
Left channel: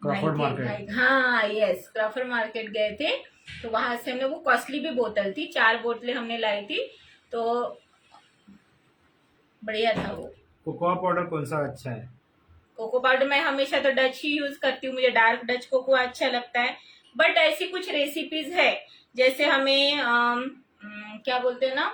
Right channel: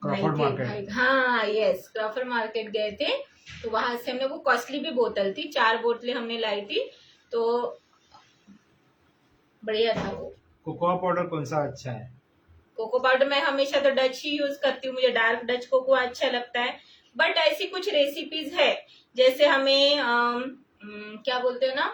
Crawford market. हाँ यस क्रॉफर्ड मार्केट गए थे, तो वहां से हमने वो कॉस्टली भी बोतल थी, 4 बोतलें हमने लाई थी, तो बढ़िया था वो। कोकोआ पाउडर कौन सा अच्छा है? कोको पाउडर मैं हमेशा तो डच ही यूज करती हूँ, मुझे डार्क डच कोको अच्छा लगता है। बट ऐसी कुछ रेसिपीज है जैसे हमें क्या बोलते हैं ना,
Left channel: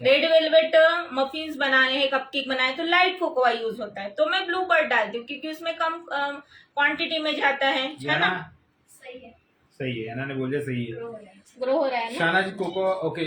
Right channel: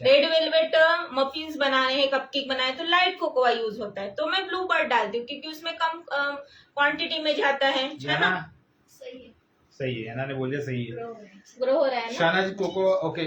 रेड वेलवेट मफिन्स बनाने हैं, कपकेक बनाए तो लाइट कोकोआ यूज होता है, तो मैं ब्लू बर्ड डालती हूँ क्योंकि उसमें कम क्वांटिटी में जाता है ना। सही है, सही है ने बोल दिया सही है। ग्रो हो रहा है ना। शाना जी कोको ओके।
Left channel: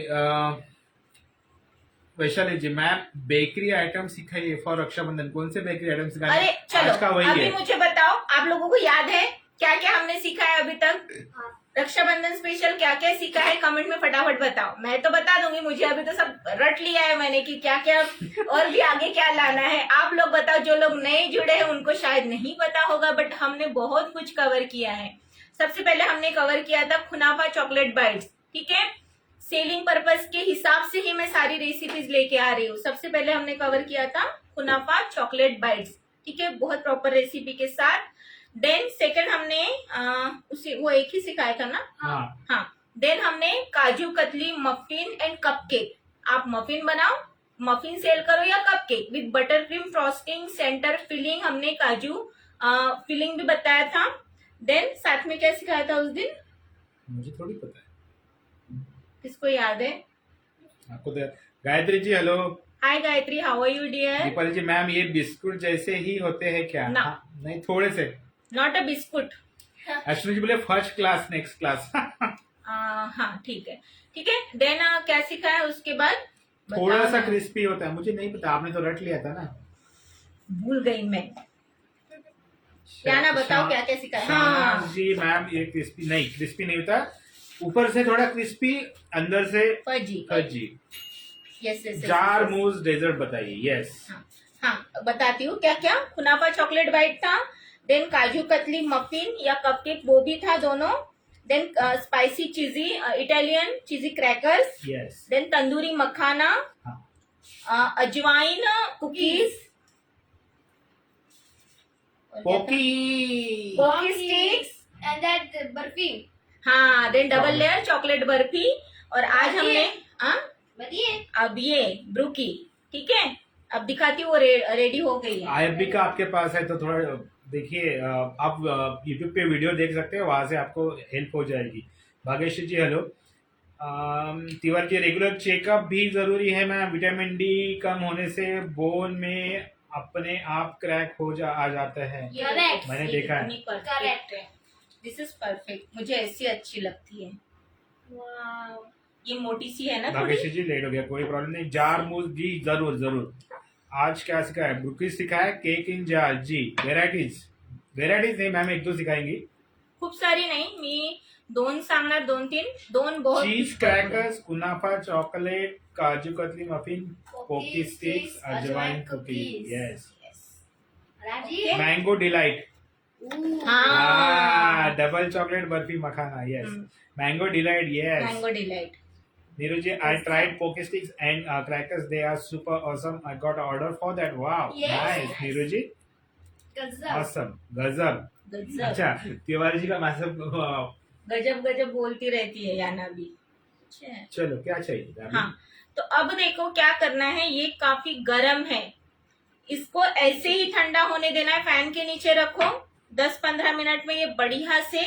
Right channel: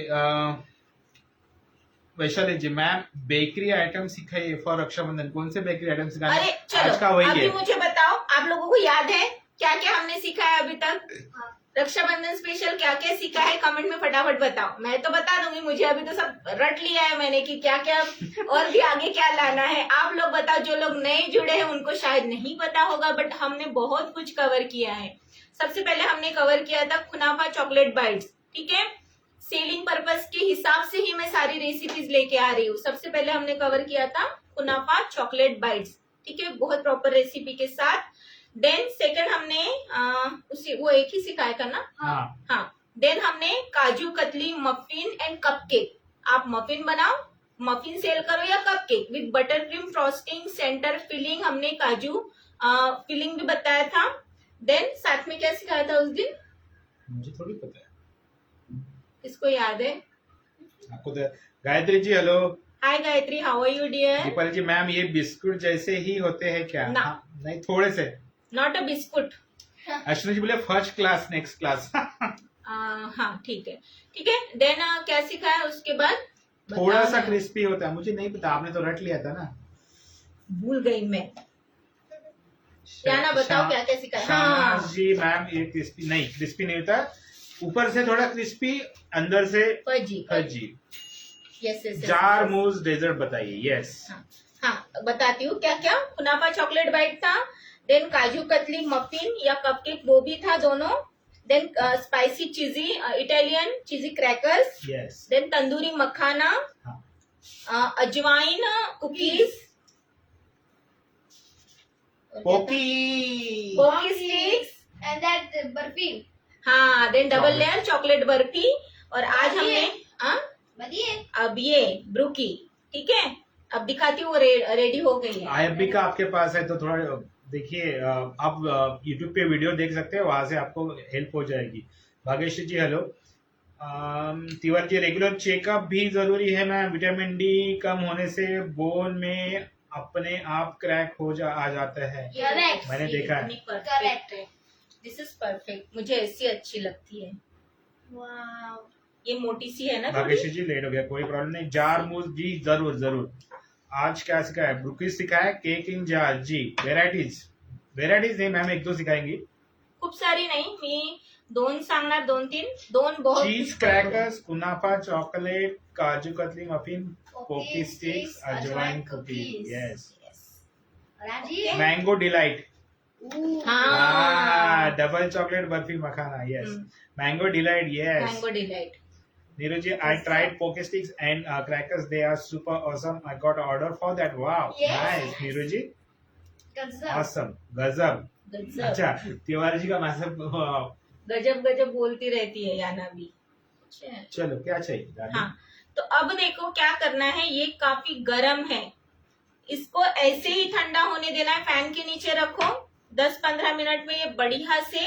वैशाली जी मैम बेकरी आइटम सिखाइए फॉर रक्षाबंधन। कौन से बेकरी आइटम सिखाए? अरे चलो आज का वही अभी है। मुझे बताओ, आप लोगों को याद है क्या क्या हमने सीखा है अभी तक? हाँ। रक्षाबंधन स्पेशल क्या क्या सीखा है कमेंट में फटाफट बताओ। मैं तो बता दूंगी, मुझे अभी तो सब रट लिया है मैंने कि क्या क्या और भी आगे क्या लाना है। आप लोग बताओ, जो लोग नए जुड़े हैं उनको शायद नहीं पता होगा, बट हमने बहुत कुछ कवर किया है। सबसे पहले हमने कवर किया था कुनाफा चॉकलेट बाइट्स। ठीक है, सेलिंग पर्पस के हिसाब से ही मैं सारी रेसिपीज लेके आ रही हूँ। सबसे पहले हमने कवर किया था कुनाफा चॉकलेट बाइट्स, ठीक है, बहुत प्रॉपर रेसिपी के साथ। देन सेकंड हमने उसी वो एक ही सिखाया था ना। हाँ देन हमने kaju katli muffin and cupcake. आप मफिन बनाओ, मफिन सेल करो या cupcake with butter cream frosting center filling, हमने काजू फिलिंग भी बताया था। देन साथ में क्या सिखाया था उस दिन? मुझे थोड़ी पता है, किसको याद है? आपको तो। Gayatri ji hello. Hi Gayatri, how are you dear? Deepali ji ma'am ये बिस्कुट जैसे ही होते हैं क्या? ना। हाँ, नहीं थोड़े से। Not a biscuit. Ashwini ji बोले फर्स्ट क्लास नेक्स्ट क्लास। हाँ ठीक है, ठीक है। देन क्या सीखा है उसके बाद? थोड़ा बताओ सा ना। क्रिस्पी होता है, मुझे नहीं पता, आपने तो रट लिया था ना। भूल गई मैं। क्या ना बताओ, क्या क्या सीखा है? शाहनाज हाँ, जी मैम ये क्रिस्पी नहीं होता, ऊपर से थोड़ा क्रिस्पी, अंदर से fudgy. Fudgy. Yes yes. Jar mousse dessert बताइए। यस। हाँ हाँ, बताती हूँ क्या क्या। कुनाफा चॉकलेट बाइट था, देन काजू कतली मफिन या कपकेक वो भी था दोनों, then spicy cheesy Italian cheesy crackers, yes. Then tandoori makhana, हाँ। Ajwain cookies, Pocky. Pocky sticks, and that barfi. हाँ, then double Chocolate. Layer chocolate barfi. और आज हमने बताइए। अब ये ब्रूकी, ठीक है, अब दिखाती हूँ वो रेडी हो गई है। आईएफबी का आपके पास है तो थोड़ा देखिए, आप यूट्यूब पे वीडियो देख सकते हैं, वहां से आपको हेल्प हो जाएगी। भाग्यश्री जी hello. Tiwari ji regular checkup भी जरूरी है मैम, विटामिन डी कम होने से बोन में अपने आप क्रैक आ जाता है। Correct. मैंने देखा है। करेक्ट है, दिस इज परफेक्ट, मुझे ऐसी अच्छी लगती है। वाव। ये मोटी सी है ना थोड़ी। भाग्यश्री जी लेट हो गया, कोई प्रॉब्लम नहीं। जार मूज जी जरूर जरूर। आज क्या सिखाया है? ब्रुकीज सिखाया है, केक इन जार जी। वेरायटीज नहीं मैम, एक दो सिखाएंगी। खूप सारी नाही, मी दोन सांगणार, दोन तीन, दोन बहुत चीज crackers, kunafa chocolate, kaju katli muffin, Pocky sticks, ajwain cookies. Yes. Raji. Mango delight. हाँ, double chocolate barfi makhana. Yes. Mango delight. Yes. Mango delight. Neeru ji, I tried poke sticks and crackers. They are super awesome. I got an order for that. Wow, Yes. nice, Neeru ji. गजब। Awesome, गजब। गजब अच्छा, तिवारी जी का message. गजब गजब बोलती रहती है याना भी। अच्छा। चलो क्या चाहिए दादी? हाँ, तो अब देखो क्या करना है, ये काफी गर्म है, इसको ऐसे ही ठंडा होने देना है। फैन के नीचे रखो, 10-15 मिनट में ये बढ़िया से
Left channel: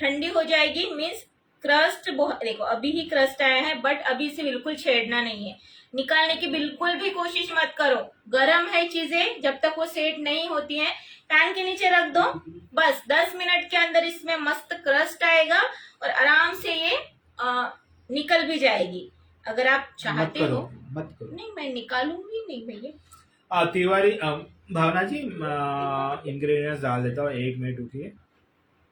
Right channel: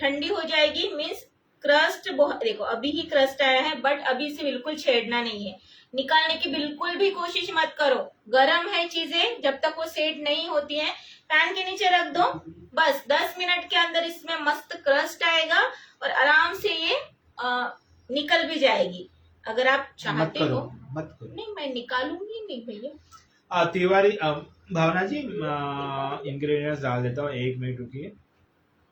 ठंडी हो जाएगी। मीन्स क्रस्ट देखो अभी ही क्रस्ट आया है, बट अभी इसे बिल्कुल छेड़ना नहीं है, निकालने की बिल्कुल भी कोशिश मत करो। गर्म है चीजें, जब तक वो सेट नहीं होती हैं फैन के नीचे रख दो। बस 10 मिनट के अंदर इसमें मस्त क्रस्ट आएगा और आराम से ये निकल भी जाएगी। अगर आप मत चाहते करो, हो। मत करो। नहीं, मैं निकालूंगी नहीं भैया। तिवारी भावना जी इंग्रेडिएंट्स डाल देता हूँ, 1 मिनट रुकिए।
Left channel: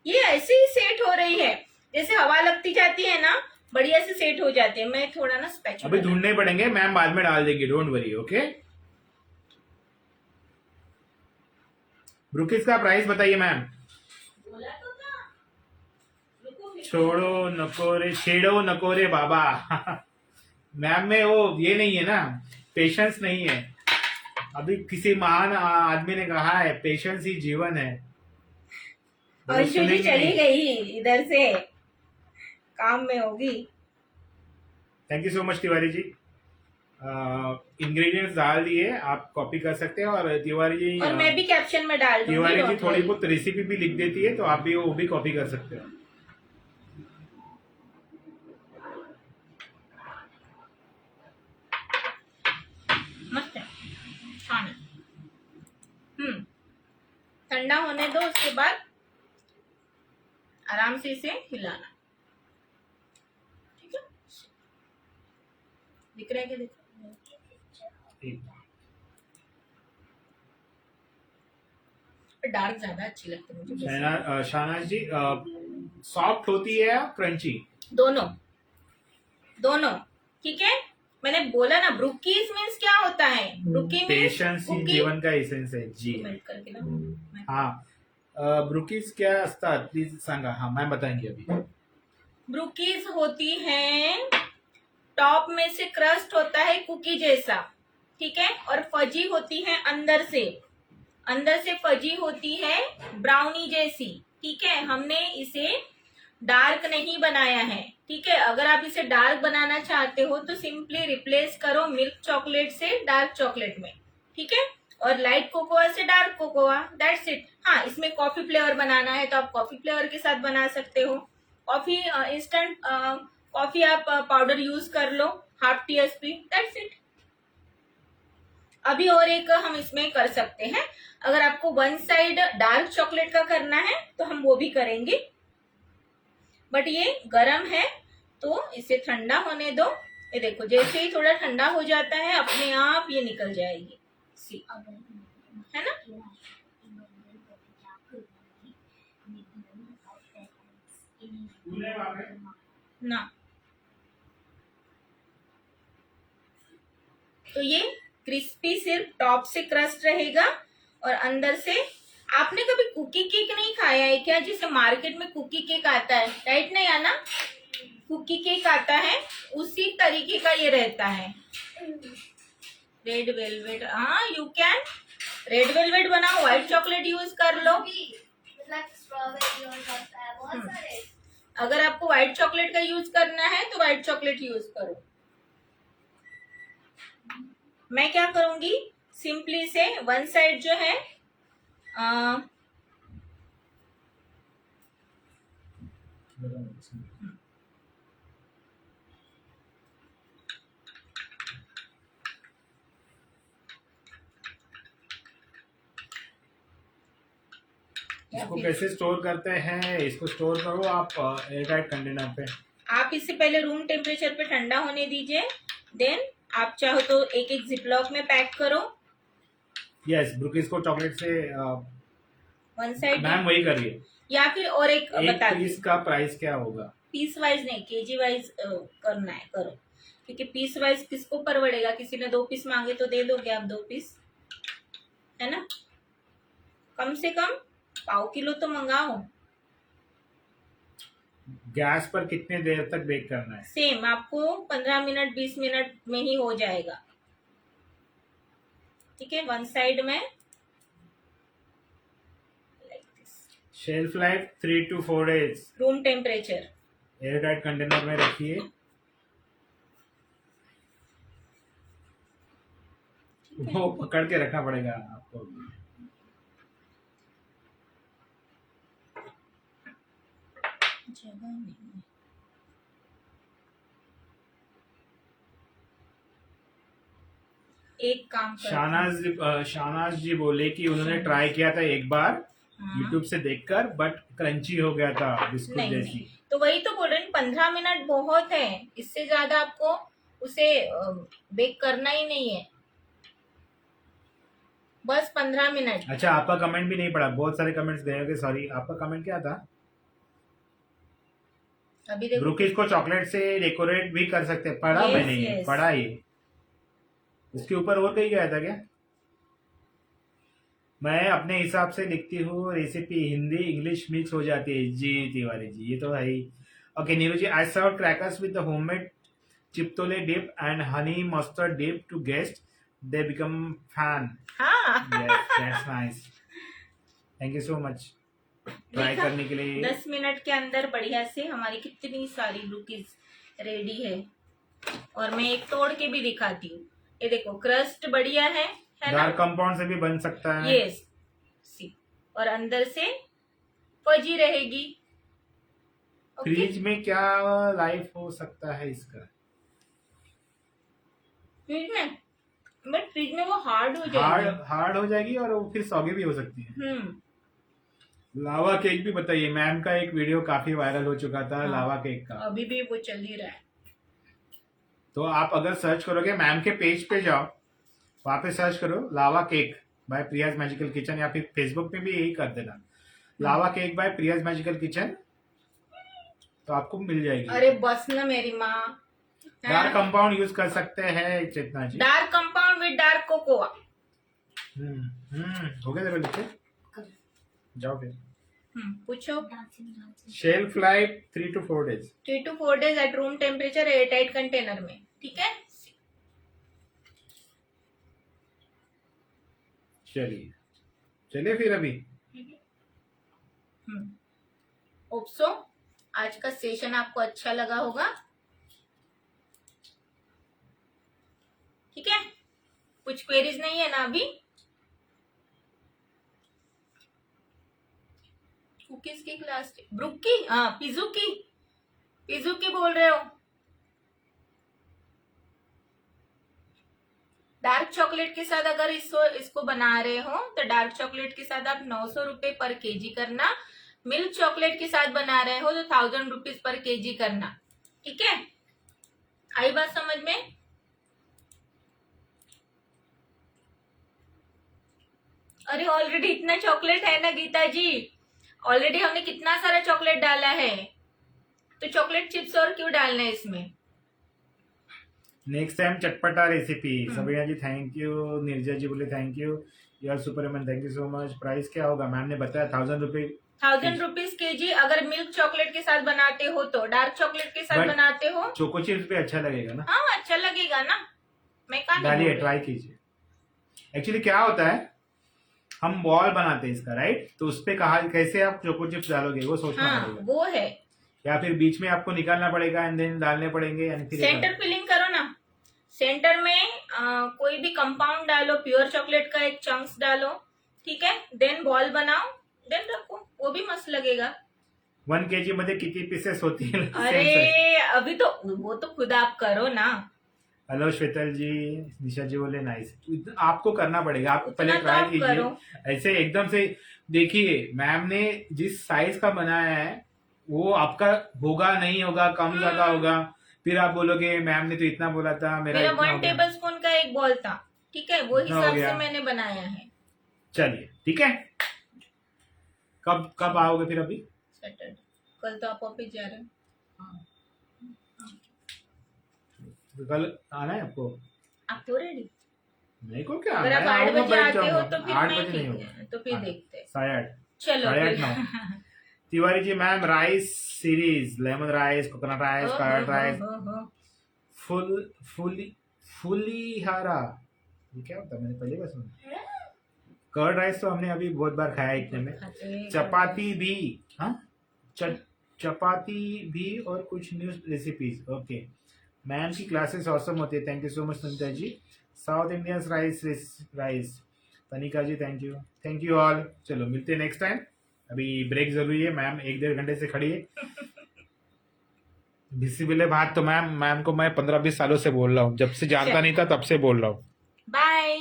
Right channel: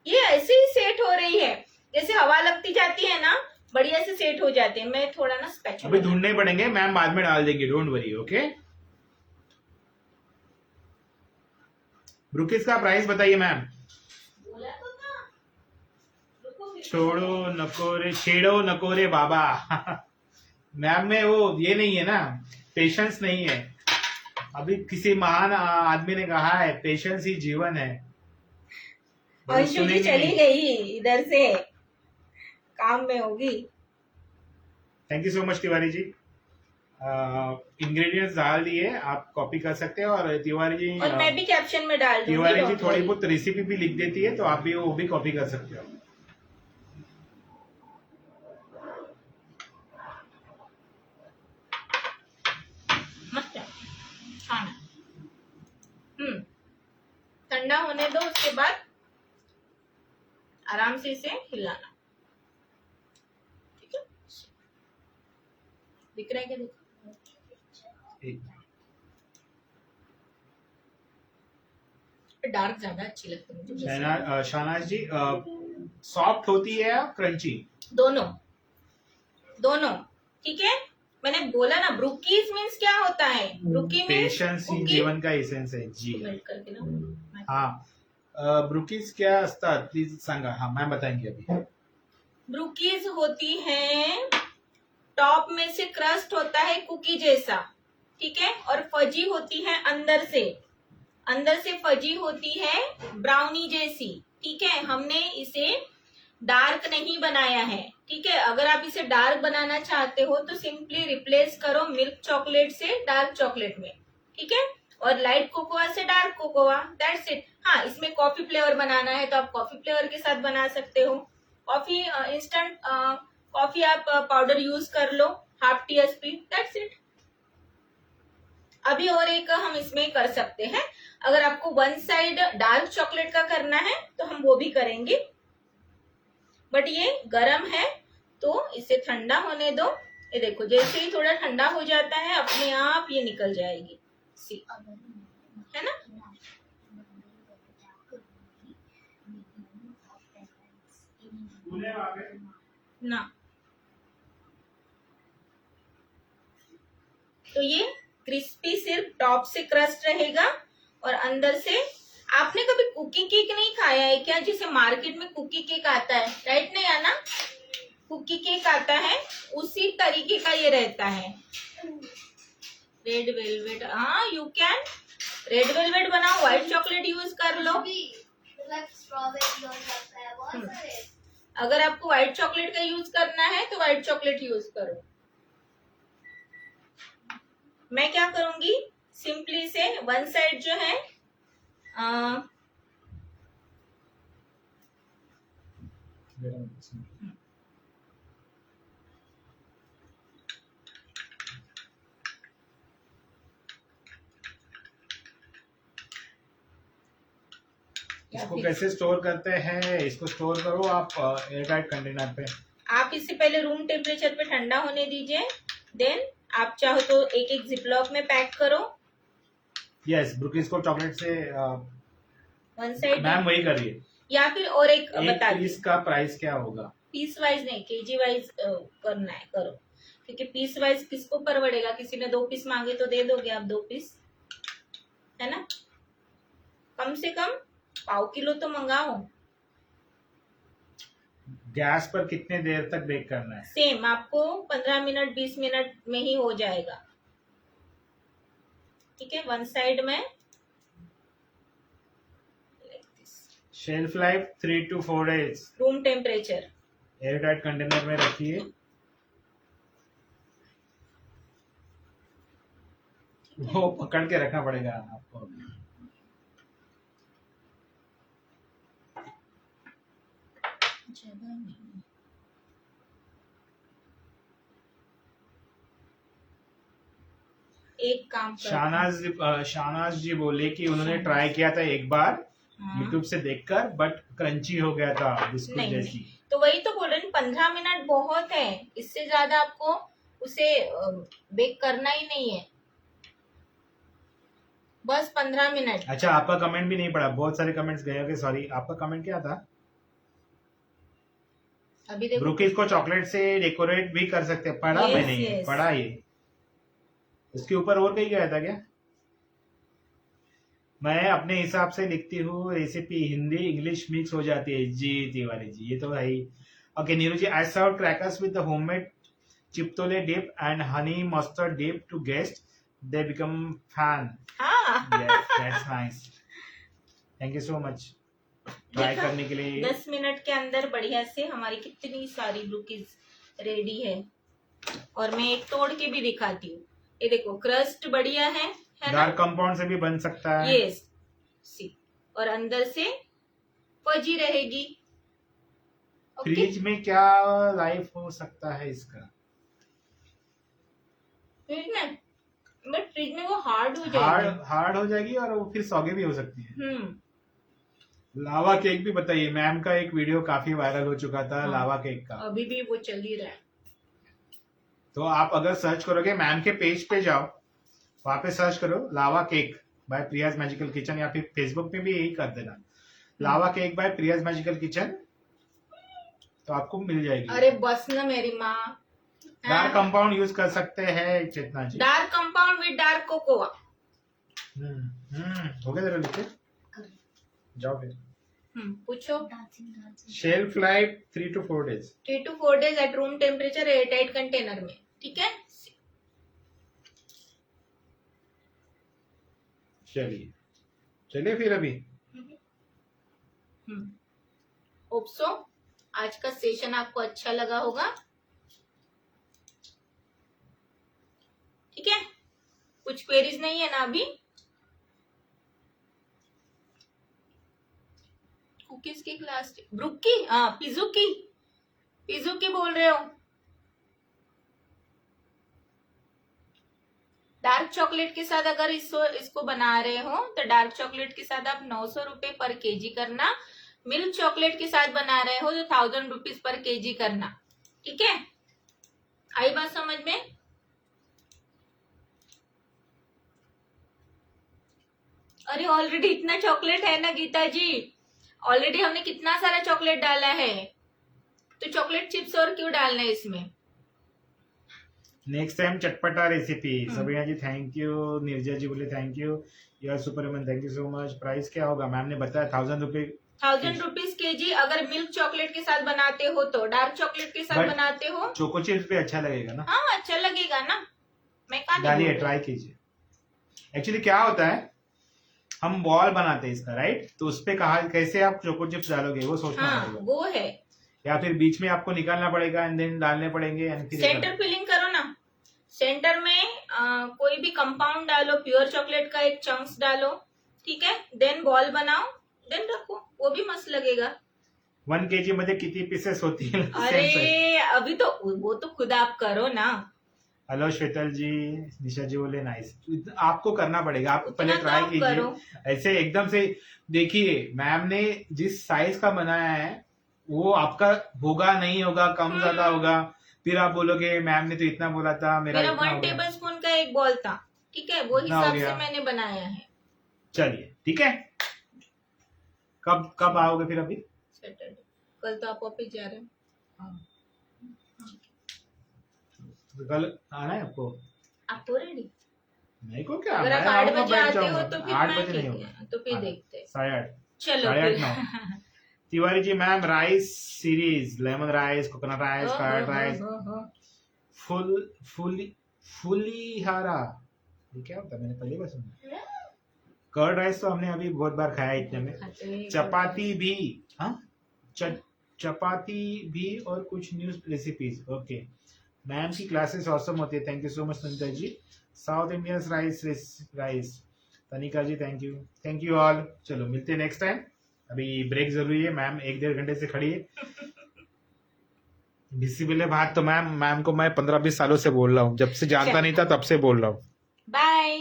ये ऐसे ही सेट हो रही है, जैसे हवा लगती जाती है ना, बढ़िया से सेट हो जाते हैं। मैं थोड़ा ना स्पैचुला अभी ढूंढने पड़ेंगे, मैम बाद में डाल देंगे, डोंट वरी। ओके। ब्रुकीज का प्राइस बताइए मैम। बोला तो था। रुको फिर। छोड़ो नकोरे, छेड़ो नकोरे बाबा। मैम में वो ये नहीं है ना, पेशेंस नहीं है। अभी किसी महान आदमी ने कहा है, पेशेंस ही जीवन है। अंशु जी सुनेंगे चली नहीं। गई इधर से, काम में होगी। Thank you so much Tiwari ji. Ingredients डाल दिए, आप कॉपी कर सकते हैं। और तिवारी जी और मैं भी कैप्शन में डाल दूंगी। तिवारी जी don't थोड़ी worry। बहुत रेसिपी भी लिख देती है, तो आप भी वो भी कॉपी कर सकते हो। मस्त है, छान है। ठंडा होने दो, उसके बाद आराम से इसे हिलाना। ठीक है, दिख रहा है क्या? डार्क ज्यादा अच्छी लगती है मुझे। शहनाज जी सॉफ्ट होती है या क्रंची? दोनों दोनों, ठीक है। मैंने बोला ना, ब्रुकीज मीन्स क्या होता है? ब्रुकी पेशेंस ही जीवन का एसेन्स आहे जी। मेल्ट करके ना। हाँ, ब्रुकीज क्या असतात प्लीज सांगा। हाँ मैम बताएंगे अभी। ब्रुकीज होती है, टॉप में से क्रस्ट होता है कुकी जैसा, ठीक है, और फजी होती है अंदर से फजी होती है ब्राउनी जैसी, ठीक है। हमने इसे डार्क नहीं बनाया है, ठीक है। अगर आप इसे डार्क बनाना चाहते हो तो सिंपली रिप्लेस करो मिल्क चॉकलेट से डार्क चॉकलेट में, ठीक है, और लाइट कोकोआ से डार्क कोकोआ, दैट्स इट। हाँ, इसमें कॉफी फ्लेवर बनाना है तो आप कॉफी फ्लेवर के साथ बना सकते हो। कॉफी इंस्टेंट कॉफी आप पाउडर यूज कर लो, ½ TSP, दैट्स इट। अभी और एक हम इसमें कर सकते हैं, अगर आपको वन साइड डार्क चॉकलेट का करना है तो हम वो भी करेंगे, बट ये गरम है तो इसे ठंडा होने दो। ये देखो जैसे ही थोड़ा ठंडा हो जाता है अपने आप ये निकल जाएगी। सी अगर है ना, मैं राष्ट्रपति बन गई तो मैं क्या करूंगी, मैं दोनों का पेरेंट्स ना। तो ये क्रिस्पी सिर्फ टॉप से क्रस्ट रहेगा और अंदर से। आपने कभी कुकी केक नहीं खाया है क्या, जिसे मार्केट में कुकी केक आता है, राइट नहीं आना, कुकी केक आता है उसी तरीके का ये रहता है। रेड वेलवेट, हाँ यू कैन रेड वेलवेट बनाओ, व्हाइट चॉकलेट यूज कर लो। स्ट्रॉबेरी हो सकता है, बहुत सारे। अगर आपको व्हाइट चॉकलेट का यूज करना है तो व्हाइट चॉकलेट यूज करो। मैं क्या करूंगी, सिंपली से वन साइड जो है इसको कैसे स्टोर करते हैं, इसको स्टोर करो आप एयरटाइट कंटेनर पे। आप इसे पहले रूम टेम्परेचर पे ठंडा होने दीजिए, देन आप चाहो तो एक एक जिपलॉक में पैक करो। यस, ब्रुकीज को चॉकलेट से वन साइड मैम वही करिए। या फिर और एक एक बता पीस का प्राइस क्या होगा? पीस वाइज नहीं, केजी वाइज करना है करो, क्योंकि पीस वाइज किसको परवड़ेगा, किसी ने 2 पीस मांगे तो दे दोगे आप 2 पीस, है ना। कम से कम पाव किलो तो मंगाओ। गैस पर कितने देर तक बेक करना है? सेम आपको 15 मिनट 20 मिनट में ही हो जाएगा। ठीक है, वन साइड में shelf life 3 to 4 days, room temperature. Airtight container में रखिए। वो पकड़ के रखना पड़ेगा आपको। जगह नहीं, एक काम शाहनाज जी बोले कि उन्होंने ट्राई किया था एक बार हाँ। यूट्यूब से देखकर, बट क्रंची हो गया था बिस्कुट नहीं, जैसी। नहीं, तो वही तो बोल रही हूँ, 15 मिनट बहुत है, इससे ज्यादा आपको उसे बेक करना ही नहीं है, बस 15 मिनट। अच्छा, आपका कमेंट भी नहीं पड़ा, बहुत सारे कमेंट्स गए होंगे, सॉरी। आपका कमेंट क्या था? अभी देखो ब्रुकीज को चॉकलेट से डेकोरेट भी कर सकते हैं, पढ़ा Yes, मैंने ये yes. पढ़ा ये। उसके ऊपर और कहीं गया था क्या? मैं अपने हिसाब से लिखती हूँ रेसिपी, हिंदी इंग्लिश मिक्स हो जाती है जी तिवारी जी, ये तो है ही। Okay Neeru ji, I serve crackers with the homemade chipotle dip and honey mustard dip to guest, they become fan. हाँ yes, that's nice, thank you so much try देखा? करने के लिए। 10 मिनट के अंदर बढ़िया से हमारी कितनी सारी ब्रुकीज रेडी है। और मैं एक तोड़ के भी दिखाती हूँ, ये देखो क्रस्ट बढ़िया है ना, डार्क कंपाउंड से भी बन सकता है। यस सी, और अंदर से फजी रहेगी। ओके, फ्रिज में क्या लाइफ हो सकता है इसका? फ्रिज में, बट फ्रिज में वो हार्ड हो जाएगी। हार्ड हो जाएगी और वो फिर सौगे भी हो सकती है। लावा केक भी बताइए, मैम का एक वीडियो काफी वायरल हो चुका था। हाँ, लावा केक का अभी भी वो चल ही रहा है। तो आप अगर सर्च करोगे, मैम के पेज पे जाओ, वहां पे सर्च करो लावा cake bye Priya's magical kitchen, या फिर फेसबुक पे भी यही कर देना, लावा cake bye Priya's magical kitchen, तो आपको मिल जाएगी। अरे बस न मेरी माँ, डार्क कंपाउंड यूज कर सकते हैं Chetna ji. Dark compound with dark cocoa. हो गया, जरा लिखे जाओ फिर। पूछो। Shelf life 3 to 4 days। 3 to 4 days at room temperature airtight container में, ठीक है। चलिए फिर अभी। ओप्सो आज का सेशन आपको अच्छा लगा होगा, ठीक है। कुछ क्वेरीज नहीं है ना अभी? कुकीज की क्लास, ब्रुकी, हाँ पिजुकी बोल रहे हो? डार्क चॉकलेट के साथ अगर इसको बना रहे हो तो डार्क चॉकलेट के साथ आप 900 रुपए पर केजी करना, मिल्क चॉकलेट के साथ बना रहे हो तो 1000 रुपीज पर केजी करना। ठीक है, आई बात समझ में? अरे ऑलरेडी इतना चॉकलेट है ना गीता जी, ऑलरेडी हमने कितना सारा चॉकलेट डाला है, तो चॉकलेट चिप्स और क्यों डालना है इसमें? नेक्स्ट टाइम चटपटा recipe. Sabina ji thank you, Nirja ji बोले थैंक यू, यार Superman thank you so much. Price क्या होगा मैम ने बताया 1000 रुपए, 1000 रुपीज केजी अगर मिल्क चॉकलेट के साथ बनाते हो तो, डार्क चॉकलेट के साथ बनाते हो चोको चिप्स भी अच्छा लगेगा ना? हाँ अच्छा लगेगा ना, मैं कहा डालिए, ट्राई कीजिए। एक्चुअली क्या होता है, हम बॉल बनाते हैं इसका राइट, तो उस पे कहा कैसे आप चोको चिप्स डालोगे वो सोचना पड़ेगा। वो है, या फिर बीच में आपको निकालना पड़ेगा एंड देन डालने पड़ेंगे एंड फिर सेंटर फिलिंग करो ना, सेंटर में कोई भी कंपाउंड डालो, प्योर चॉकलेट का एक चंक्स डालो, ठीक है, देन बॉल बनाओ, देन रखो, वो भी मस्त लगेगा। 1 kg मध्ये किती पीसेस होती है? अरे अभी तो वो तो खुद आप करो ना। हेलो श्वेतल जी, निशा जी बोले नाइस, आपको करना पड़ेगा, आप पहले उतना तो ट्राई आप कीजिए। करो। ऐसे एकदम से देखिए, मैम ने जिस साइज का बनाया है वो आपका होगा नहीं होगा, कम ज्यादा होगा, फिर आप बोलोगे मैम ने तो इतना बोला था, मेरा इतना 1 हो गया। टेबल स्पून का एक बॉल था, ठीक है, वो इतना हो हिसाब गया। से मैंने बनाया है। चलिए ठीक है, कब कब आओगे फिर? अभी सैटरडे, कल तो आप ऑफिस जा रहे हो। कल आना है आपको? आप हो रेडी? नहीं को क्या, अगर आप मैं 8 आऊंगा, बजे बैठ आते हो जाऊंगा। तो फिर 8 मैं बजे नहीं ठीक होगा, है, तो फिर देखते हैं। 8:30, चलो 8:30 9। Tiwari ji ma'am rice series, lemon rice, coconut rice, curd rice, pulihora, ये क्या होता है? मैंने पहली बार सुना। कर्ड राइस तो हमने अभी बहुत बार खाया है इतने में। चपाती भी, हाँ चपाती भी और कुछ न्यू रेसिपीज। ओके, मैम की क्लासेस ऑसम होती है, thank you so much Sunita ji. South Indian rice Tanika ji thank you all. चलो मिलते हैं नेक्स्ट टाइम, अभी ब्रेक जरूरी है। मैम 1-1.5 घंटे से खड़ी है। बिस्मिल्लाह भात तो मैम को मैं 15-20 सालों से बोल रहा हूँ, जब से जानता नहीं था तब से बोल रहा हूँ। बाय।